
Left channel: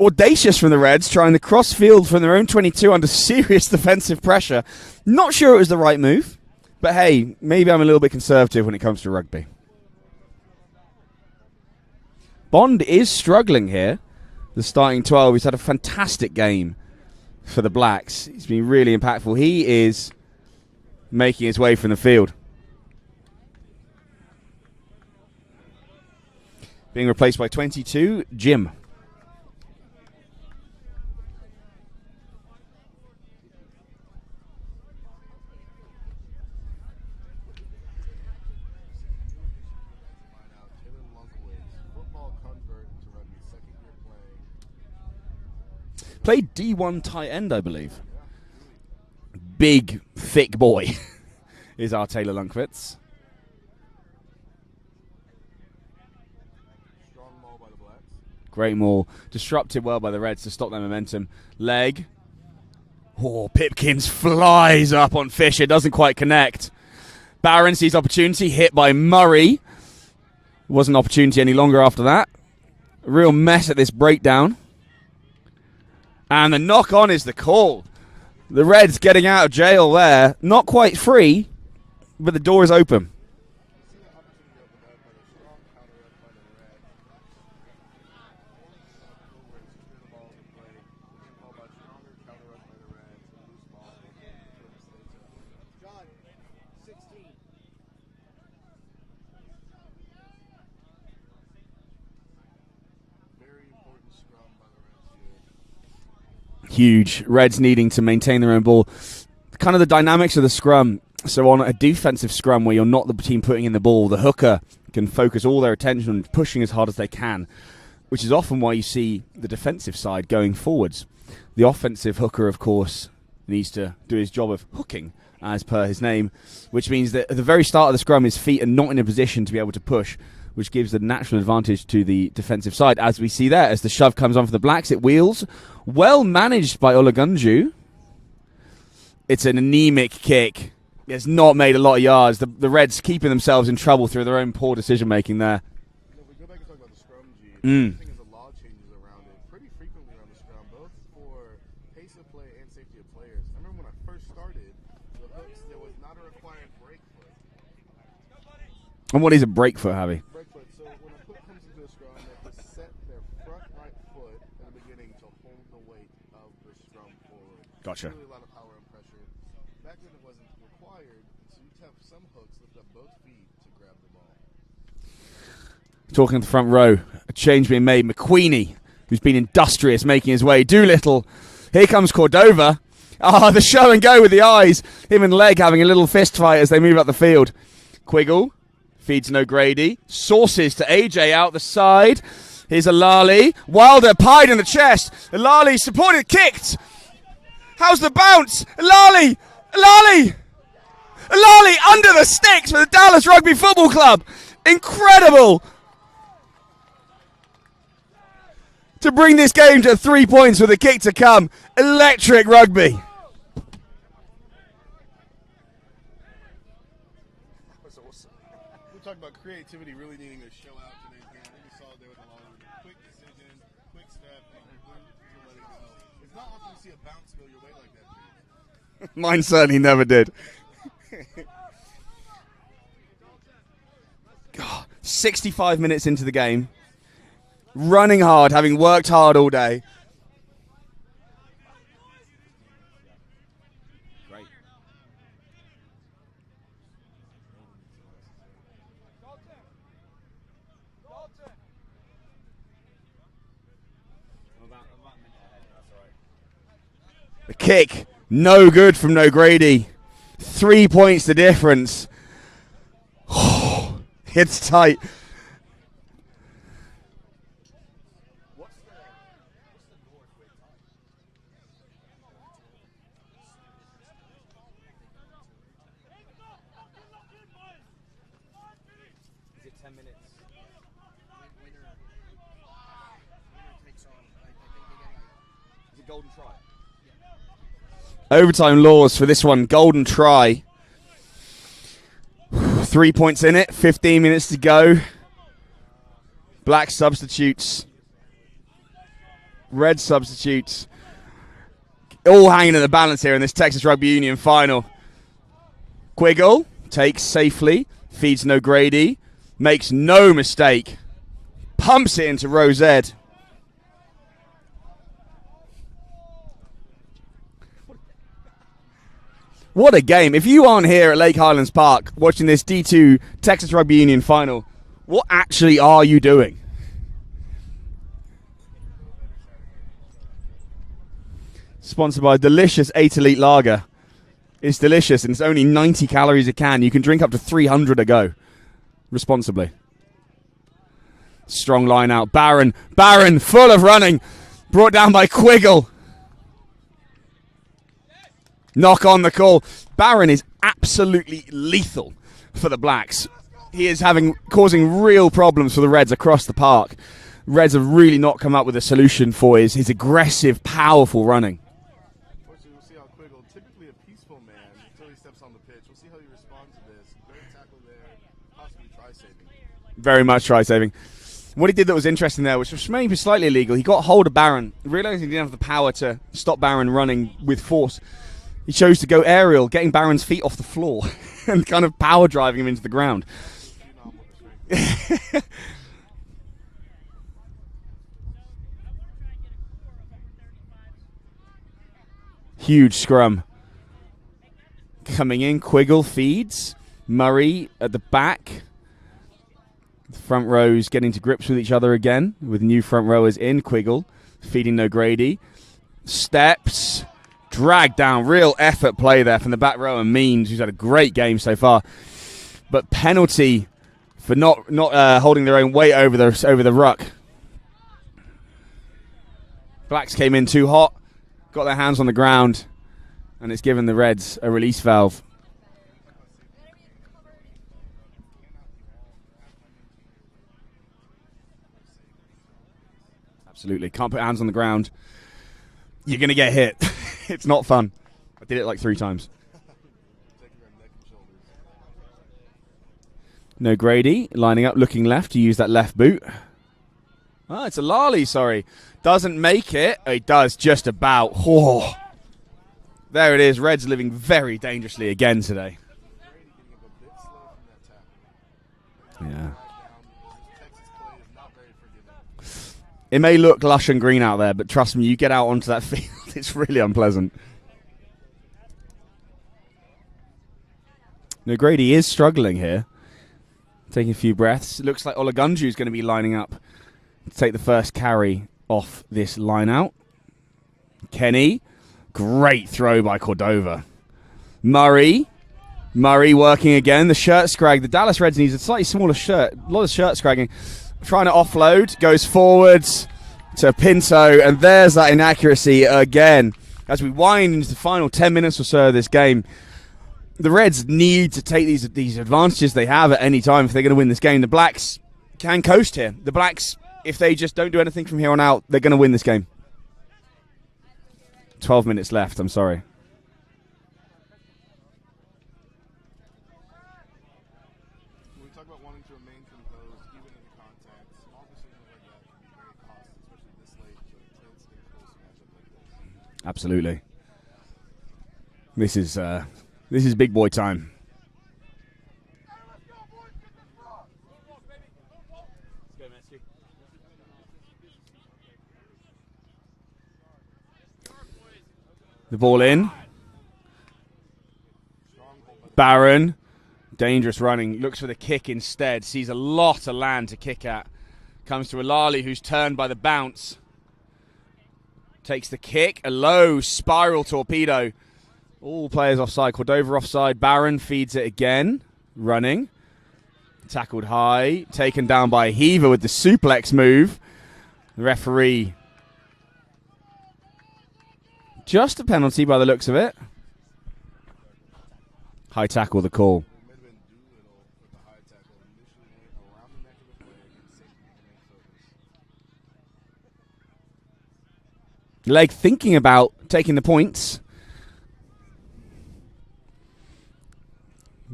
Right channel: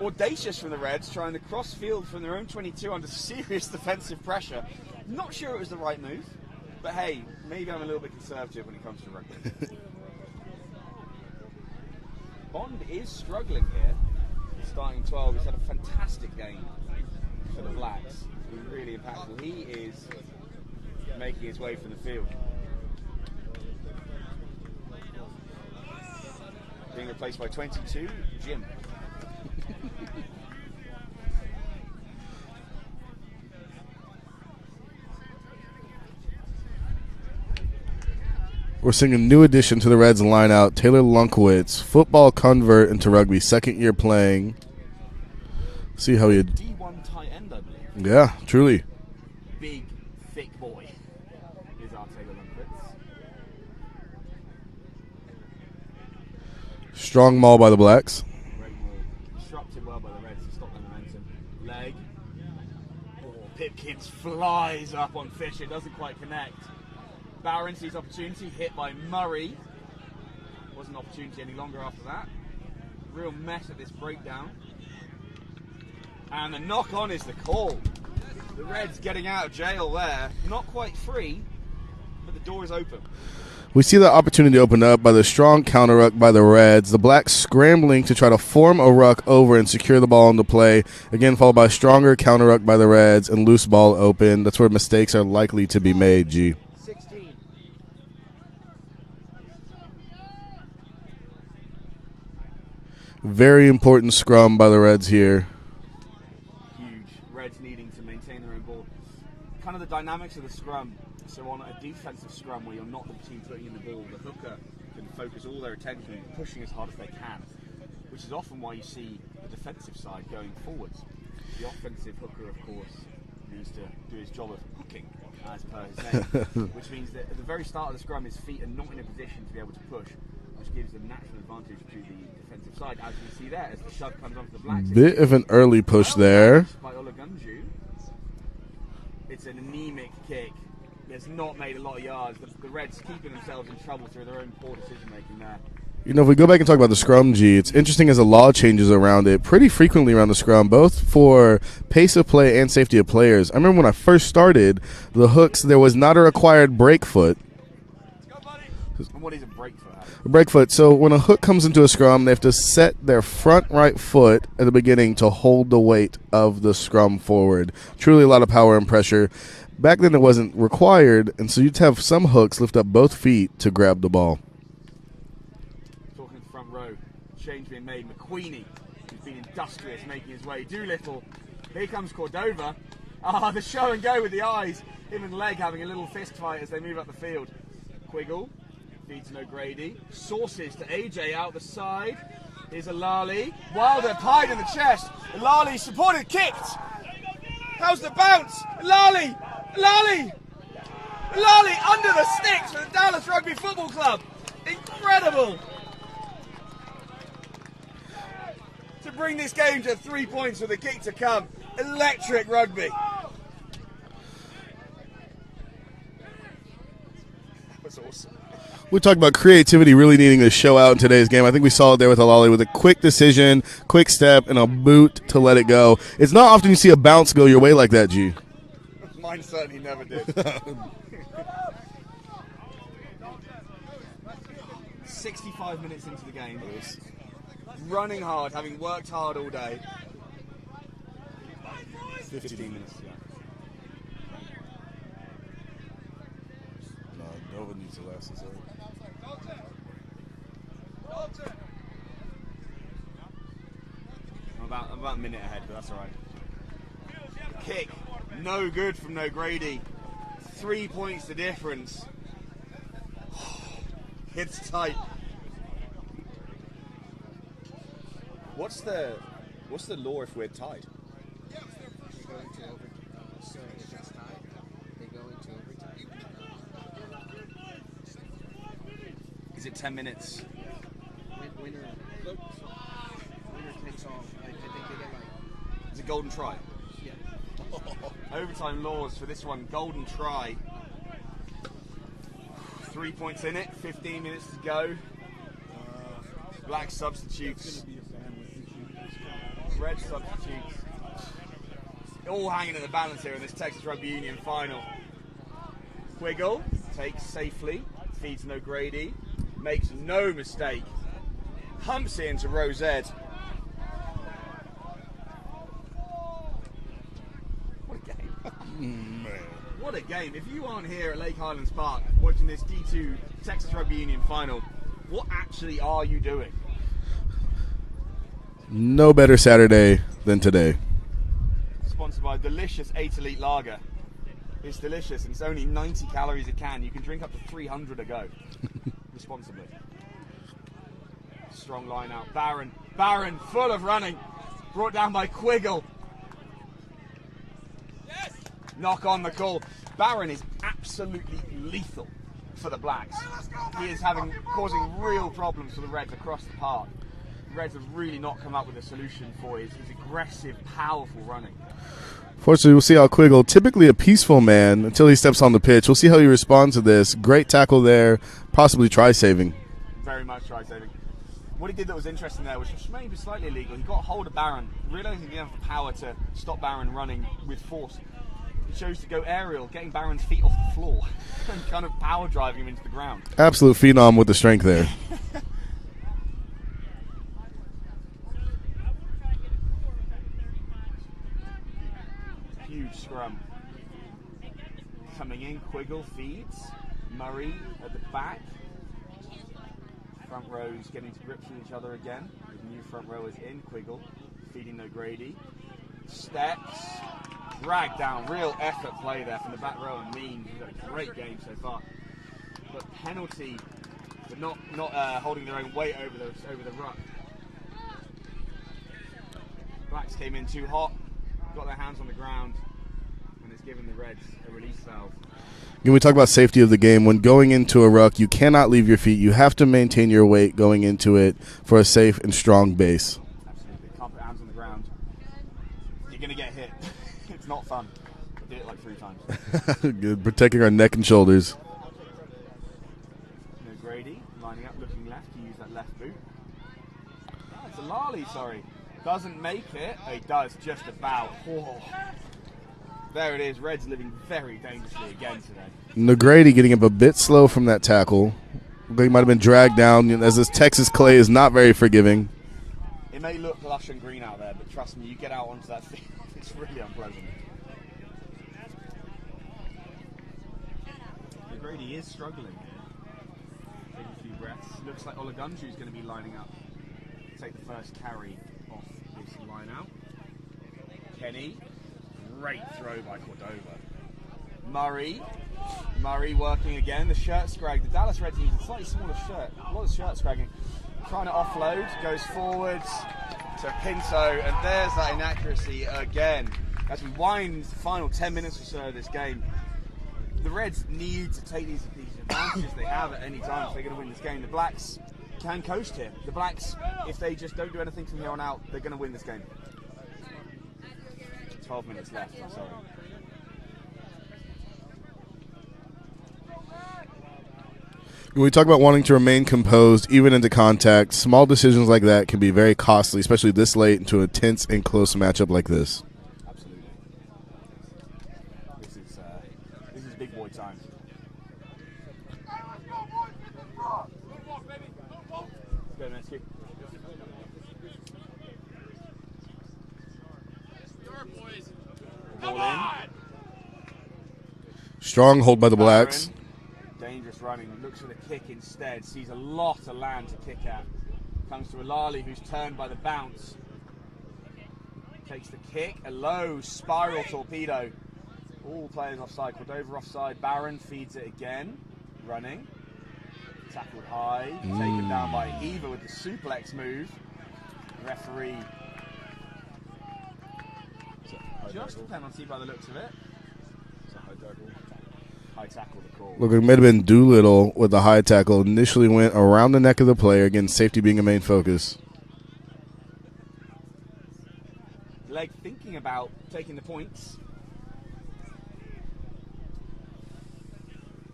Audacious from the Reds, trying the cross field from their own 22 under serious defensive pressure. Not sure it was the right move, but hey, maybe I'm a little bit conservative when it comes to rugby. Bond is struggling here, the starting 12. He's had a fantastic game for the Blacks. He's been really impactful. He is making his way from the field. Being replaced by 22, Jim. We're seeing a new addition to the Reds line-out, Taylor Lunkowitz, football convert into rugby, second year playing. See how Played D1 tight end, I believe. Yeah, truly. Big, thick boy is our Taylor Lunkowitz. Strong maul by the Blacks. Great maul. Disrupted well by the Reds to stop their momentum. Leg. Oh, Pipkins flies up on Fisher, doesn't quite connect. Barron sees opportunity, hit by Murray. Wasn't opportunity any longer after that. A real mess at this breakdown. And the knock-on is the call. The Reds getting out of jail there. Not quite free, but the door is open. We see the opportunity open up by the strong counter ruck by the Reds. The Blacks scrambling to try to form a ruck over and secure the ball into play. Again, followed by a stronger counter ruck by the Reds and loose ball open. That's where mistakes are likely to be made, G. Very important scrum by the Reds here. Huge. Reds needing to maintain their own ball. Kind of the dynamics of the scrum. So on a defensive scrum where you're not the team putting in the ball, the hooker can focus all their attention on pushing as hard as they can, which is often why you see the defensive side going forwards. The offensive hooker, of course, needs to do his job of hooking, as per his name, which means that at the very start of the scrum, his feet are not in a position to be able to push, which gives the natural advantage to the defensive side, as we see there. As the shove comes on for the Blacks, it wheels. An early push well there. managed by Olagunju. It's an anemic kick. It's not made a lot of yards. The Reds keeping themselves in trouble through their own poor decision-making there. You know, if we go back and talk about the scrum, G, it's interesting as the law changes around it pretty frequently around the scrum, both for pace of play and safety of players. I remember when I first started, the hooks, there was not a required break foot. And what is a break foot, Javi? A break foot. So when a hook comes into a scrum, they have to set their front right foot at the beginning to hold the weight of the scrum forward. Gotcha. Truly a lot of power and pressure. Back then it wasn't required, and so you'd have some hooks lift up both feet to grab the ball. Talking to the front row, a change being made. McQueenie, who's been industrious, making his way. Doolittle. Here comes Cordova. The show and go with the eyes. Him and Leg having a little fist fight as they move up the field. Quiggle feeds no Grady. Sources to AJ out the side. Here's Alali. Wilder pied in the chest. Alali supported, kicked. How's the bounce? Alali under the sticks for the Dallas Rugby Football Club. Incredible. To bring this game to 3 points with a kick to come. Electric rugby. We talked about creativity really needing to show out in today's game. I think we saw it there with Alali with a quick decision, quick step, and a boot to let it go. It's not often you see a bounce go your way like that, G. Mine certainly never did. 65 minutes into the game. Running hard, having worked hard all day. 15 minutes, yeah. No, Nova needs to last this I'm about a minute ahead, but that's all right. The kick, no good from No Grady. 3 points the difference. What's the law if we're tied? Is it 10 minutes? Winner takes all. I think they get like. Is it golden try? Yeah. Overtime laws for this one. Golden try. 3 points in it. 15 minutes to go. Black substitutes. Red substitutes. All hanging in the balance here in this Texas Rugby Union final. Quiggle takes safely. Feeds O'Grady. Makes no mistake. Pumps it into Rosed. What a game. If you aren't here at Lake Highlands Park watching this D2 Texas Rugby Union final, what actually are you doing? No better Saturday than today. Sponsored by delicious 8 Elite Lager. It's delicious and it's only 90 calories a can. You can drink up to 300 a go. Responsibly. Strong line out. Barron full of running. Brought down by Quiggle. Knock on the call. Barron is absolutely lethal for the Blacks. He is causing real problems for the Reds across the park. Reds have really not come up with a solution for his aggressive, powerful running. Fortunately, we'll see how Quiggle, typically a peaceful man until he steps on the pitch. We'll see how he responds to this. Great tackle there, possibly try-saving. Very much try-saving. What he did that was interesting there, which was maybe slightly illegal, he got hold of Barron, realising he didn't have the power to stop Barron running with force. He chose to go aerial, getting Barron's feet off the floor and kind of power driving him into the ground. Absolute phenom with the strength there. Huge scrum. Coming in, Quiggle feeds. Murray at the back. Front rows getting to grips with each other again, with new front rowers in. Quiggle feeding O'Grady. Steps. Dragged down. Real effort play there from the back row and Means, who's had a great game so far. But penalty for not holding their own weight over the ruck. Blacks came in too hot. Got their hands on the ground, and it's given the Reds a release valve. When we talk about safety of the game, when going into a ruck, you cannot leave your feet. You have to maintain your weight going into it for a safe and strong base. Absolutely. Can't put hands on the ground. You're going to get hit. It's not fun. I did it like 3 times. Good. Protecting our neck and shoulders. O'Grady lining up, looking left to use that left boot. Oh, it's a Lally, sorry. Doesn't make it. Oh, he does just about. Oh. There it is. Reds living very dangerously again today. O'Grady getting up a bit slow from that tackle. He might have been dragged down, as this Texas clay is not very forgiving. It may look lush and green out there, but trust me, you get out onto that field, it's really unpleasant. O'Grady is struggling here. Taking a few breaths. It looks like Olagunju is going to be lining up to take the first carry off this line out. Kenny, great throw by Cordova. Murray working again. The shirt scrag. The Dallas Reds needs a slightly smaller shirt. A lot of shirt scragging. Trying to offload. Goes forwards to Pinto. And there's that inaccuracy again. As we wind into the final 10 minutes or so of this game, the Reds need to take these advantages they have at any time if they're going to win this game. The Blacks can coast here. The Blacks, if they just don't do anything from here on out, they're going to win this game. 12 minutes left, I'm sorry. When we talk about wanting to remain composed, even into contact, small decisions like that can be very costly, especially this late into a tense and close matchup like this. Absolutely. This is big boy time. The ball in. Strong hold by the Barron. Blacks. Dangerous running. Looks for the kick instead. Sees a lot of land to kick at. Comes to Alali, who's turned by the bounce. Takes the kick. A low spiral torpedo. All players offside. Cordova offside. Barron feeds it again. Running. Tackled high. Taken down by Heaver with the suplex move. The referee Just a penalty by the looks of it. High tackle, the call. Look, it might have been Doolittle with the high tackle. Initially went around the neck of the player. Again, safety being a main focus. Leg thinking about taking the points.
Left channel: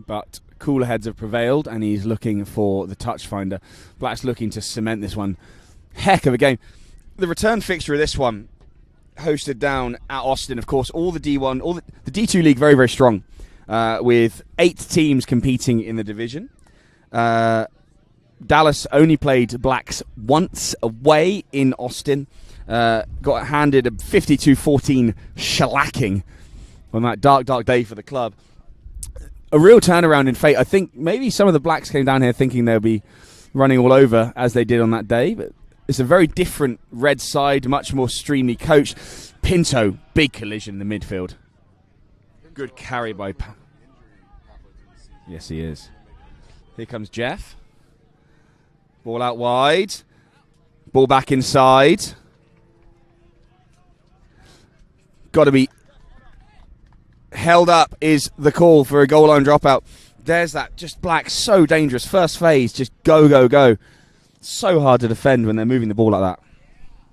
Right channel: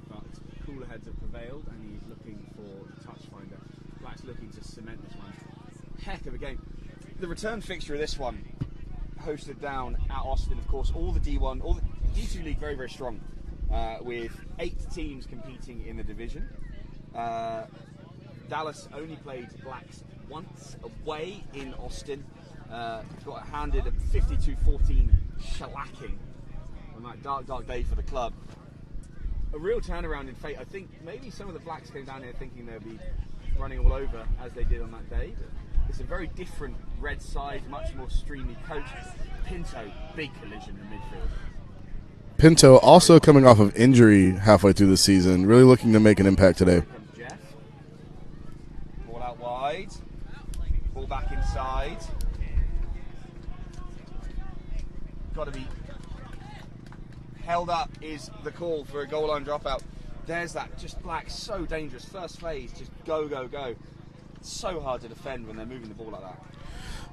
But cooler heads have prevailed, and he's looking for the touch finder. Black's looking to cement this one. Heck of a game. The return fixture of this one, hosted down at Austin, of course. All the D1, the D2 league very, very strong, with 8 teams competing in the division. Dallas only played Blacks once away in Austin. Got handed a 52-14 shellacking on that dark, dark day for the club. A real turnaround in fate. I think maybe some of the Blacks came down here thinking they'll be running all over as they did on that day, but it's a very different red side, much more streamly coached. Pinto, big collision in the midfield. Pinto also coming off of injury halfway through the season, really looking to make an impact today. Here comes Jeff. Ball out wide. Ball back inside. Got to be held up is the call for a goal line dropout. There's that, just Black, so dangerous. First phase, just go, go, go. So hard to defend when they're moving the ball like that.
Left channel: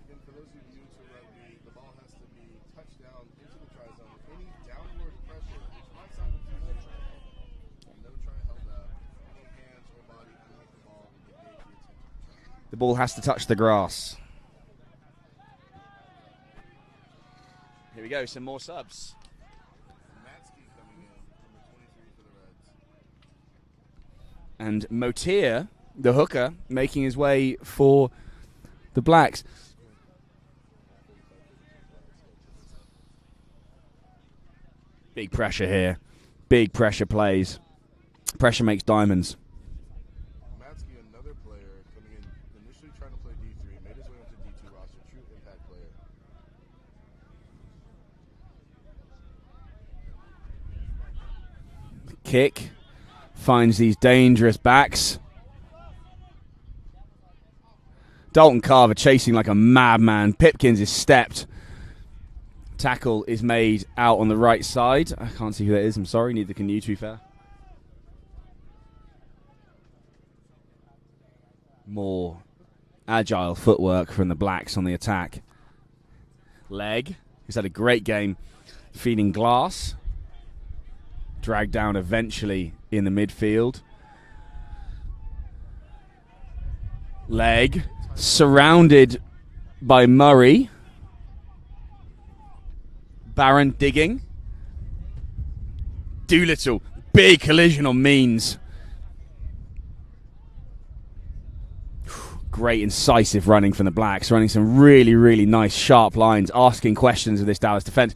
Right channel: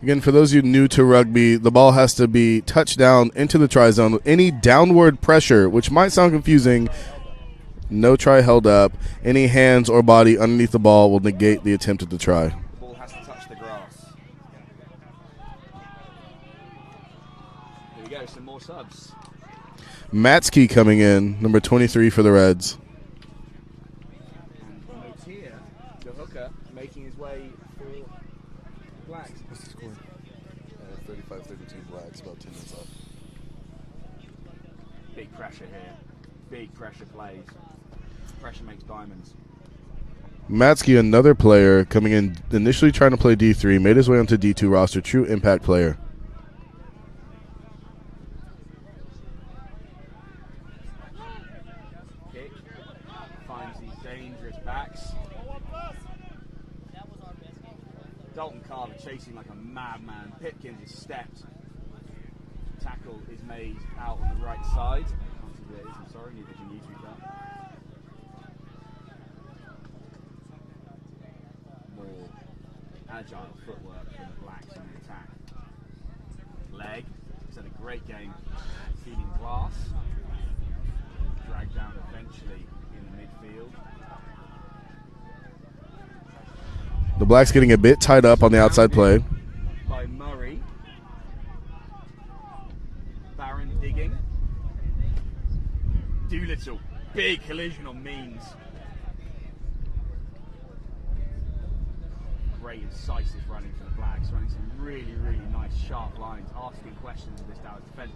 Again, for those of you new to rugby, the ball has to be touched down into the try zone. Any downward pressure, which might sound confusing, no try held up. Any hands or body underneath the ball will negate the attempt at the try. The ball has to touch the grass. Here we go, some more subs. Matsky coming in, number 23 for the Reds. And Motier, the hooker, making his way for the Blacks. 35-32 Blacks, about 10 minutes left. Big pressure here. Big pressure plays. Pressure makes diamonds. Matsky, another player coming in, initially trying to play D3, made his way onto D2 roster, true impact player. Kick. Finds these dangerous backs. Dalton Carver chasing like a madman. Pipkins is stepped. Tackle is made out on the right side. I can't see who that is. I'm sorry. Neither can you, to be fair. More agile footwork from the Blacks on the attack. Leg. He's had a great game feeding glass. Dragged down eventually in the midfield. The Blacks getting a bit tied up on the outside surrounded play. by Murray. Barron digging. Doolittle. Big collision on Means. Great incisive running from the Blacks. Running some really, really nice sharp lines. Asking questions of this Dallas defense.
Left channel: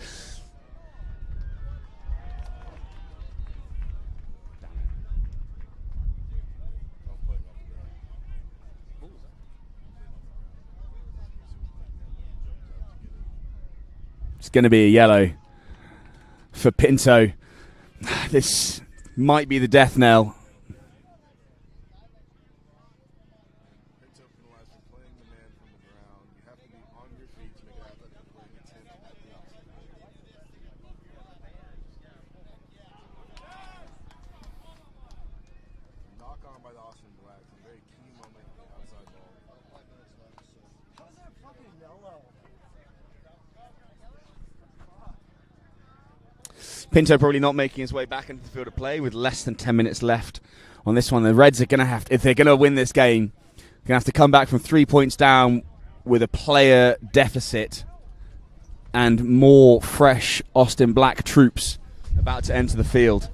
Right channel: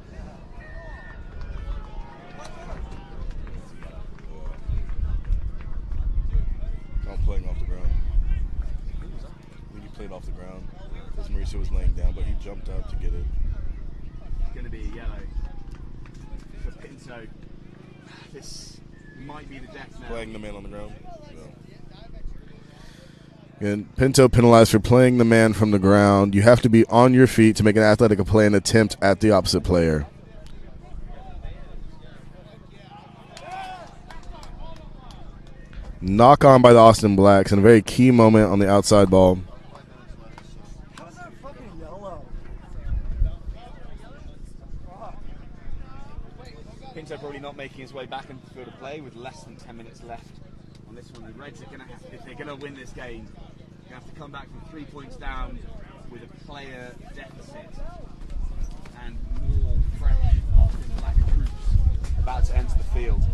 Playing off the ground. I think he played off the ground because Mauricio was laying down, but he jumped up to get it. It's going to be a yellow for Pinto. This might be the death knell. The man on the ground. And Pinto penalized for playing the man from the ground. You have to be on your feet to make an athletic play and attempt at the opposite player. Knock on by the Austin Blacks and a very key moment on the outside ball. How's that fucking yellow? Pinto probably not making his way back into the field of play with less than 10 minutes left on this one. The Reds are going to have, if they're going to win this game, going to have to come back from 3 points down with a player deficit and more fresh Austin Black troops about to enter the field.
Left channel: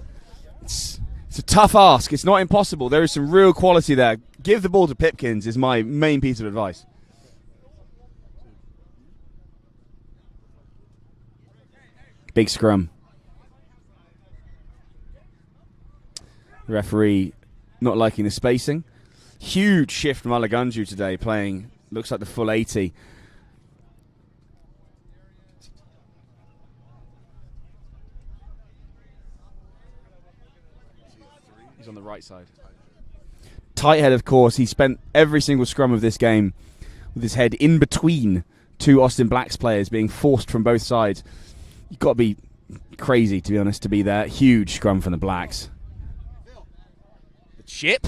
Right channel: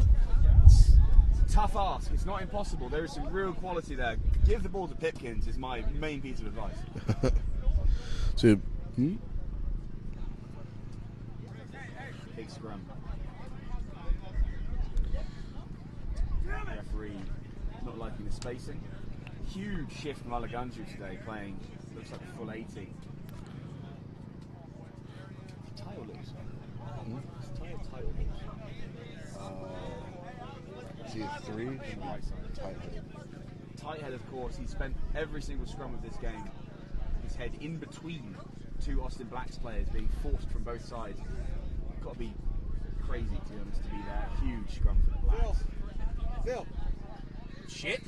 It's a tough ask. It's not impossible. There is some real quality there. Give the ball to Pipkins is my main piece of advice. Big scrum. Referee not liking the spacing. Huge shift from Alagunju today, playing, looks like the full 80. On the right side. Tight head, of course. He spent every single scrum of this game with his head in between two Austin Blacks players, being forced from both sides. You've got to be crazy, to be honest, to be there. Huge scrum from the Blacks. Chip.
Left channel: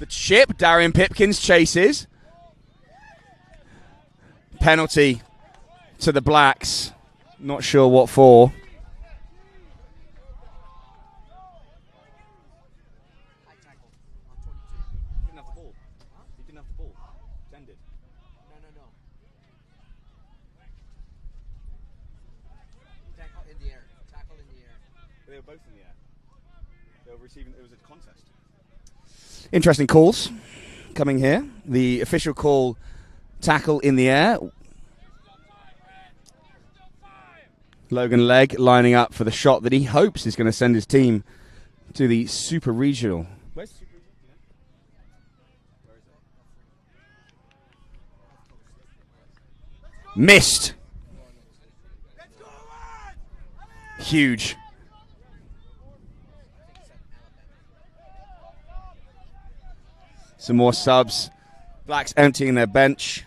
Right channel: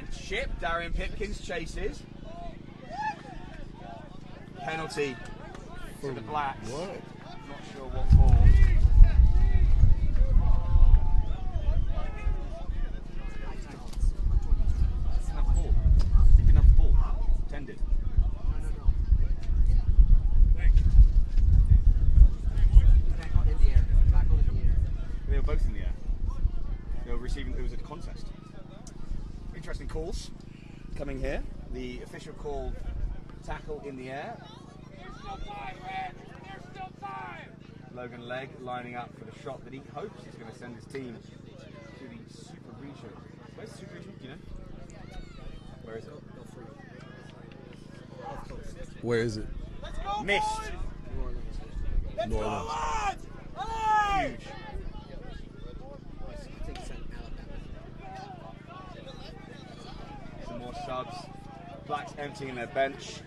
The chip. Darian Pipkins chases. Penalty to the Blacks. Not sure what for. Interesting calls coming here. The official call, tackle in the air. Logan Legg lining up for the shot that he hopes is going to send his team to the Super Regional. Where's the Super Regional? Do you know? Where is it? Where is it? Missed. Huge. Some more subs. Blacks emptying their bench.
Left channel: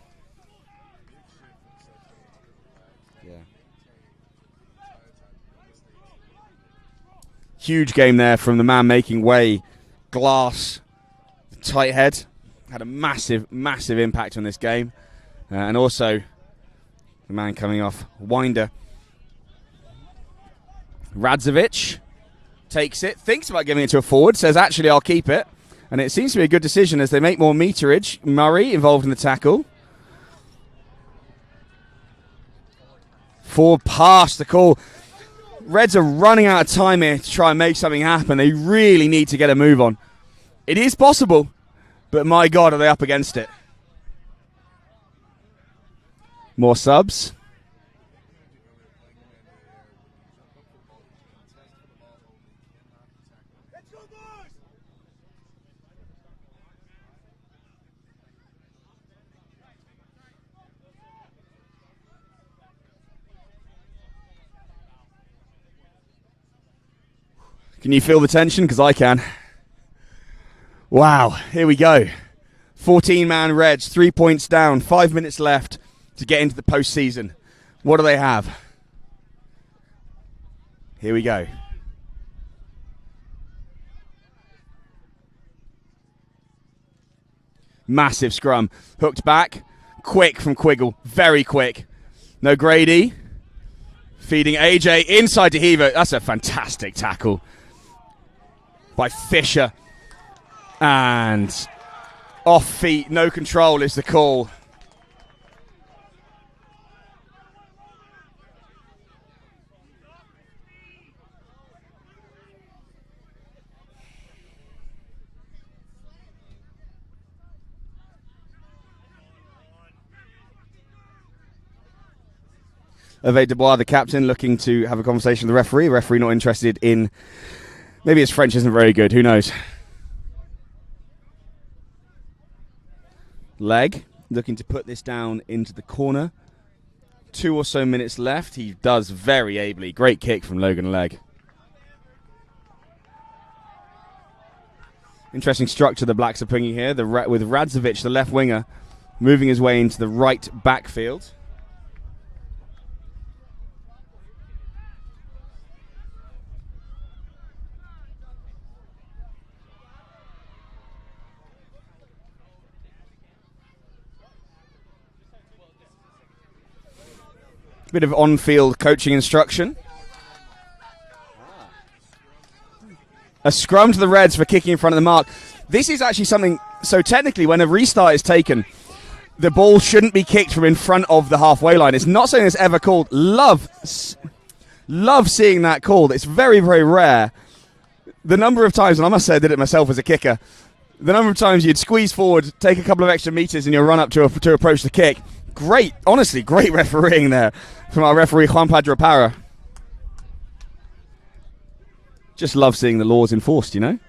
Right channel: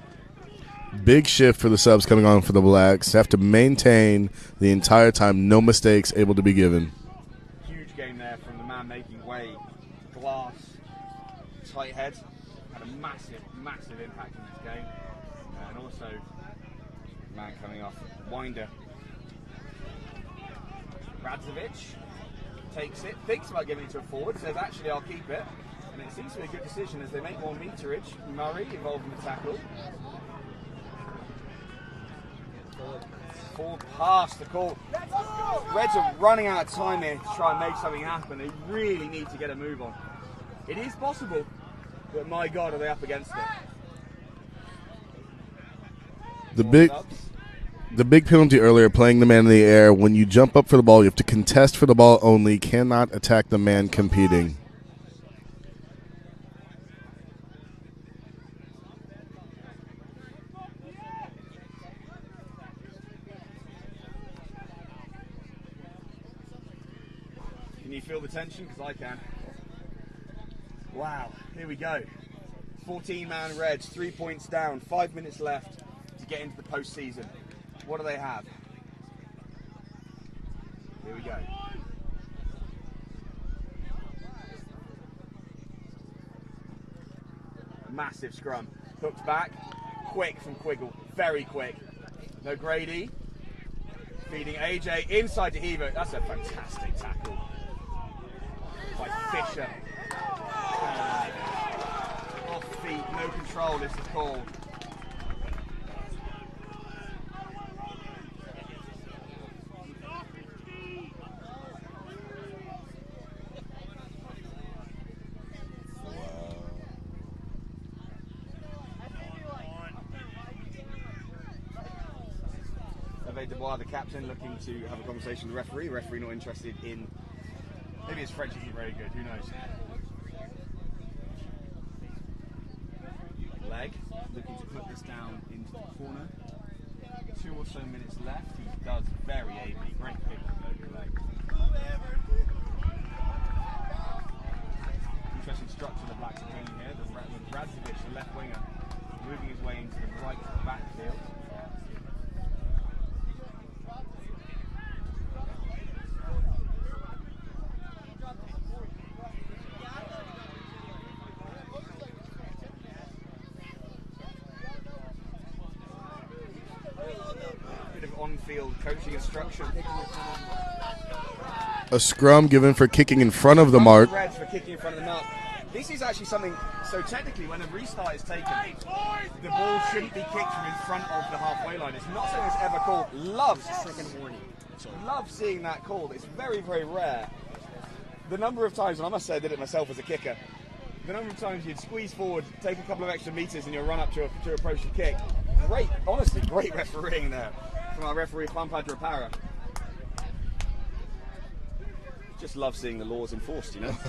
Big shift for the subs coming on for the Blacks. Have to maintain the entire time, no mistakes able to be given. Huge game there from the man making way. Glass, tight head. Had a massive, massive impact on this game. And also the man coming off, Winder. Radzovic takes it, thinks about giving it to a forward, says actually I'll keep it. And it seems to be a good decision as they make more meterage. Murray involved in the tackle. Forward past the call. Reds are running out of time here to try and make something happen. They really need to get a move on. It is possible, but my God, are they up against it. More subs. The big penalty earlier, playing the man in the air. When you jump up for the ball, you have to contest for the ball only. Cannot attack the man competing. Can you feel the tension? Because I can. Wow, here we go. 14-man Reds, 3 points down, 5 minutes left to get into the postseason. What do they have? Here we go. Massive scrum. Hooked back. Quick from Quiggle. Very quick. No Grady. Feeding AJ inside to Heaver. That's a fantastic tackle by Fisher. And off feet, no control is the call. Hervé Dubois, the captain, looking to have a conversation with the referee. The referee not interested in... Maybe his French isn't very good. Who knows? Leg, looking to put this down into the corner. 2 or so minutes left. He does very ably. Great kick from Logan Leg. Interesting structure the Blacks are bringing here. With Radzovic, the left winger, moving his way into the right backfield. Bit of on-field coaching instruction. A scrum given for kicking in front of the mark. A scrum mark. to the Reds for kicking in front of the mark. This is actually something, so technically when a restart is taken, the ball shouldn't be kicked from in front of the halfway line. It's not something that's ever called. Love seeing that called. It's very, very rare. The number of times, and I must say I did it myself as a kicker, the number of times you'd squeeze forward, take a couple of extra meters and you'll run up to approach the kick. Great, honestly, great refereeing there from our referee, Juan Pedro Parra. Just love seeing the laws enforced, you know?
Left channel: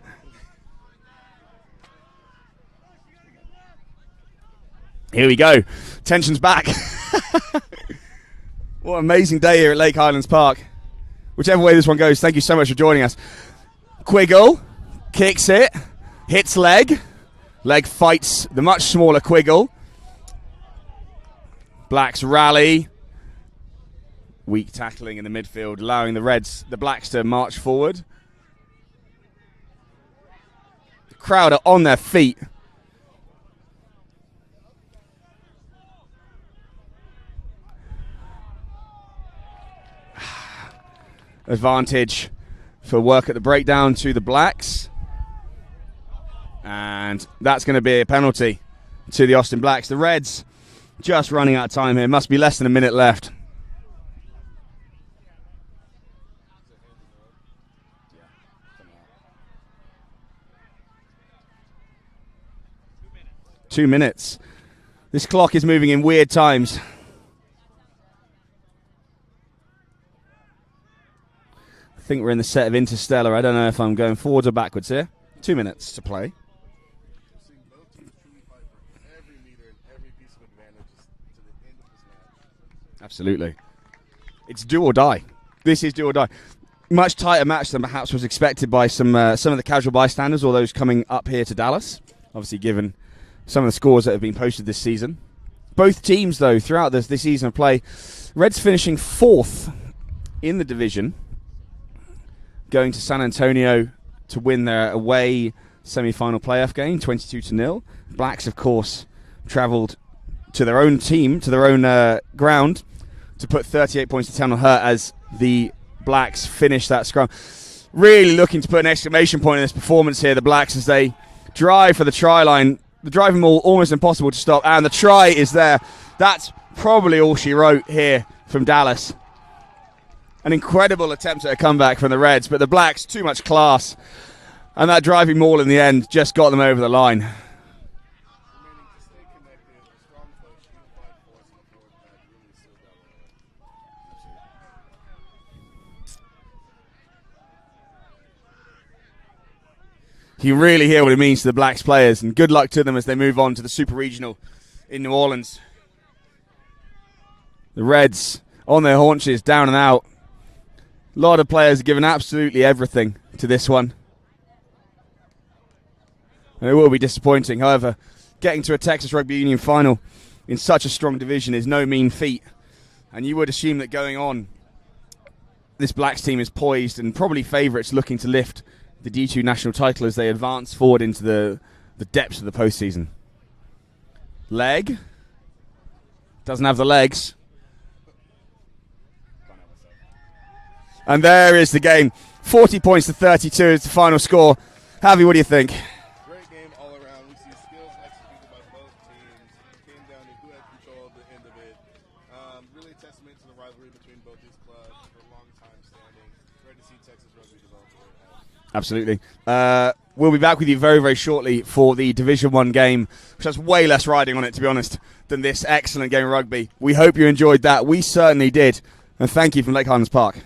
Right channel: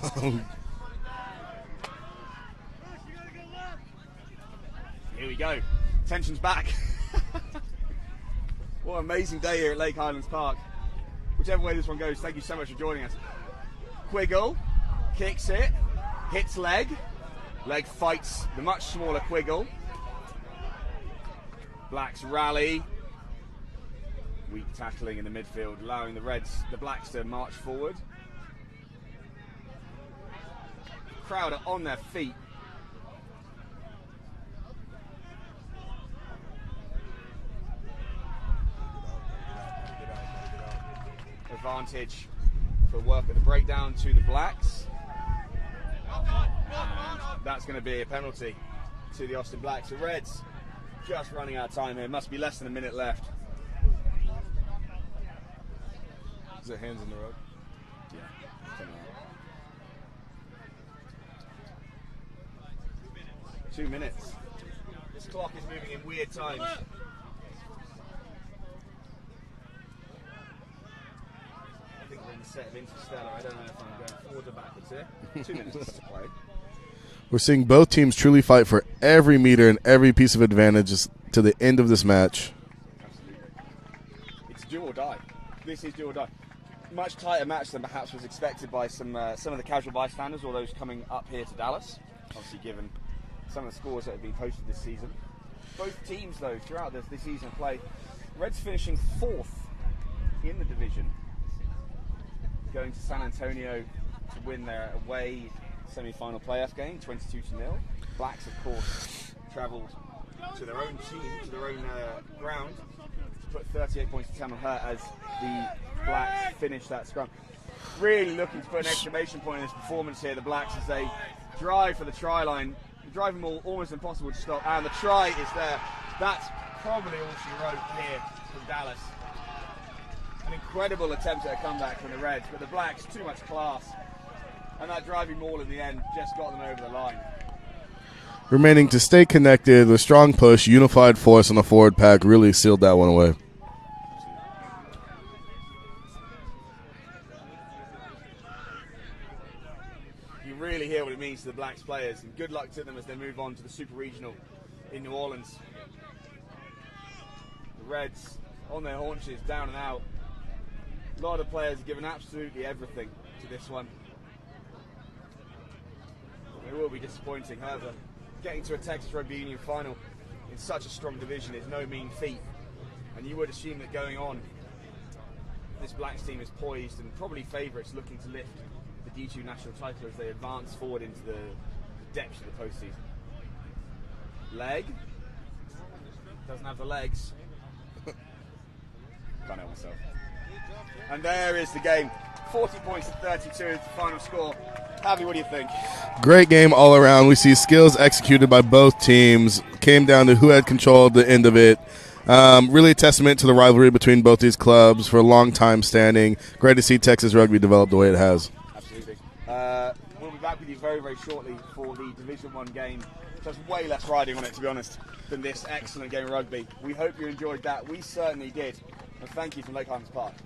Here we go. Tension's back. What an amazing day here at Lake Highlands Park. Whichever way this one goes, thank you so much for joining us. Quiggle kicks it, hits Leg. Leg fights the much smaller Quiggle. Blacks rally. Weak tackling in the midfield, allowing the Blacks to march forward. The crowd are on their feet. Advantage for work at the breakdown to the Blacks. And that's going to be a penalty to the Austin Blacks. The Reds just running out of time here. Must be less than a minute left. Is it hands in the road? 2 minutes. This clock is moving in weird times. I think we're in the set of Interstellar. I don't know if I'm going forwards or backwards here. 2 minutes to play. We're seeing both teams truly fight for every meter and every piece of advantage to the end of this match. Absolutely. It's do or die. This is do or die. Much tighter match than perhaps was expected by some of the casual bystanders or those coming up here to Dallas. Obviously, given some of the scores that have been posted this season. Both teams, though, throughout this season of play, Reds finishing 4th in the division, going to San Antonio to win their away semi-final playoff game, 22-0. Blacks, of course, travelled to their own team, to their own ground, to put 38 points to 10 on her as the Blacks finish that scrum. Really looking to put an exclamation point in this performance here, the Blacks, as they drive for the try line. The driving ball almost impossible to stop, and the try is there. That's probably all she wrote here from Dallas. An incredible attempt at a comeback from the Reds, but the Blacks, too much class. And that driving maul in the end just got them over the line. Remaining to stay connected with strong push, unified force on the forward pack really sealed that one away. You can really hear what it means to the Blacks players, and good luck to them as they move on to the Super Regional in New Orleans. The Reds on their haunches, down and out. A lot of players have given absolutely everything to this one. And it will be disappointing. However, getting to a Texas Rugby Union final in such a strong division is no mean feat. And you would assume that going on, this Blacks team is poised and probably favourites looking to lift the D2 national title as they advance forward into the depths of the postseason. Leg. Doesn't have the legs. Can't help myself. And there is the game. 40 points to 32 is the final score. Javi, what do you think? Great game all around. We see skills executed by both teams. Came down to who had control at the end of it. Really a testament to the rivalry between both these clubs for a long time standing. Great to see Texas Rugby develop the way it has. Absolutely. We'll be back with you very, very shortly for the Division 1 game, which has way less riding on it, to be honest, than this excellent game of rugby. We hope you enjoyed that. We certainly did. And thank you from Lake Highlands Park.